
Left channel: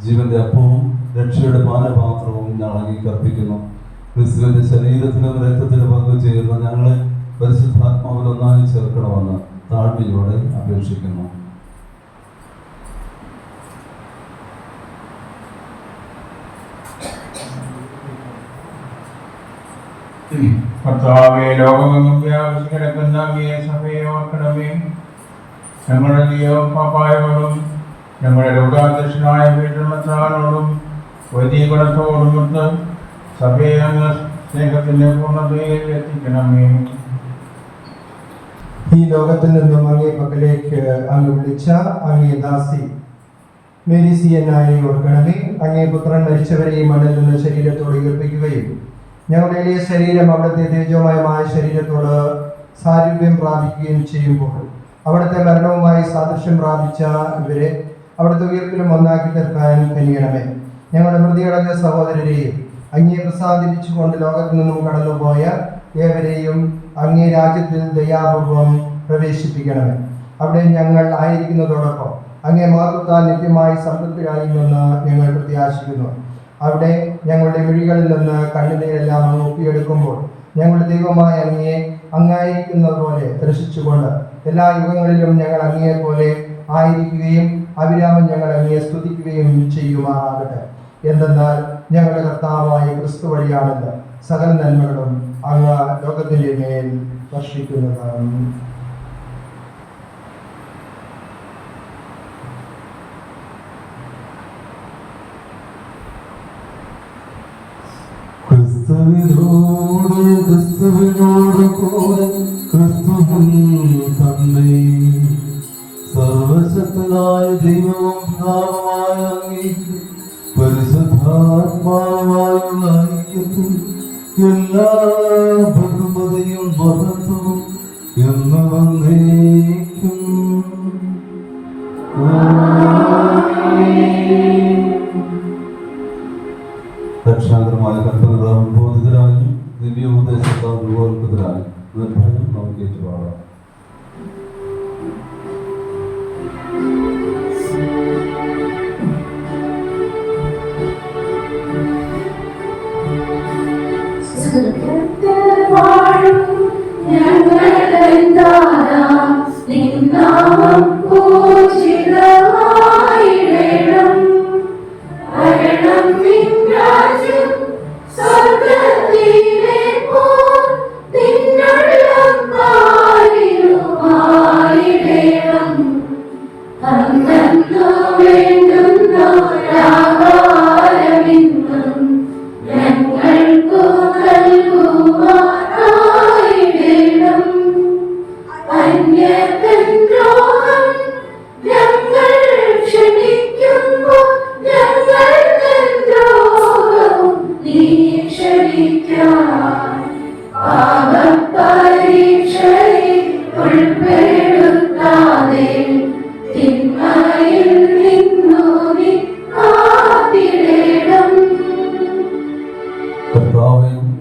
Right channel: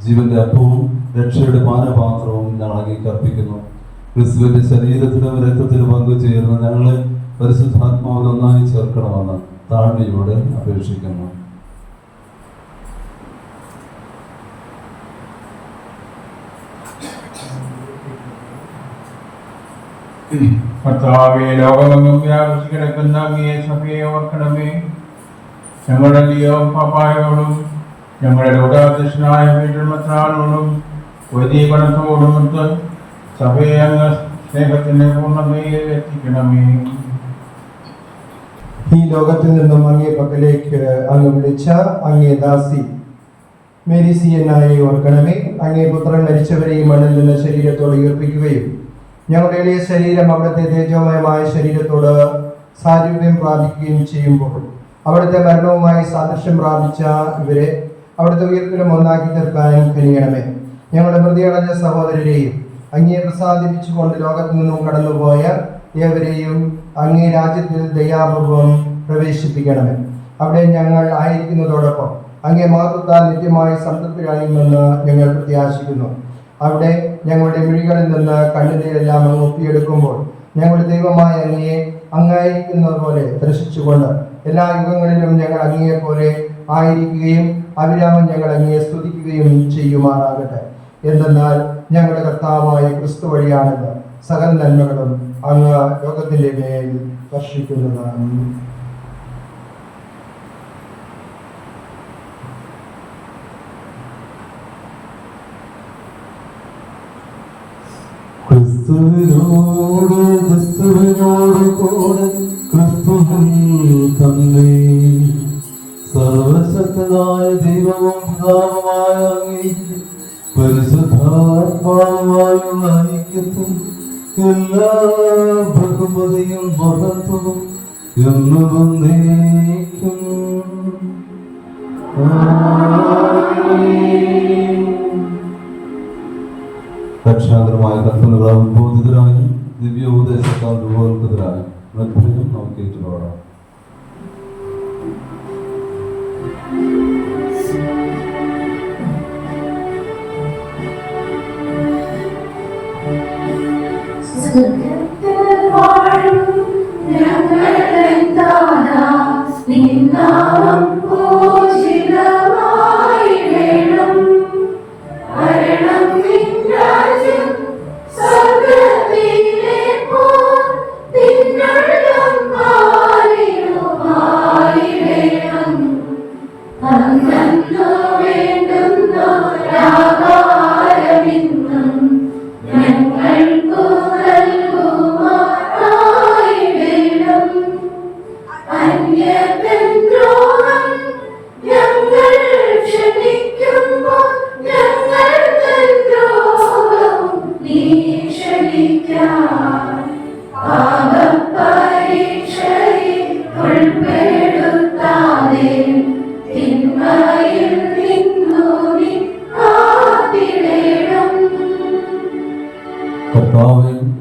ജീവന്റെ അപ്പവും രക്ഷയുടെ പാനപാത്രവും ഞങ്ങൾ അങ്ങേക്ക് അർപ്പിക്കുന്നു. ക്രിസ്തുവിന്റെ ശരീരത്തിലും രക്തത്തിലും പങ്കുചേർന്ന് ഞങ്ങളെ പരിശുദ്ധാത്മാവിൽ ഒന്നായി ചേർക്കണമെന്ന് താഴ്മയോടെ അപേക്ഷിക്കുന്നു. കർത്താവേ, ലോകമെങ്ങും വ്യാപിച്ചു കിടക്കുന്ന അങ്ങയെ സഭയെ ഓർക്കണമേ. ഞങ്ങളുടെ ദൈവം പാപ്പായോടും ഞങ്ങളുടെ ലോകാധ്യക്ഷനായ വീട്ടിൽമത്താനോടും വൈദികണത്തോടുമൊത്ത് സഭയെ അങ്ങ് സ്നേഹത്തിന്റെ പൂർണ്ണതയിൽ എത്തിക്കണമേ. ഈ ലോകത്തിൽ നിന്നും അങ്ങേ പക്കലേക്ക് അങ്ങ് വിളിച്ച അങ്ങേ ദാസി മേരിസിയനായി ഓർക്കണമേ. അങ്ങേ പുത്രൻ മരിച്ചവരെയും മണ്ണിൽ നിന്ന് ശരീരത്തോട് ഉയർപ്പിക്കുകയും ഞങ്ങളുടെ എളിയ ശരീരം അവിടുത്തെ തേജോമയമായ ശരീരത്തോട് സാരൂപ്യം പ്രാപിക്കുകയും ചെയ്യുമ്പോൾ അവിടുത്തെ മരണവുമായി സാദൃശ്യം പ്രാപിച്ച ഇവരെ അവിടുത്തെ ഉയർപ്പിലും ഒന്നാക്കി തീർക്കാനും കനിയണമേ. ഞങ്ങളുടെ പ്രതിയടഞ്ഞ സഹോദരരെയും അങ്ങേ പ്രസാദിപ്പിച്ചുകൊണ്ട് ലോകത്തു നിന്നും കടന്നുപോയ ഏവരെയും അങ്ങേ രാജ്യത്തിൽ ദയാപൂർവം പ്രവേശിപ്പിക്കണമേ. അവിടെ ഞങ്ങൾ ആയിരിക്കുന്നതോടൊപ്പം അങ്ങേ മഹത്വത്താൽ നിത്യമായി സംതൃപ്തിയാകുമെന്ന് ഞങ്ങൾ പ്രത്യാശിക്കുന്നു. അവിടെ ഞങ്ങളുടെ മിഴികളിൽ നിന്ന് കണ്ണുനീരെല്ലാം അങ്ങ് ഒപ്പിയെടുക്കുമ്പോൾ ഞങ്ങളുടെ ദൈവമായ അങ്ങയെ അങ്ങായിരിക്കുന്നത് പോലെ ദർശിച്ചുകൊണ്ട് എല്ലാ യുഗങ്ങളിലും ഞങ്ങൾ അങ്ങയെ പോലെ ആയിരിക്കുകയും അവിരാമം ഞങ്ങൾ അങ്ങയെ സ്തുതിക്കുകയും ചെയ്യുമാറാകട്ടെ. എന്തെന്നാൽ ഞങ്ങളുടെ കർത്താവായ ക്രിസ്തു വഴിയാണല്ലോ സകല നന്മകളും അങ്ങ് ലോകത്തിന്റെ മേൽ വർഷിക്കുന്നതാണ്. ക്രിസ്തുവിനോട് കൂടെ ക്രിസ്തുവിൻ തന്നെ സർവശക്തനായ ദൈവവും പിതാവുമായ അങ്ങേക്ക് പരിശുദ്ധാത്മാവുമായുള്ള ഐക്യത്തിൽ എല്ലാ ബഹുമതിയും മഹത്വവും എന്നും എന്നേക്കും. രക്ഷാകരമായ കർത്തനതാൽ ബോധിതരായി ദിവ്യോപദേശത്താൽ രൂപോത്കൃതരായി നിർഭയം നമുക്ക് ഏറ്റുപാടാം.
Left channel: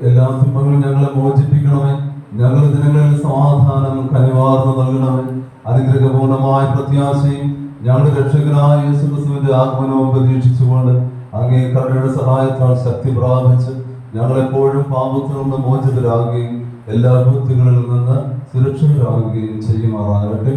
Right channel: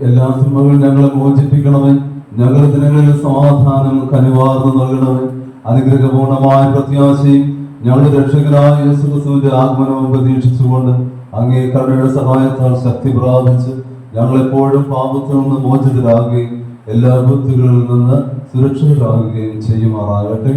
എല്ലാ തിന്മകളും ഞങ്ങളെ മോചിപ്പിക്കണമേ. ഞങ്ങളുടെ ദിനങ്ങളിൽ സമാധാനം കനിവാർന്നു നൽകണമേ. അനുഗ്രഹപൂർണമായ പ്രത്യാശയും ഞങ്ങളുടെ രക്ഷകനായ യേശുക്രിസ്തുവിന്റെ ആഗമനവും പ്രതീക്ഷിച്ചുകൊണ്ട് അങ്ങേ കരുണയുടെ സഹായത്താൽ ശക്തി പ്രാപിച്ച് ഞങ്ങളെപ്പോഴും പാപത്തിൽ നിന്ന് മോചിതരാകുകയും എല്ലാ ബുദ്ധികളിൽ നിന്ന് സുരക്ഷിതരാകുകയും ചെയ്യുമാറാകട്ടെ.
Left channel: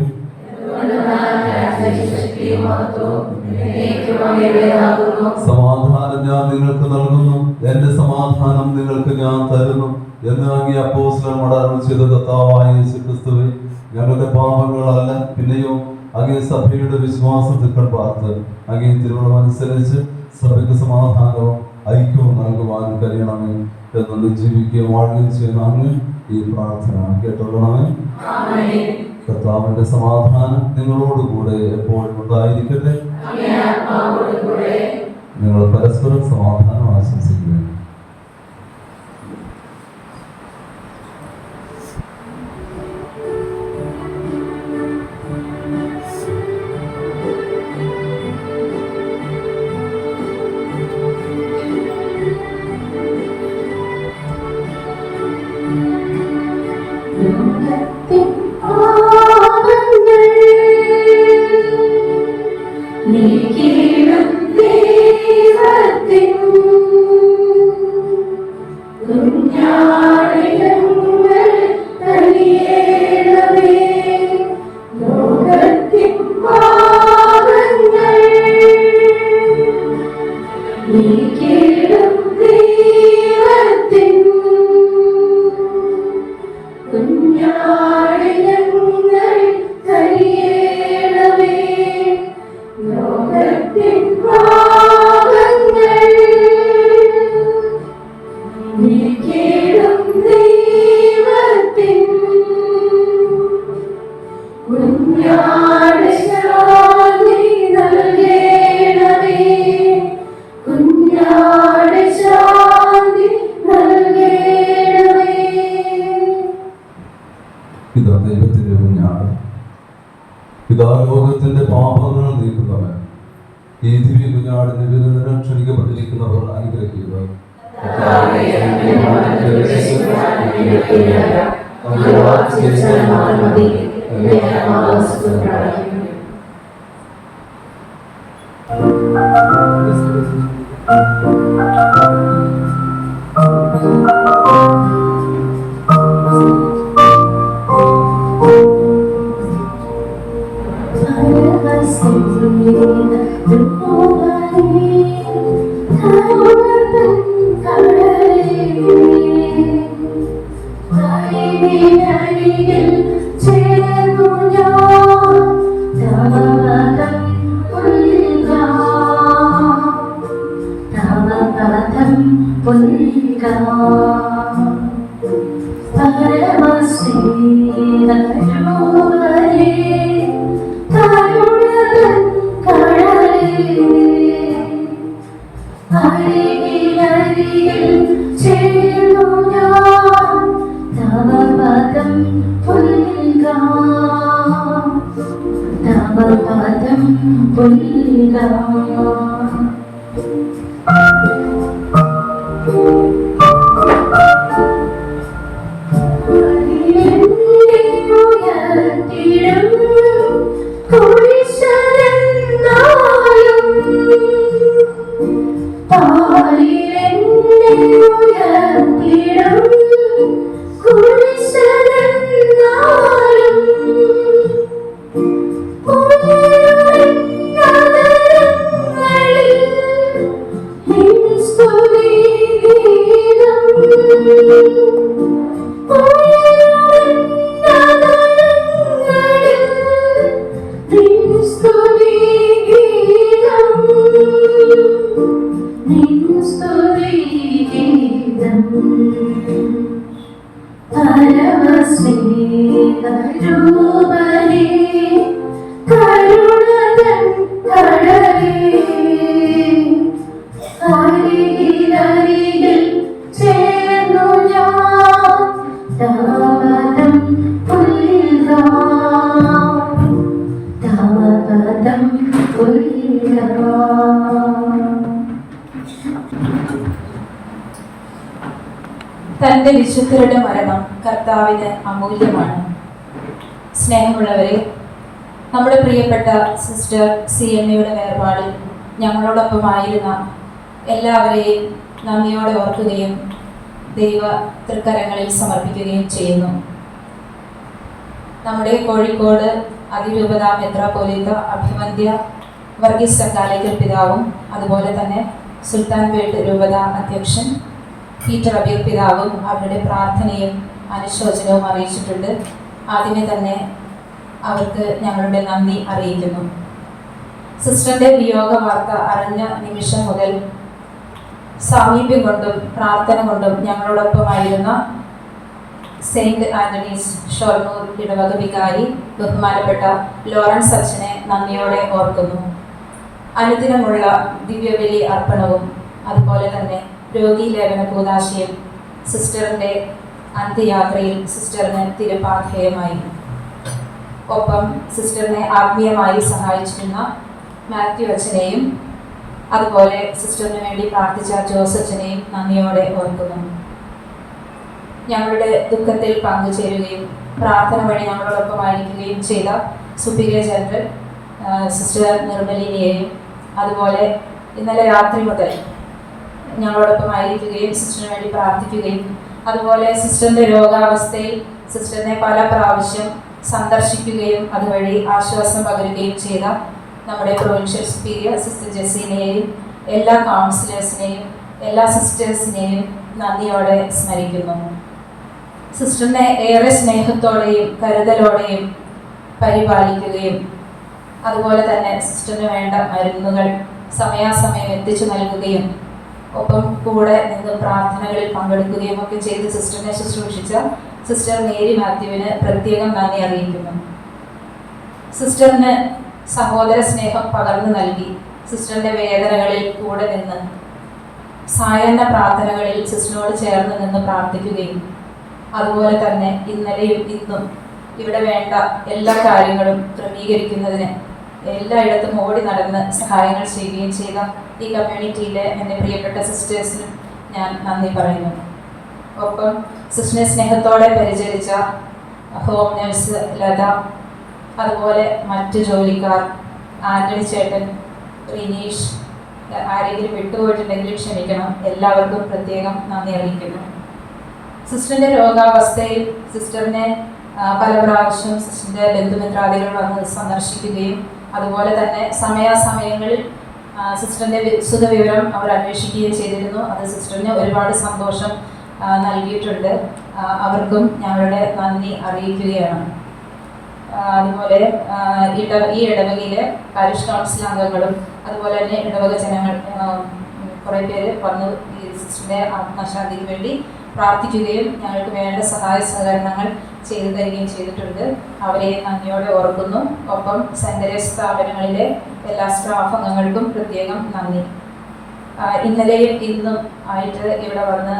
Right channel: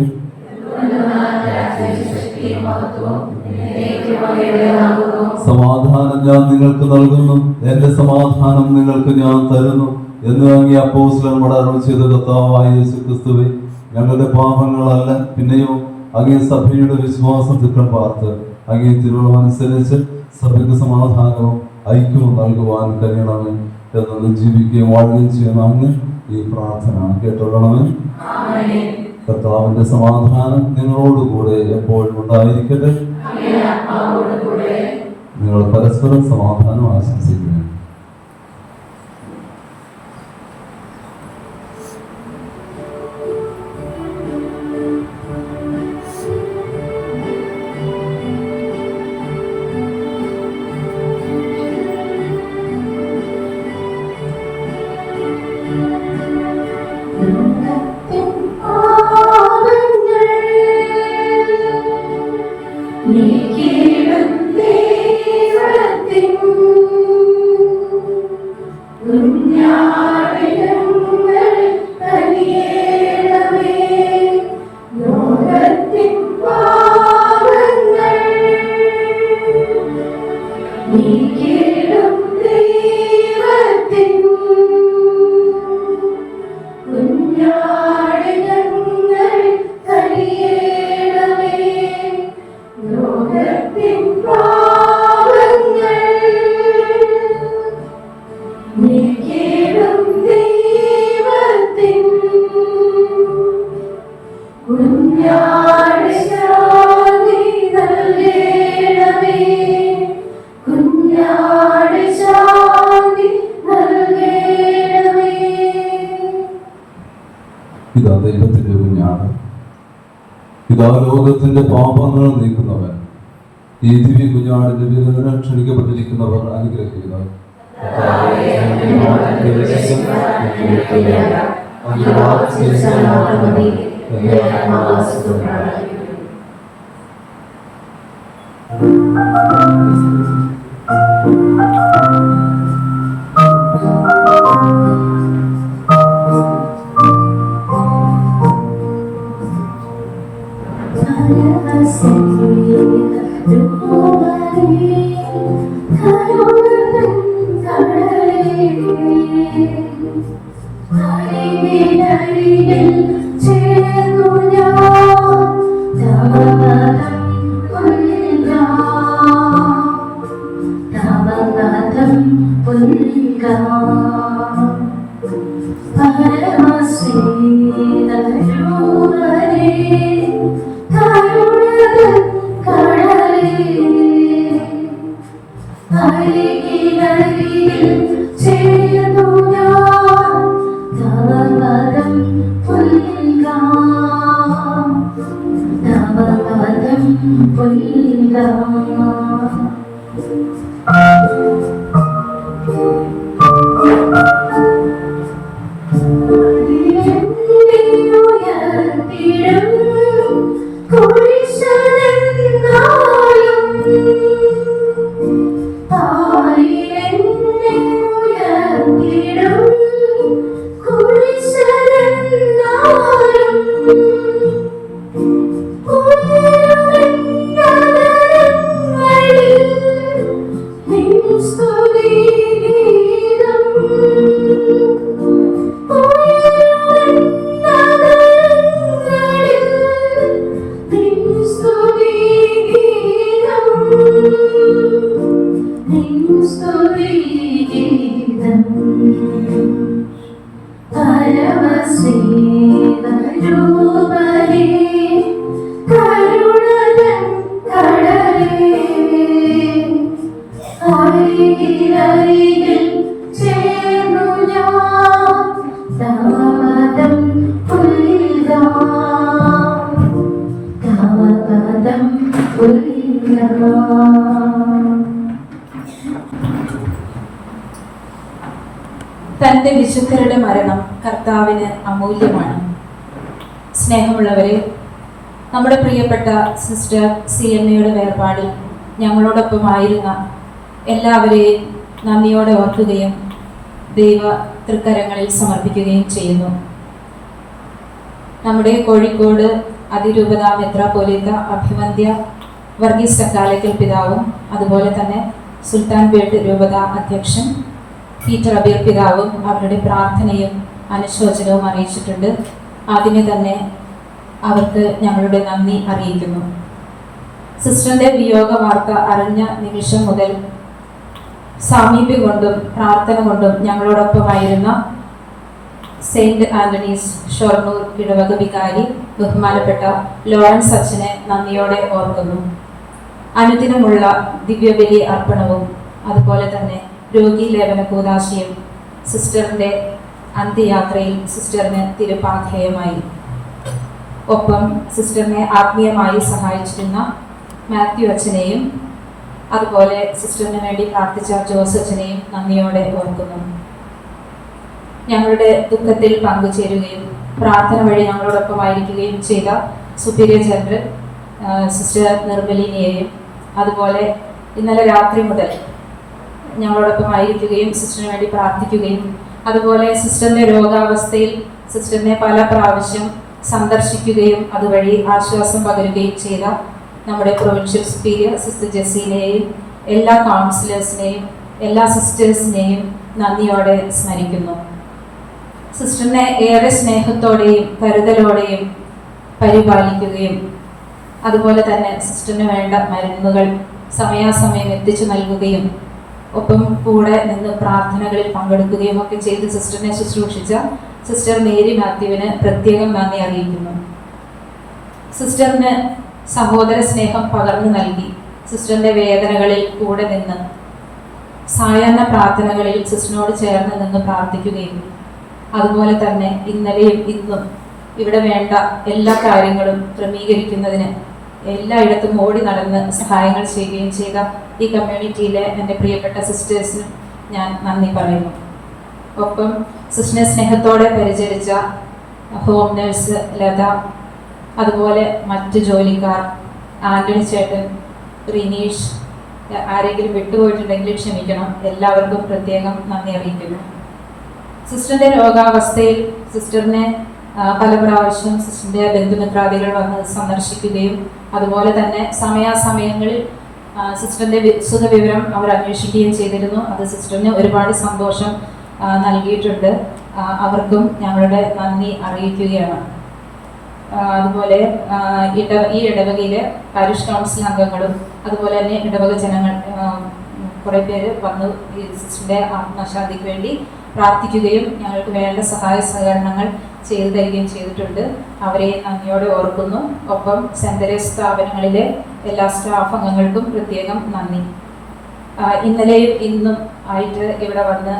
സമാധാനം ഞാൻ നിങ്ങൾക്ക് നൽകുന്നു, എന്റെ സമാധാനം നിങ്ങൾക്ക് ഞാൻ തരുന്നു എന്ന് അങ്ങേ അപ്പോസ്തലന്മാർ അരുളി ചെയ്ത കർത്താവായ യേശുക്രിസ്തുവേ, ഞങ്ങളുടെ പാപങ്ങളല്ല പിന്നെയോ അങ്ങേ സഭയുടെ വിശ്വാസത്തിൽ പാർത്ത് അങ്ങേ തിരുവനുസരിച്ച് സഭയ്ക്ക് സമാധാനവും ഐക്യവും നൽകുവാൻ കഴിയണമേ എന്ന് ജീവിക്കുകയും വാഴുകയും ചെയ്യുന്ന അങ്ങ് ഈ പ്രാർത്ഥന കേട്ടുകൊള്ളണമേ. കർത്താവിന്റെ സമാധാനം നിങ്ങളോടുകൂടെ എപ്പോഴും ഉണ്ടായിരിക്കട്ടെ. നിങ്ങൾ പരസ്പരം സമാധാനം ആശംസിക്കുന്നു. ഇതാ ദൈവത്തിന്റെ കുഞ്ഞാണ്, ഇതാ ലോകത്തിന്റെ പാപങ്ങൾ നീക്കുന്നവൻ. ഈ ദിവ്യ കുഞ്ഞാടിന്റെ വിരുന്നിന് ക്ഷണിക്കപ്പെട്ടിരിക്കുന്നവർ അനുഗ്രഹിക്കുക. തൻ്റെ വിശുദ്ധരുടെ മരണം കർത്താവിന് അമൂല്യമാണ്. സ്നേഹമുള്ളവരെ, നമ്മുടെ പ്രിയപ്പെട്ട സിസ്റ്റർ CNAയുടെ വേർപാടിൽ ഞങ്ങളോടൊപ്പമായിരുന്ന എല്ലാവരെയും നന്ദിയോടെ ഓർക്കുകയും ദൈവ തൃക്കരങ്ങളിൽ സമർപ്പിക്കുകയും ചെയ്യുന്നു. നമ്മുടെ കോഴിക്കോട് അതിരൂപത മെത്രാപ്പോലീത്ത അഭിവന്ദ്യ വർഗീസ് ചക്കാലയ്ക്കൽ പിതാവും അതുപോലെ തന്നെ സുൽത്താൻപേട്ട് രൂപത അധ്യക്ഷൻ പീറ്റർ അബീർ പിതാവും അവരുടെ പ്രാർത്ഥനയും അനുശോചനവും അറിയിച്ചിട്ടുണ്ട്. ആദ്യമേ തന്നെ അവർക്ക് ഞങ്ങളുടെ നന്ദി അറിയിക്കുന്നു. സിസ്റ്ററിന്റെ വിയോഗ വാർത്ത അറിഞ്ഞ നിമിഷം മുതൽ സാമീപ്യം കൊണ്ടും പ്രാർത്ഥന കൊണ്ടും ഞങ്ങളോടൊപ്പമായിരുന്ന സെയിന്റ് ആന്റണീസ് ഷൊർണൂർ ഇടവക വികാരി ബഹുമാനപ്പെട്ട ലോറൻസ് അച്ഛനെ നന്ദിയോടെ ഓർക്കുന്നു. അനുദിനമുള്ള ദിവ്യബലി അർപ്പണവും അതുപോലെ തന്നെ രോഗി ലേപന കൂദാശയും സിസ്റ്ററിന്റെ അന്ത്യയാത്രയിൽ സിസ്റ്ററിന് തിരുപാധേയമായി. ഒപ്പം സിസ്റ്ററിനെ ആത്മീയമായി സഹായിച്ചിരുന്ന മാത്യു അച്ഛനെയും അതുപോലെ സിസ്റ്ററിന് വേണ്ടി പ്രാർത്ഥിച്ച ജോസ് അച്ഛനെയും നന്ദിയോടെ ഓർക്കുന്നു. ഞങ്ങളുടെ ദുഃഖത്തിൽ പങ്കുചേരുകയും പ്രാർത്ഥന വഴി ഞങ്ങളോടൊപ്പമായിരിക്കുകയും ചെയ്ത സുപ്പീരിയർ ജനറൽ സിസ്റ്റർ നിർമ്മലിനെയും അതുപോലെ ഇന്നലെ രാത്രി മുതൽ ഞങ്ങളോടൊപ്പമായിരിക്കുകയും സിസ്റ്ററിന് വേണ്ടി പ്രാർത്ഥിക്കുകയും അതുപോലെ സിസ്റ്ററിന്റെ രോഗാവസ്ഥയിൽ സിസ്റ്ററിനെ പല പ്രാവശ്യം സന്ദർശിക്കുകയും അതുവഴി ആശ്വാസം പകരുകയും ചെയ്ത നമ്മുടെ പ്രൊവിൻഷ്യൽ സുപ്പീരിയർ സിസ്റ്റർ ജെസ്സിനെയും എല്ലാ കൗൺസിലേഴ്സിനെയും എല്ലാ സിസ്റ്റേഴ്സിനെയും നന്ദിയോടെ സ്മരിക്കുന്നു. സിസ്റ്ററിനെ ഏറെ സ്നേഹത്തോടെയും കരുതലോടെയും പരിപാലിക്കുകയും അതുപോലെ തന്നെ സിസ്റ്ററിന് വേണ്ട മരുന്നുകൾ സമയാസമയം എത്തിച്ചു നൽകുകയും ഒപ്പം കൂടെ നിന്ന് പ്രാർത്ഥനകളിൽ പങ്കെടുക്കുകയും ഒക്കെ ചെയ്ത് സിസ്റ്ററിനെ ശുശ്രൂഷിച്ച സിസ്റ്റർ മേരി മാത്യുവിന് പ്രത്യേകം നന്ദി അറിയിക്കുന്നു. സിസ്റ്ററിന് സഹോദര സ്നേഹം പകർന്നു നൽകി സിസ്റ്ററിന്റെ വേദനകളിൽ കൂടെ നിന്ന് സായാഹ്ന പ്രാർത്ഥനകളിൽ സിസ്റ്ററിനോട് ചേർന്ന് നിന്ന് പ്രാർത്ഥിക്കുകയും അതുപോലെ തന്നെ ഇന്നലെയും ഇന്നും ഇവിടെ വേണ്ട എല്ലാ കാര്യങ്ങളും ക്രമീകരിക്കുന്നതിന് എല്ലായിടത്തും ഓടി നടന്ന് സഹായങ്ങൾ ചെയ്യുകയും ചെയ്ത ഈ കമ്മ്യൂണിറ്റിയിലെ എൻ്റെ പ്രിയപ്പെട്ട സിസ്റ്റേഴ്സിനും ഞാൻ നന്ദി പറയുന്നു. ഒപ്പം സിസ്റ്ററിനെ സ്നേഹത്തോടെ പരിചരിച്ച ഹോം നേഴ്സ് ലത, അതുപോലെ മറ്റ് ജോലിക്കാർ, ആൻ്റണി ചേട്ടൻ, റിനീഷ്, ആരെങ്കിലും വിട്ടുപോയിട്ടുണ്ടെങ്കിൽ ക്ഷമിക്കണം. എല്ലാവർക്കും പ്രത്യേകം നന്ദി അറിയിക്കുന്നു. സിസ്റ്ററിൻ്റെ രോഗാവസ്ഥയിൽ സിസ്റ്ററിനെ പല പ്രാവശ്യം സിസ്റ്ററിൻ്റെ ബന്ധുമിത്രാദികൾ വന്ന് സന്ദർശിക്കുകയും അതുപോലെ തന്നെ സമയാസമയങ്ങളിൽ സിസ്റ്ററിൻ്റെ സുഖവിവരം അവർ അന്വേഷിക്കുകയും ചെയ്തിരുന്നു. അത് സിസ്റ്ററിന് ഒരുപാട് സന്തോഷം നൽകിയിട്ടുണ്ട്. അവർക്കും ഞങ്ങളുടെ നന്ദി അറിയിക്കുകയാണ്. അതുപോലെ ഈ ഇടവകയിലെ പാരിഷ് കൗൺസിൽ അംഗങ്ങളും അതുപോലെ തന്നെ ഇടവക ജനങ്ങൾ കുറേ പേര് വന്ന് ഈ സിസ്റ്ററിൻ്റെ ആത്മശാന്തിക്ക് വേണ്ടി പ്രാർത്ഥിക്കുകയും ഞങ്ങൾക്ക് വേണ്ട സഹായ സഹകരണങ്ങൾ ചെയ്തു തരികയും ചെയ്തിട്ടുണ്ട്. അവരെ നന്ദിയോടെ ഓർക്കുന്നു. ഒപ്പം സെന്റ് തെരേസ് സ്ഥാപനങ്ങളിലെ എല്ലാ സ്റ്റാഫ് അംഗങ്ങൾക്കും പ്രത്യേകം നന്ദി. ഇന്നലെയും ഇന്നും ആയിട്ട് ഇവിടെ വന്ന്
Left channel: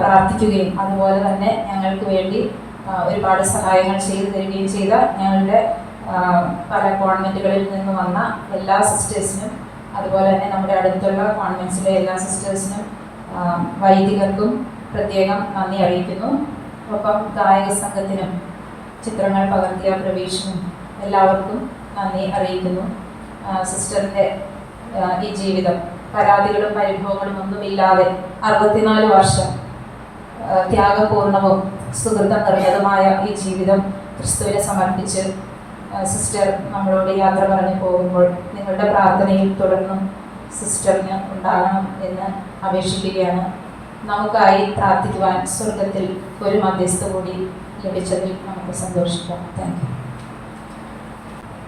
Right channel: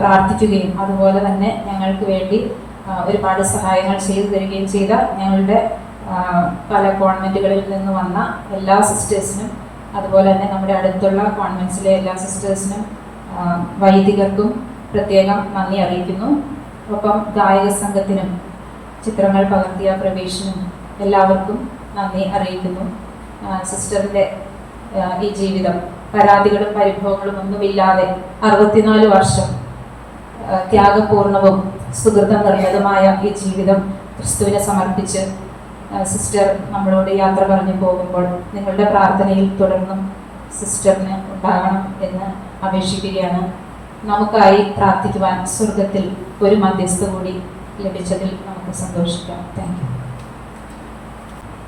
പ്രാർത്ഥിക്കുകയും അതുപോലെ തന്നെ ഞങ്ങൾക്ക് വേണ്ടി ഒരുപാട് സഹായങ്ങൾ ചെയ്തു തരികയും ചെയ്ത ഞങ്ങളുടെ പല കോൺവെൻറ്റുകളിൽ നിന്ന് വന്ന എല്ലാ സിസ്റ്റേഴ്സിനും അതുപോലെ തന്നെ നമ്മുടെ അടുത്തുള്ള കോൺവെൻറ്റ്സിലെ എല്ലാ സിസ്റ്റേഴ്സിനും വൈദികർക്കും പ്രത്യേകം നന്ദി അറിയിക്കുന്നു. ഒപ്പം ഗായക സംഘത്തിനും ചിത്രങ്ങൾ പകർത്തിയ പ്രവേശനും എല്ലാവർക്കും നന്ദി അറിയിക്കുന്നു. സിസ്റ്ററിൻ്റെ ഈ ജീവിതം പരാതികളും പരിഭവങ്ങളും ഒന്നുമില്ലാതെ 64 വർഷം ത്യാഗപൂർണവും സുഹൃതം നിറഞ്ഞതുമായ ഈ ജീവിതം ക്രിസ്തുവിനെ സമർപ്പിച്ച് സിസ്റ്റർ നമ്മളോട് യാത്ര പറഞ്ഞു പോകുമ്പോൾ നിങ്ങളുടെ പ്രാർത്ഥനയിൽ തുടർന്നും സിസ്റ്ററിന് ഉണ്ടാകണം എന്ന് അപേക്ഷിക്കുകയാണ്. നമുക്കായി പ്രാർത്ഥിക്കുവാൻ സ്വർഗത്തിൽ ഒരു മധ്യസ്ഥ കൂടി ലഭിച്ചതിൽ നമുക്ക് സന്തോഷിക്കാം. Thank you.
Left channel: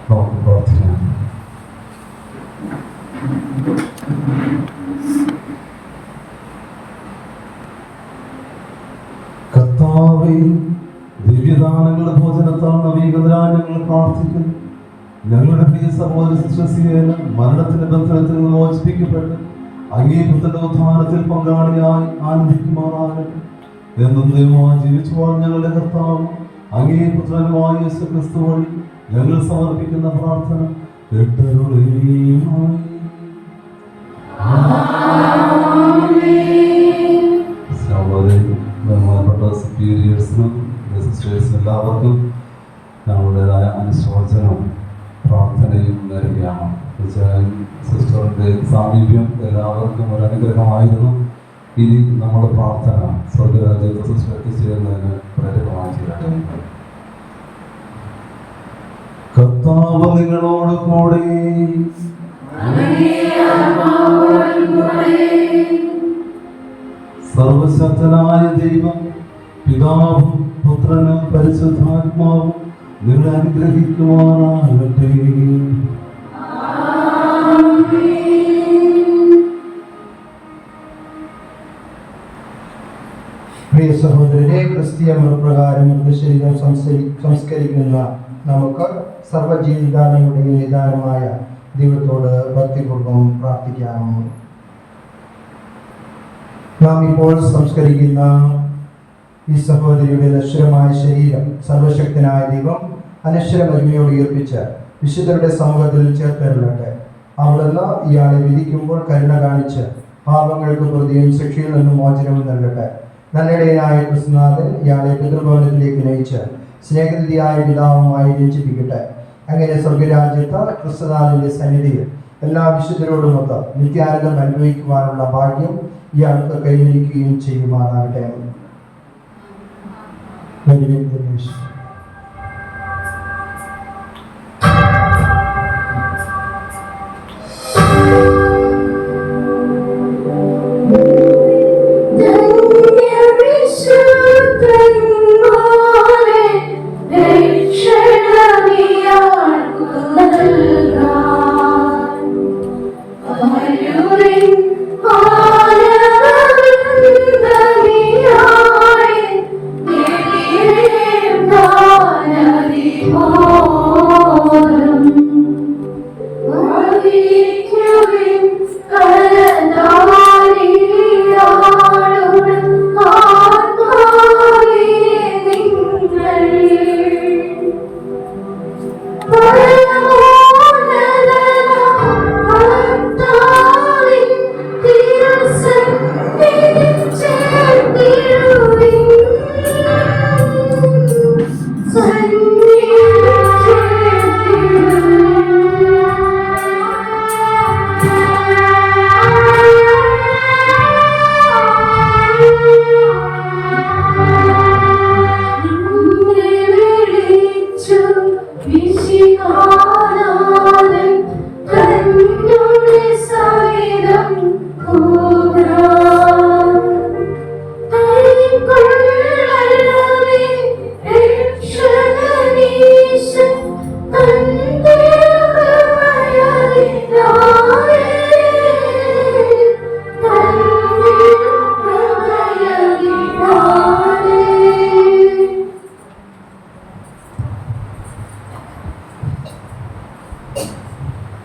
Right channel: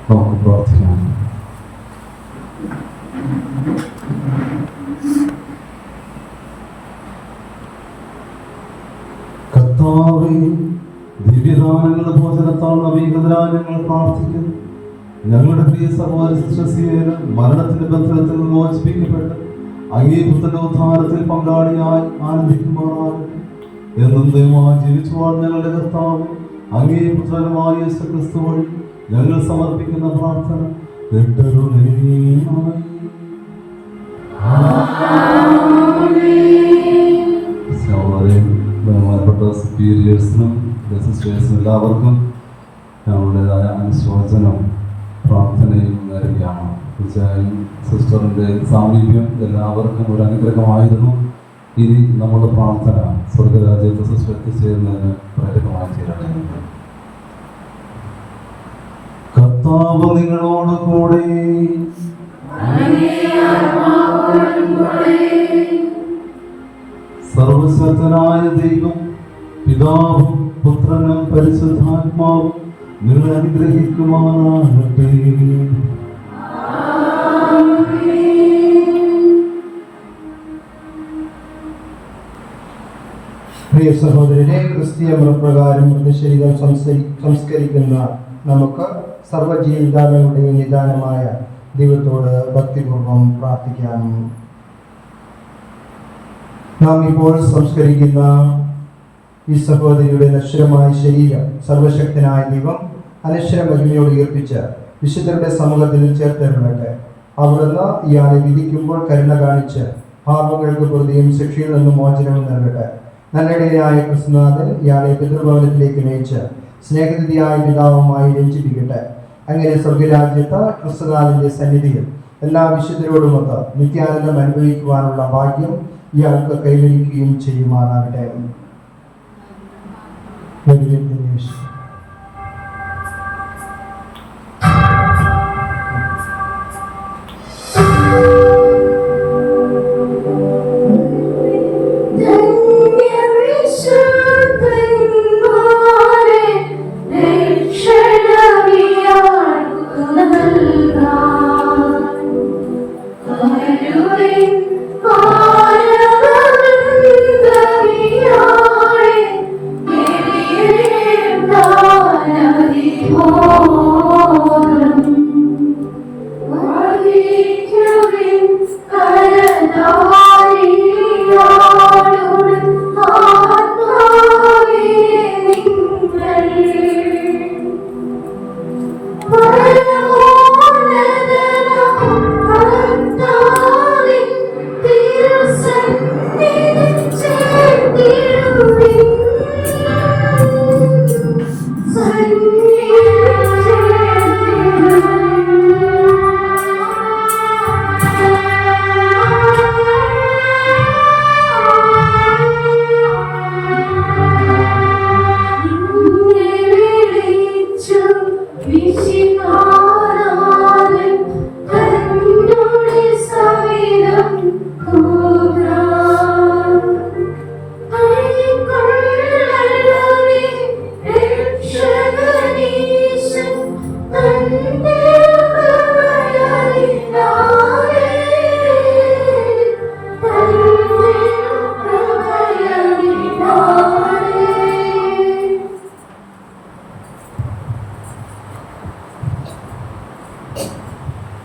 നമുക്ക് പ്രാർത്ഥിക്കാം. കർത്താവേ, ദിവ്യദാനങ്ങളുടെ ഭോജനത്താൽ നവീകൃതരായി ഞങ്ങൾ പ്രാർത്ഥിക്കുന്നു. ഞങ്ങളുടെ പ്രിയ സഹോദര മരണത്തിന്റെ ബന്ധനത്തിൽ നിന്ന് മോചിപ്പിക്കപ്പെട്ട് അങ്ങേപുത്രന്റെ ഉദ്ധാരത്തിൽ പങ്കാളിയായി ആനന്ദിക്കുമാറാകട്ടെ. എന്നും ദൈവമായി ജീവിച്ചു വാഴുന്ന ഞങ്ങളുടെ കർത്താവ് അങ്ങേപുത്രനുമായ യേശുക്രിസ്തു വഴി ഞങ്ങൾ സമർപ്പിക്കുന്ന പ്രാർത്ഥന കേട്ടരുളേണമേ. ബഹുമാനപ്പെട്ട സുപ്പീരിയേഴ്സിനും സിസ്റ്റേഴ്സിനും എല്ലാവർക്കും ഞങ്ങളുടേതായ അനുശോചനവും പ്രാർത്ഥനയും നേരുകയാണ്. തീർച്ചയായും സിസ്റ്ററിൻ്റെ സാമീപ്യം എല്ലാവർക്കും ഒരു അനുഗ്രഹമായിരുന്നു. ഇനി നമ്മുടെ പ്രാർത്ഥന സ്വർഗരാജ്യത്തെ സിസ്റ്റർ എത്തിച്ചേരുന്നതിന് പ്രേരകമായി ചെയ്യട്ടെ. കർത്താവ് നിങ്ങളോട് കൂടെ, സർവശക്തനായ ദൈവം പിതാവും പുത്രനും പരിശുദ്ധാത്മാവും നിങ്ങളെ അനുഗ്രഹിക്കുവാനാകട്ടെ. പ്രിയ സഹോദരനെ, ക്രിസ്തീയ മതപ്രകാരം മൃതശരീരം സംസ്കരിക്കുന്ന നമുക്ക് സർവ്വജീവിതാകളുടെയും നിദാനമായ ദൈവത്തോട് ഭക്തിപൂർവ്വം പ്രാർത്ഥിക്കാം. നാം ഇപ്പോൾ സംസ്കരിക്കുന്ന ഈ സഹോദരിയുടെ നശ്വരമായ ശരീരം സർവശക്തനായ ദൈവം അനശ്വര മഹിമയോട് ഉയർപ്പിച്ച് വിശുദ്ധരുടെ സമൂഹത്തിൽ ചേർത്തരുളട്ടെ. അവിടുന്ന് ഇയാളെ വിധിക്കുമ്പോൾ കരുണ കാണിച്ച് പാപങ്ങൾക്ക് പ്രതിയും ശിക്ഷയിൽ നിന്നും മോചനവും നൽകട്ടെ. നന്മയുടേതായ ക്രിസ്തുനാഥൻ ഇയാളെ പിതൃഭവനത്തിലേക്ക് നയിച്ച് സ്നേഹനിധിയായ പിതാവുമായി രഞ്ജിപ്പിക്കട്ടെ. അങ്ങനെ സ്വർഗരാജ്യത്ത് ക്രിസ്തുനാഥന്റെ സന്നിധിയിൽ എല്ലാ വിശുദ്ധരോടുമൊത്ത് നിത്യാനന്ദം അനുഭവിക്കുവാനുള്ള ഭാഗ്യം ഇയാൾക്ക് കൈവരിക്കുകയും ചെയ്യുമാറാകട്ടെ. Oh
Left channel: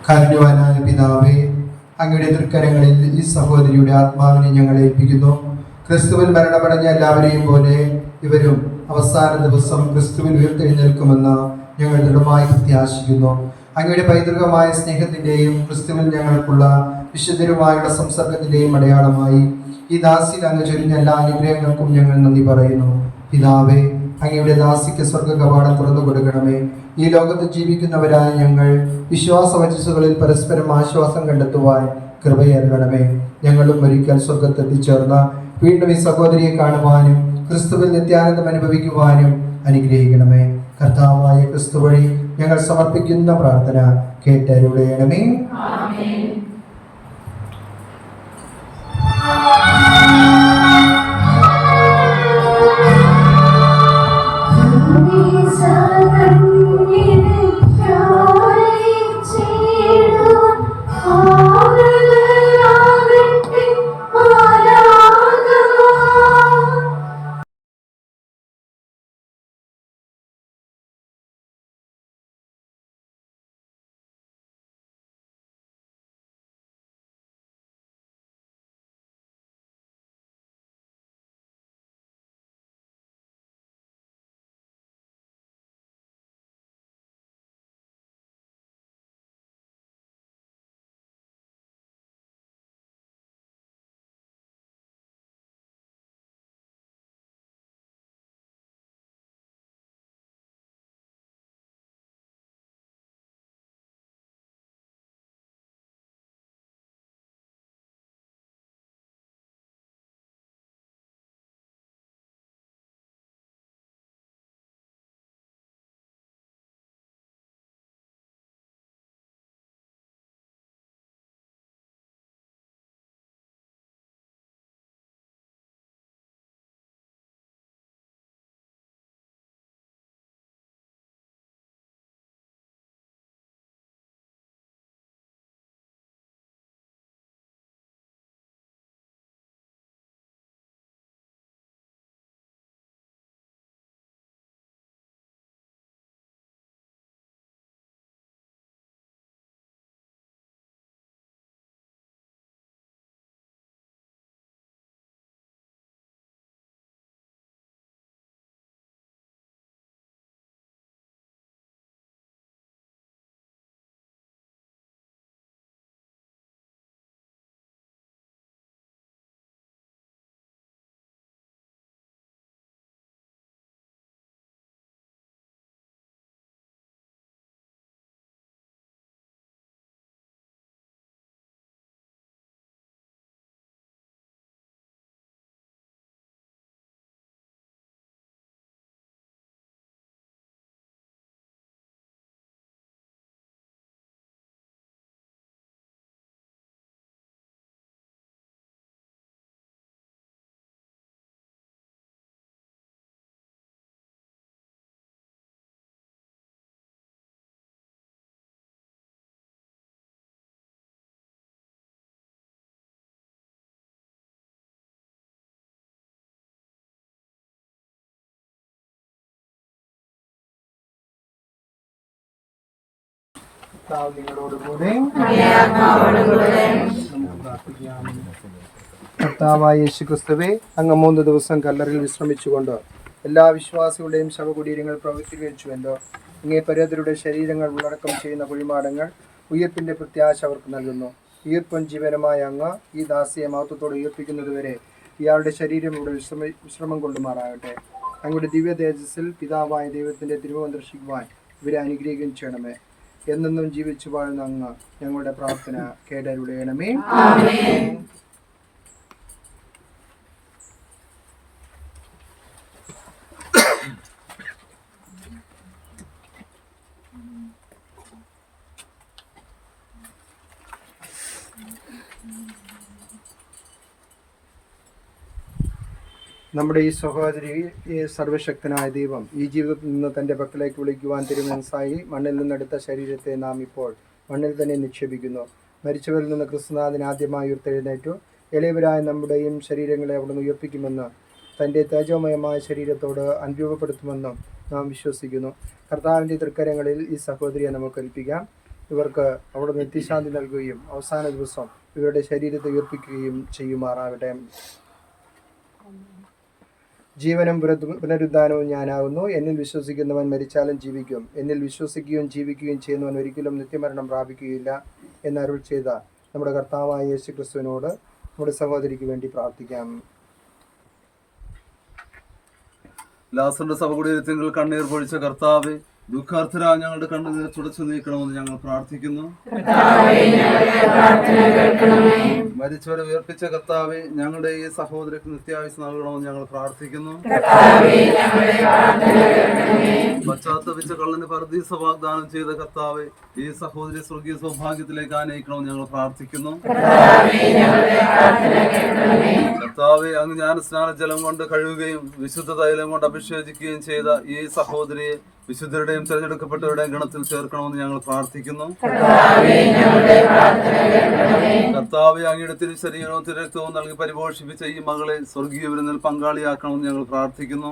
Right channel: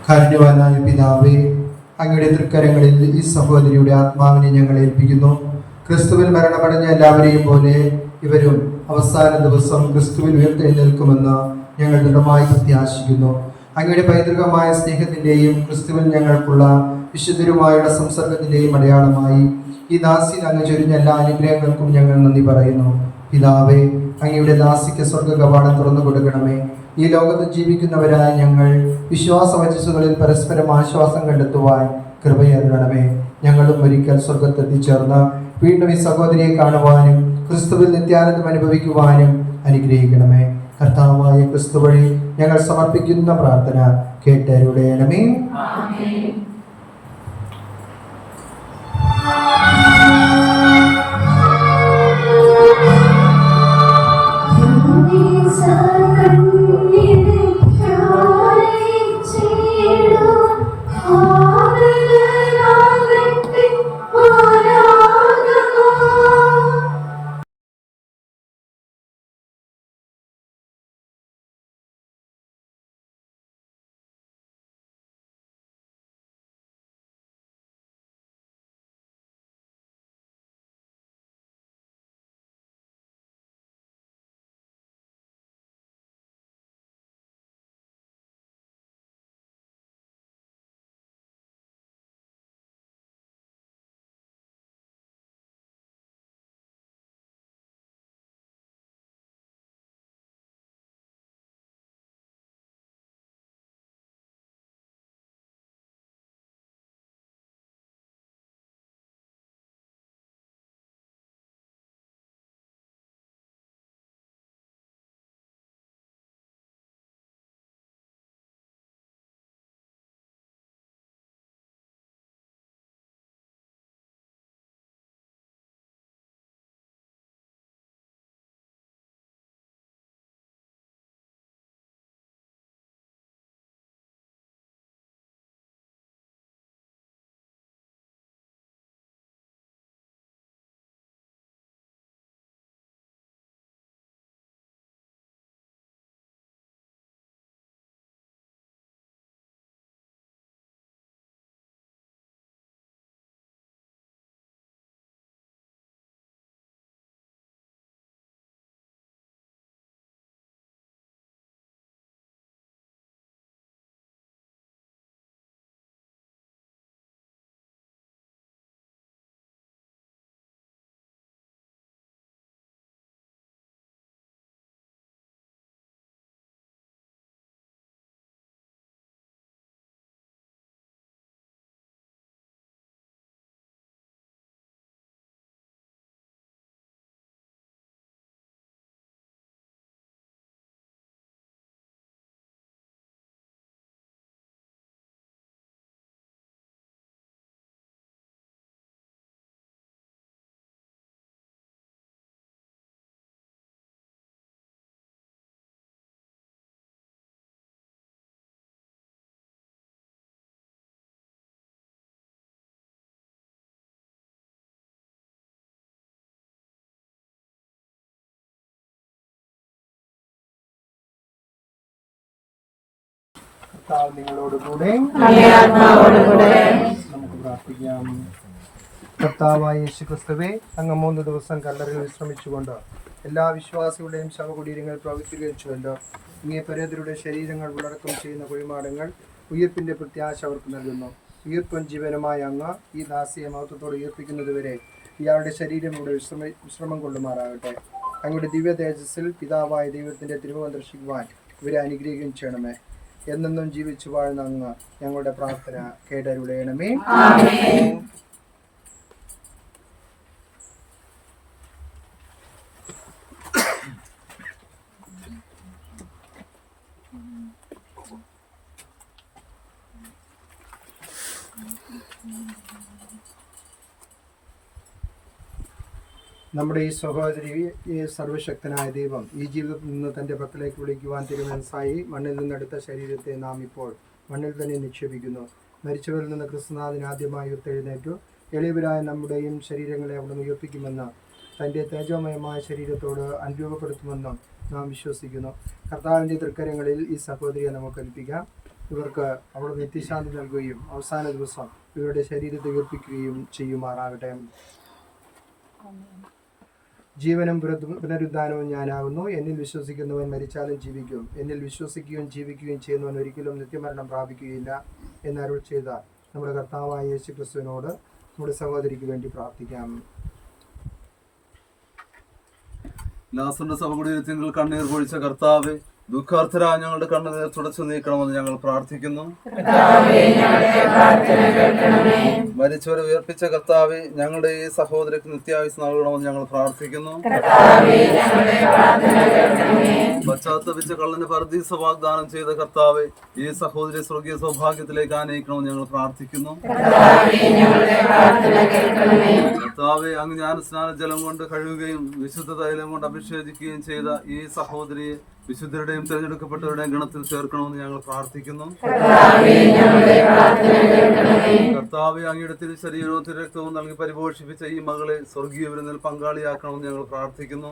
കാരുണ്യവാനായ പിതാവേ, അങ്ങയുടെ തൃക്കരങ്ങളിൽ ഈ സഹോദരിയുടെ ആത്മാവിനെ ഞങ്ങൾ ഏൽപ്പിക്കുന്നു. ക്രിസ്തുവിൽ മരണമടഞ്ഞ എല്ലാവരെയും പോലെ ഇവരും അവസാന ദിവസം ക്രിസ്തുവിൽ ഉയർത്തെഴുന്നേൽക്കുമെന്ന് ഞങ്ങൾ ദൃഢമായി പ്രത്യാശിക്കുന്നു. അങ്ങയുടെ പൈതൃകമായ സ്നേഹത്തിൻ്റെയും ക്രിസ്തുവിൽ ഞങ്ങൾക്കുള്ള വിശുദ്ധരുമായുള്ള സംസർഗത്തിൻ്റെയും അടയാളമായി ഈ ദാസിയിൽ അങ്ങ് ചൊരിഞ്ഞ എല്ലാ അനുഗ്രഹങ്ങൾക്കും ഞങ്ങൾ നന്ദി പറയുന്നു. പിതാവേ, അങ്ങയുടെ ദാസിക്ക് സ്വർഗ കവാടം തുറന്നു കൊടുക്കണമേ. ഈ ലോകത്ത് ജീവിക്കുന്നവരായ ഞങ്ങൾ വിശ്വാസ വചസ്സുകളിൽ പരസ്പരം ആശ്വാസം കണ്ടെത്തുവാൻ കൃപയരുളണമേ. ഞങ്ങളും ഒരിക്കൽ സ്വർഗത്തെത്തിച്ചേർന്ന് വീണ്ടും ഈ സഹോദരിയെ കാണുവാനും ക്രിസ്തുവിൽ നിത്യാനന്ദം അനുഭവിക്കുവാനും അനുഗ്രഹിക്കണമേ. കർത്താവായ ക്രിസ്തു വഴി ഞങ്ങൾ സമർപ്പിക്കുന്ന പ്രാർത്ഥന കേട്ടരുളയണമേ. കർത്താവ് നിങ്ങളോടുകൂടെ. നമുക്ക് പ്രാർത്ഥിക്കാം. കർത്താവായ യേശുക്രിസ്തുവേ, അങ്ങ് 3 ദിവസം കല്ലറിൽ വിശ്രമിച്ചുകൊണ്ട് എല്ലാ വിശ്വാസികളുടെയും ശവകുടീരങ്ങൾ പ്രവർത്തീകരിച്ചുവല്ലോ. ഇങ്ങേ പരേതരുടെ ശരീരങ്ങൾ ഉള്ളടക്കം ചെയ്യുന്ന കുഴിമാടങ്ങൾ ഉയിർപ്പിന്റെ പ്രത്യാശ അവർക്ക് നൽകുന്നു. ഉയിർപ്പും ജീവനുമായ അങ്ങ് ഈ ദാസിയെ മഹത്വത്തോടെ ഉയർപ്പിക്കുന്നതുവരെ ഇയാളുടെ ശരീരം ഇവിടെ വിശ്രമം കൊള്ളുമാറാകട്ടെ. അങ്ങയുടെ ദിവ്യ തേജസ്സിൽ പിതാവായ ദൈവത്തിന്റെ തിരുമുഖം ദർശിക്കുവാൻ ഇവരെ അനുഗ്രഹിക്കുകയും ചെയ്യണമേ. എന്നെന്നും ജീവിച്ചു വാഴുന്ന അങ്ങ് ഞങ്ങളുടെ പ്രാർത്ഥന കേട്ടരുളയണമേ. നമ്മുടെ ഈ സഹോദരിയെ സർവശക്തനായ ദൈവം ഈ ജീവിതത്തിൽ നിന്ന് തൻ്റെ പക്കലേക്ക് വിളിക്കുവാൻ തിരുമനസ്സായി മണ്ണിൽ നിന്നെടുത്ത ശരീരത്തെ നാം ഇപ്പോൾ മണ്ണിൽ തന്നെ നിക്ഷേപിക്കുന്നു. മരിച്ചവരിൽ നിന്ന് ക്രിസ്തുനാഥൻ ആദ്യമായി ഉയർത്തെഴുന്നേറ്റു. എളിയവരായ നമ്മുടെയും ശരീരങ്ങളെ അവിടുന്ന് ഉയർപ്പിക്കുമെന്ന് തൻ്റെ തേജോമയമായ ശരീരത്തോട് അനുരൂപപ്പെടുത്തുമെന്നും നാം വിശ്വസിക്കുന്നു. കർത്താവിൻ്റെ തൃക്കരങ്ങളിൽ ഈ സഹോദരിയെ നമുക്ക് ഏൽപ്പിക്കാം. ഇവർക്ക് അവിടെ നിത്യശാന്തി നൽകുകയും അവസാന ദിവസം ഇവരുടെ ശരീരത്തെ ഉയർപ്പിക്കുകയും ചെയ്യുമാറാകട്ടെ. ജീവനും പുനരുദ്ധാനവും ഞാനാകുന്നു. എന്നിൽ വിശ്വസിക്കുന്നവൻ മരിച്ചാലും ജീവിക്കും. എന്നിൽ വിശ്വസിക്കുകയും ജീവിക്കുകയും ചെയ്യുന്നവൻ ഒരിക്കലും നിത്യമരണം പ്രാപിക്കുകയില്ല എന്നരുൾ ചെയ്ത നമ്മുടെ കർത്താവായ യേശു ക്രിസ്തുവിനോട് നമ്മുടെ സഹോദരിക്ക് വേണ്ടി പ്രാർത്ഥിക്കാം. ലാസറിന്റെ സഭകുടീരത്തിൽ കണ്ണീർ പൊഴിച്ച കർത്താവെ, ദുഃഖാർത്ഥരായ ഞങ്ങളുടെ കണ്ണുനീർ തുടച്ചു നീക്കണമെന്ന് ഞങ്ങൾ പ്രാർത്ഥിക്കുന്നു. മരിച്ചവരെ ഉയർപ്പിച്ച കർത്താവെ, ഞങ്ങളുടെ ഈ സഹോദരക്ക് നിത്യായുസ് നൽകണമെന്ന് ഞങ്ങൾ പ്രാർത്ഥിക്കുന്നു. പശ്ചാത്തപിച്ച കള്ളന് പർദീസ വാഗ്ദാനം ചെയ്ത കർത്താവെ, ഈ സഹോദരി സ്വർഗീയ സൗഭാഗ്യത്തിലേക്ക് ആനയിക്കണമെന്ന് ഞങ്ങൾ പ്രാർത്ഥിക്കുന്നു. കർത്താവെ, അങ്ങ് ജ്ഞാനസ്നാന ജലം കൊണ്ട് കഴുകുകയും വിശുദ്ധ തൈലം കൊണ്ട് അഭിഷേചിക്കുകയും ചെയ്ത ഈ സഹോദരിയെ വിശുദ്ധരുടെയും തെരഞ്ഞെടുക്കപ്പെട്ടവരുടെയും ഗണത്തിൽ ചേർക്കണമെന്ന് ഞങ്ങൾ പ്രാർത്ഥിക്കുന്നു. കർത്താവെ, അങ്ങയുടെ തിരുശരീരവും തിരുരക്തവും നൽകി പരിപോഷിപ്പിച്ച ഈ മകളെ സ്വർഗീയ വിരുന്നിൽ പങ്കാളിയാക്കണമെന്ന് ഞങ്ങൾ പ്രാർത്ഥിക്കുന്നു.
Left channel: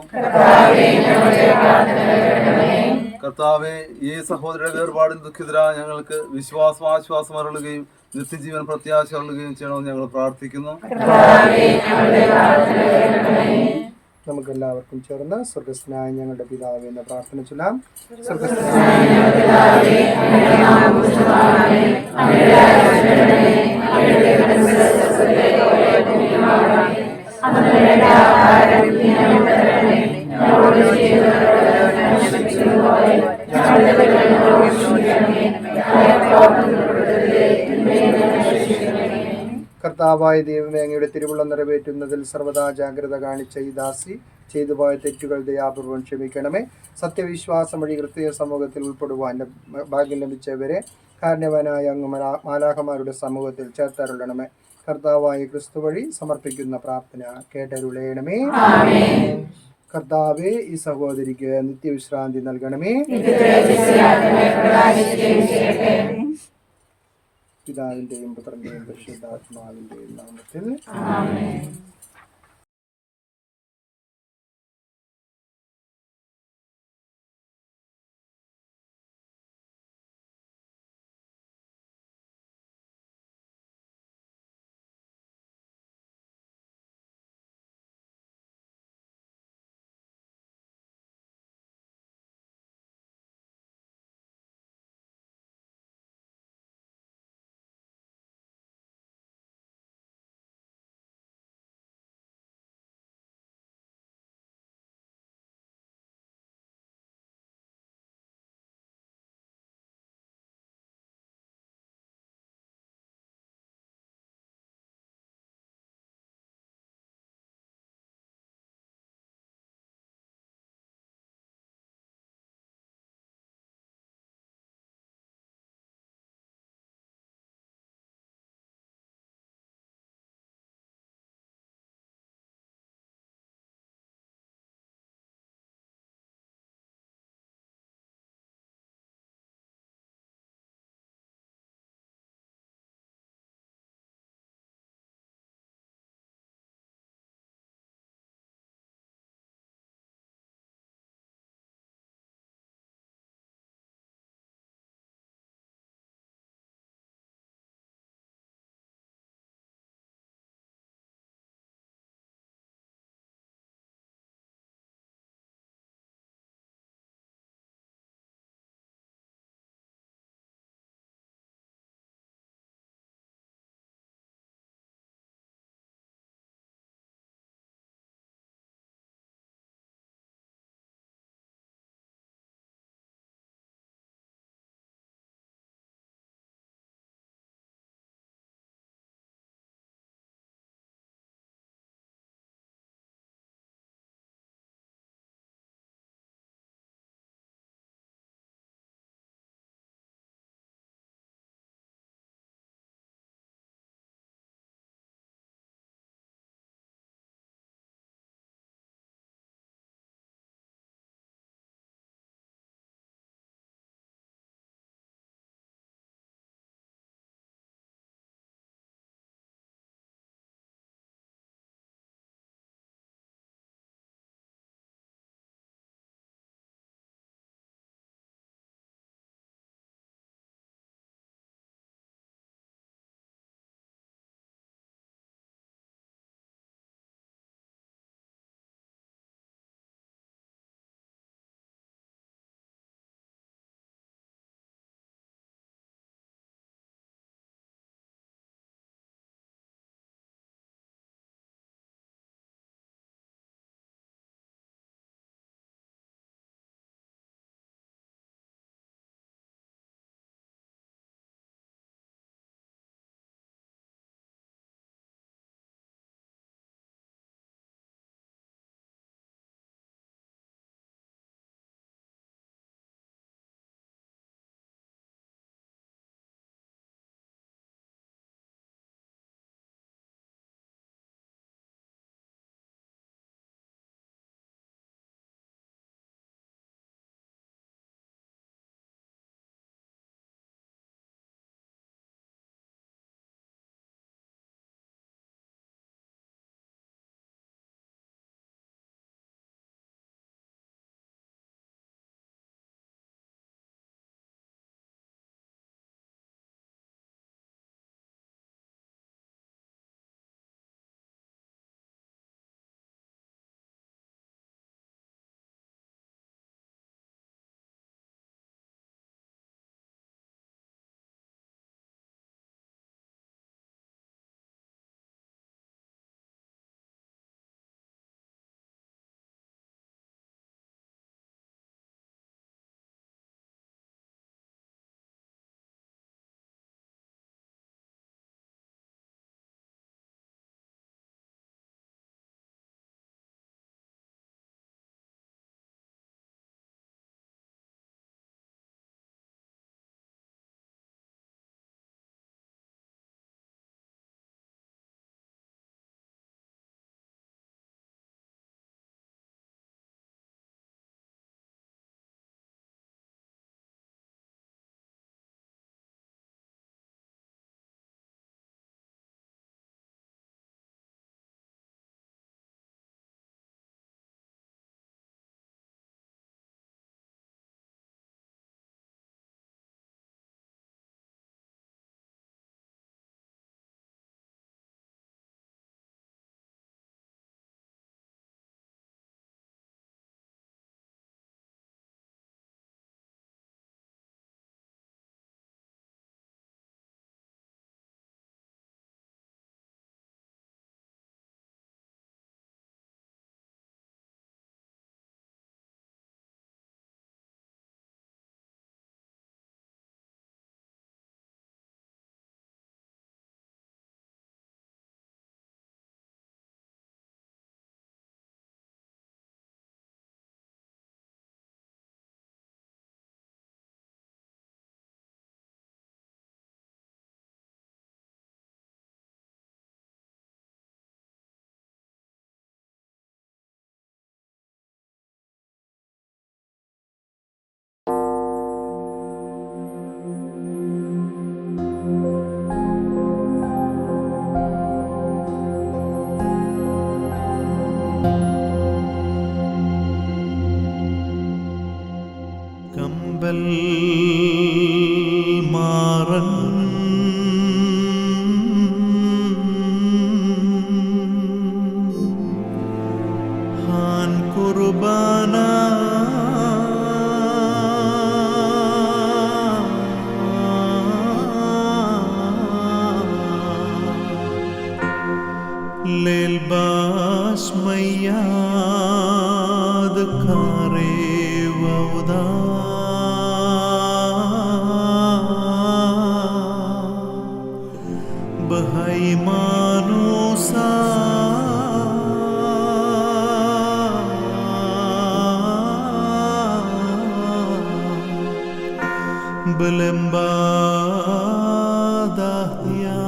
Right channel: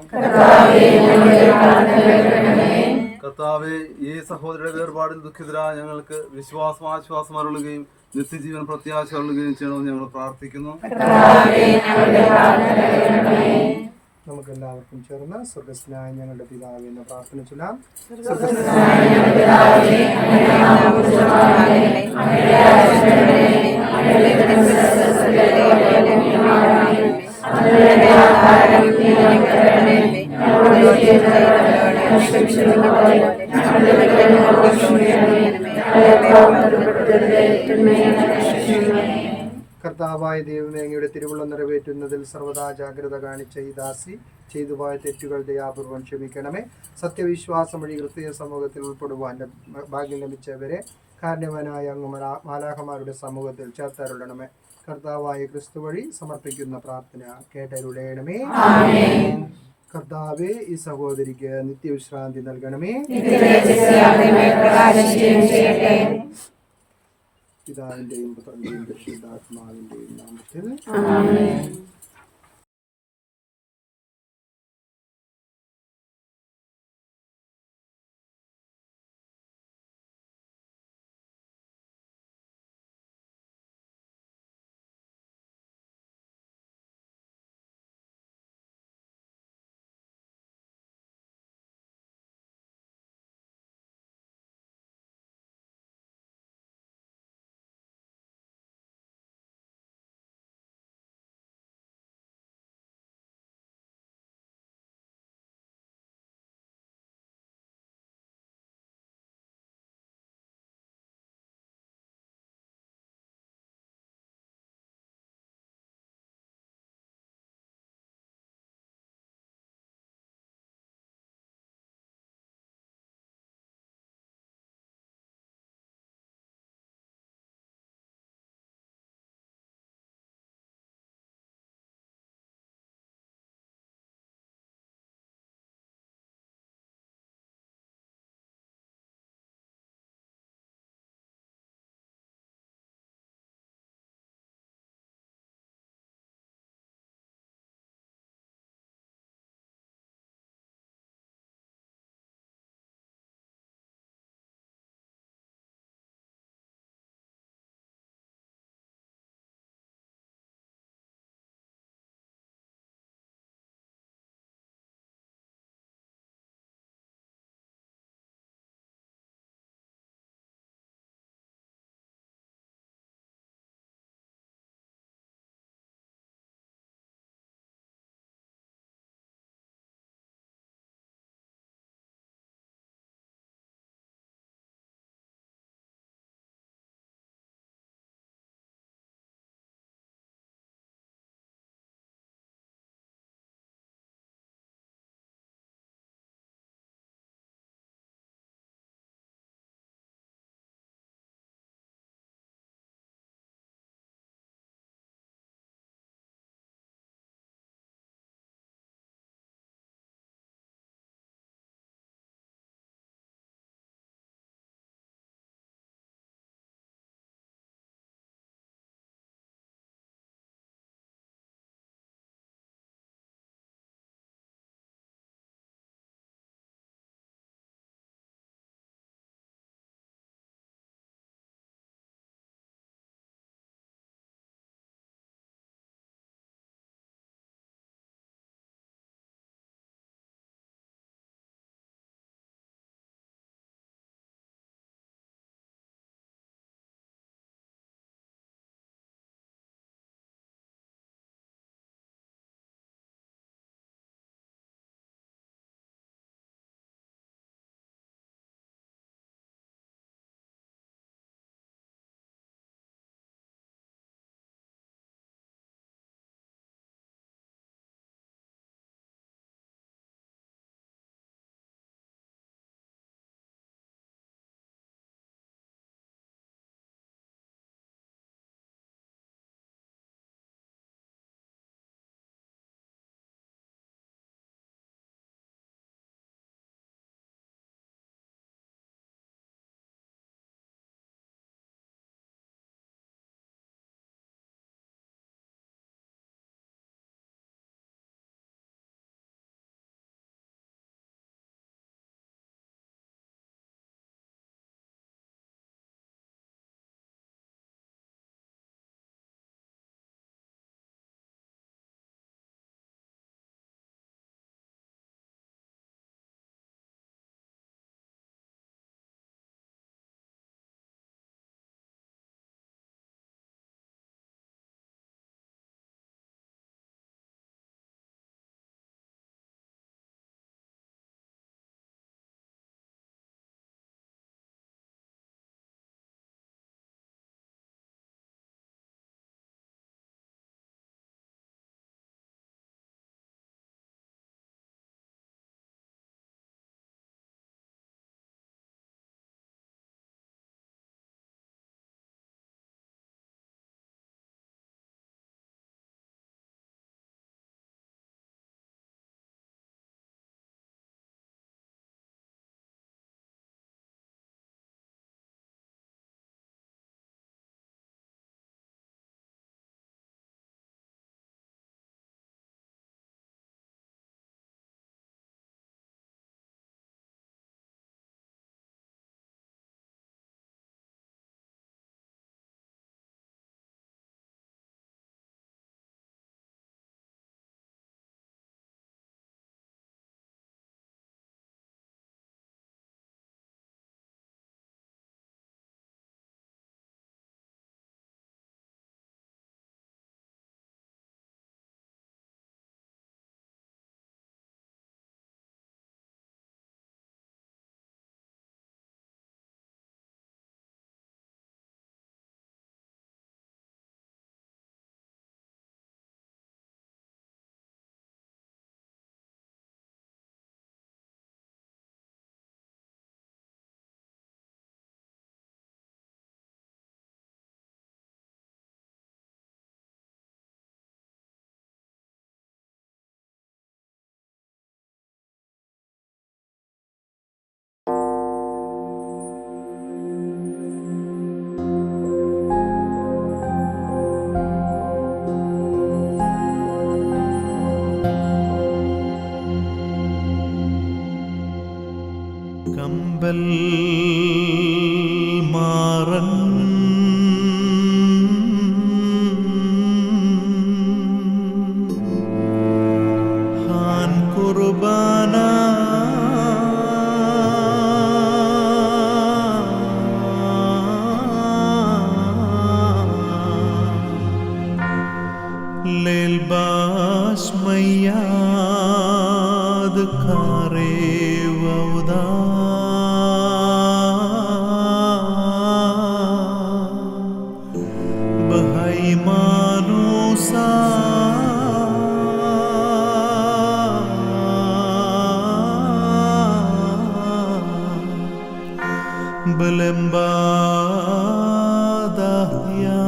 കർത്താവെ, ഈ സഹോദരയുടെ വേർപാടിൽ ദുഃഖിതരായ ഞങ്ങൾക്ക് വിശ്വാസം ആശ്വാസം അരുളുകയും നിത്യജീവൻ പ്രത്യാശ അരുളുകയും ചെയ്യണമെന്ന് ഞങ്ങൾ പ്രാർത്ഥിക്കുന്നു. നമുക്ക് എല്ലാവർക്കും ചേർന്ന് സ്വർഗസ്ഥനായ ഞങ്ങളുടെ പിതാവേ എന്ന പ്രാർത്ഥന ചൊല്ലാം. കർത്താവായ ദൈവമേ, അങ്ങയുടെ തിരുവുള്ളം നിറവേറ്റുന്നതിൽ സർവ്വതാ ജാഗ്രത കാണിച്ച ഈ ദാസി ചെയ്തുപോയ തെറ്റുകൾ ദയാപൂർവം ക്ഷമിക്കണമേ. സത്യവിശ്വാസം വഴി ക്രിസ്തീയ സമൂഹത്തിൽ ഉൾപ്പെടുവാൻ ഭാഗ്യം ലഭിച്ചവരെ കാരുണ്യവാനായ അങ്ങ് മാലാഖമാരുടെ സമൂഹത്തിൽ ചേർത്തരുളണമേ. കർത്താവായ ക്രിസ്തു വഴി സമർപ്പിക്കുന്ന പ്രാർത്ഥന കേട്ടരുളയണമേ. കർത്താവേ, ഈ സഹോദരിക്ക് നിത്യവിശ്രാന്തി നൽകണമേ. പിതാവിന്റെയും പുത്രന്റെയും പരിശുദ്ധാത്മാവിന്റെയും നാമത്തിൽ. കമ്പൽ മാറൻ ഹാൻ കുർബാന للباس مياد كاري وودا بهاي مانوسا بلمبا دهيا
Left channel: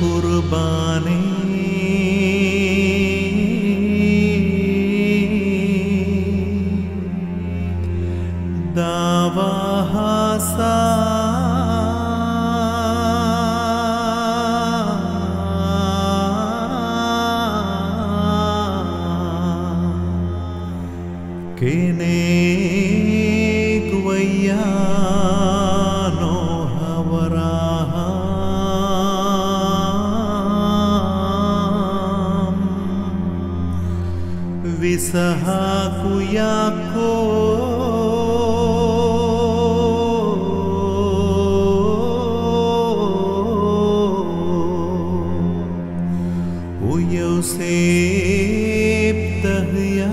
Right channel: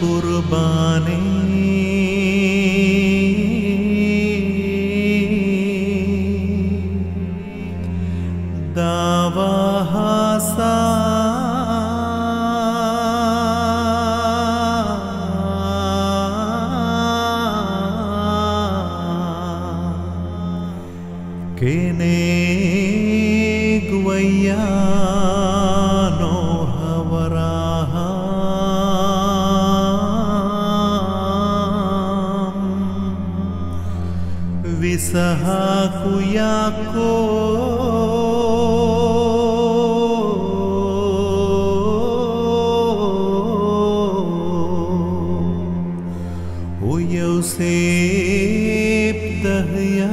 कुर्बाने दावा हासा केने गुवैया नो हवराहा विसहाकु याको o Yosef Dahya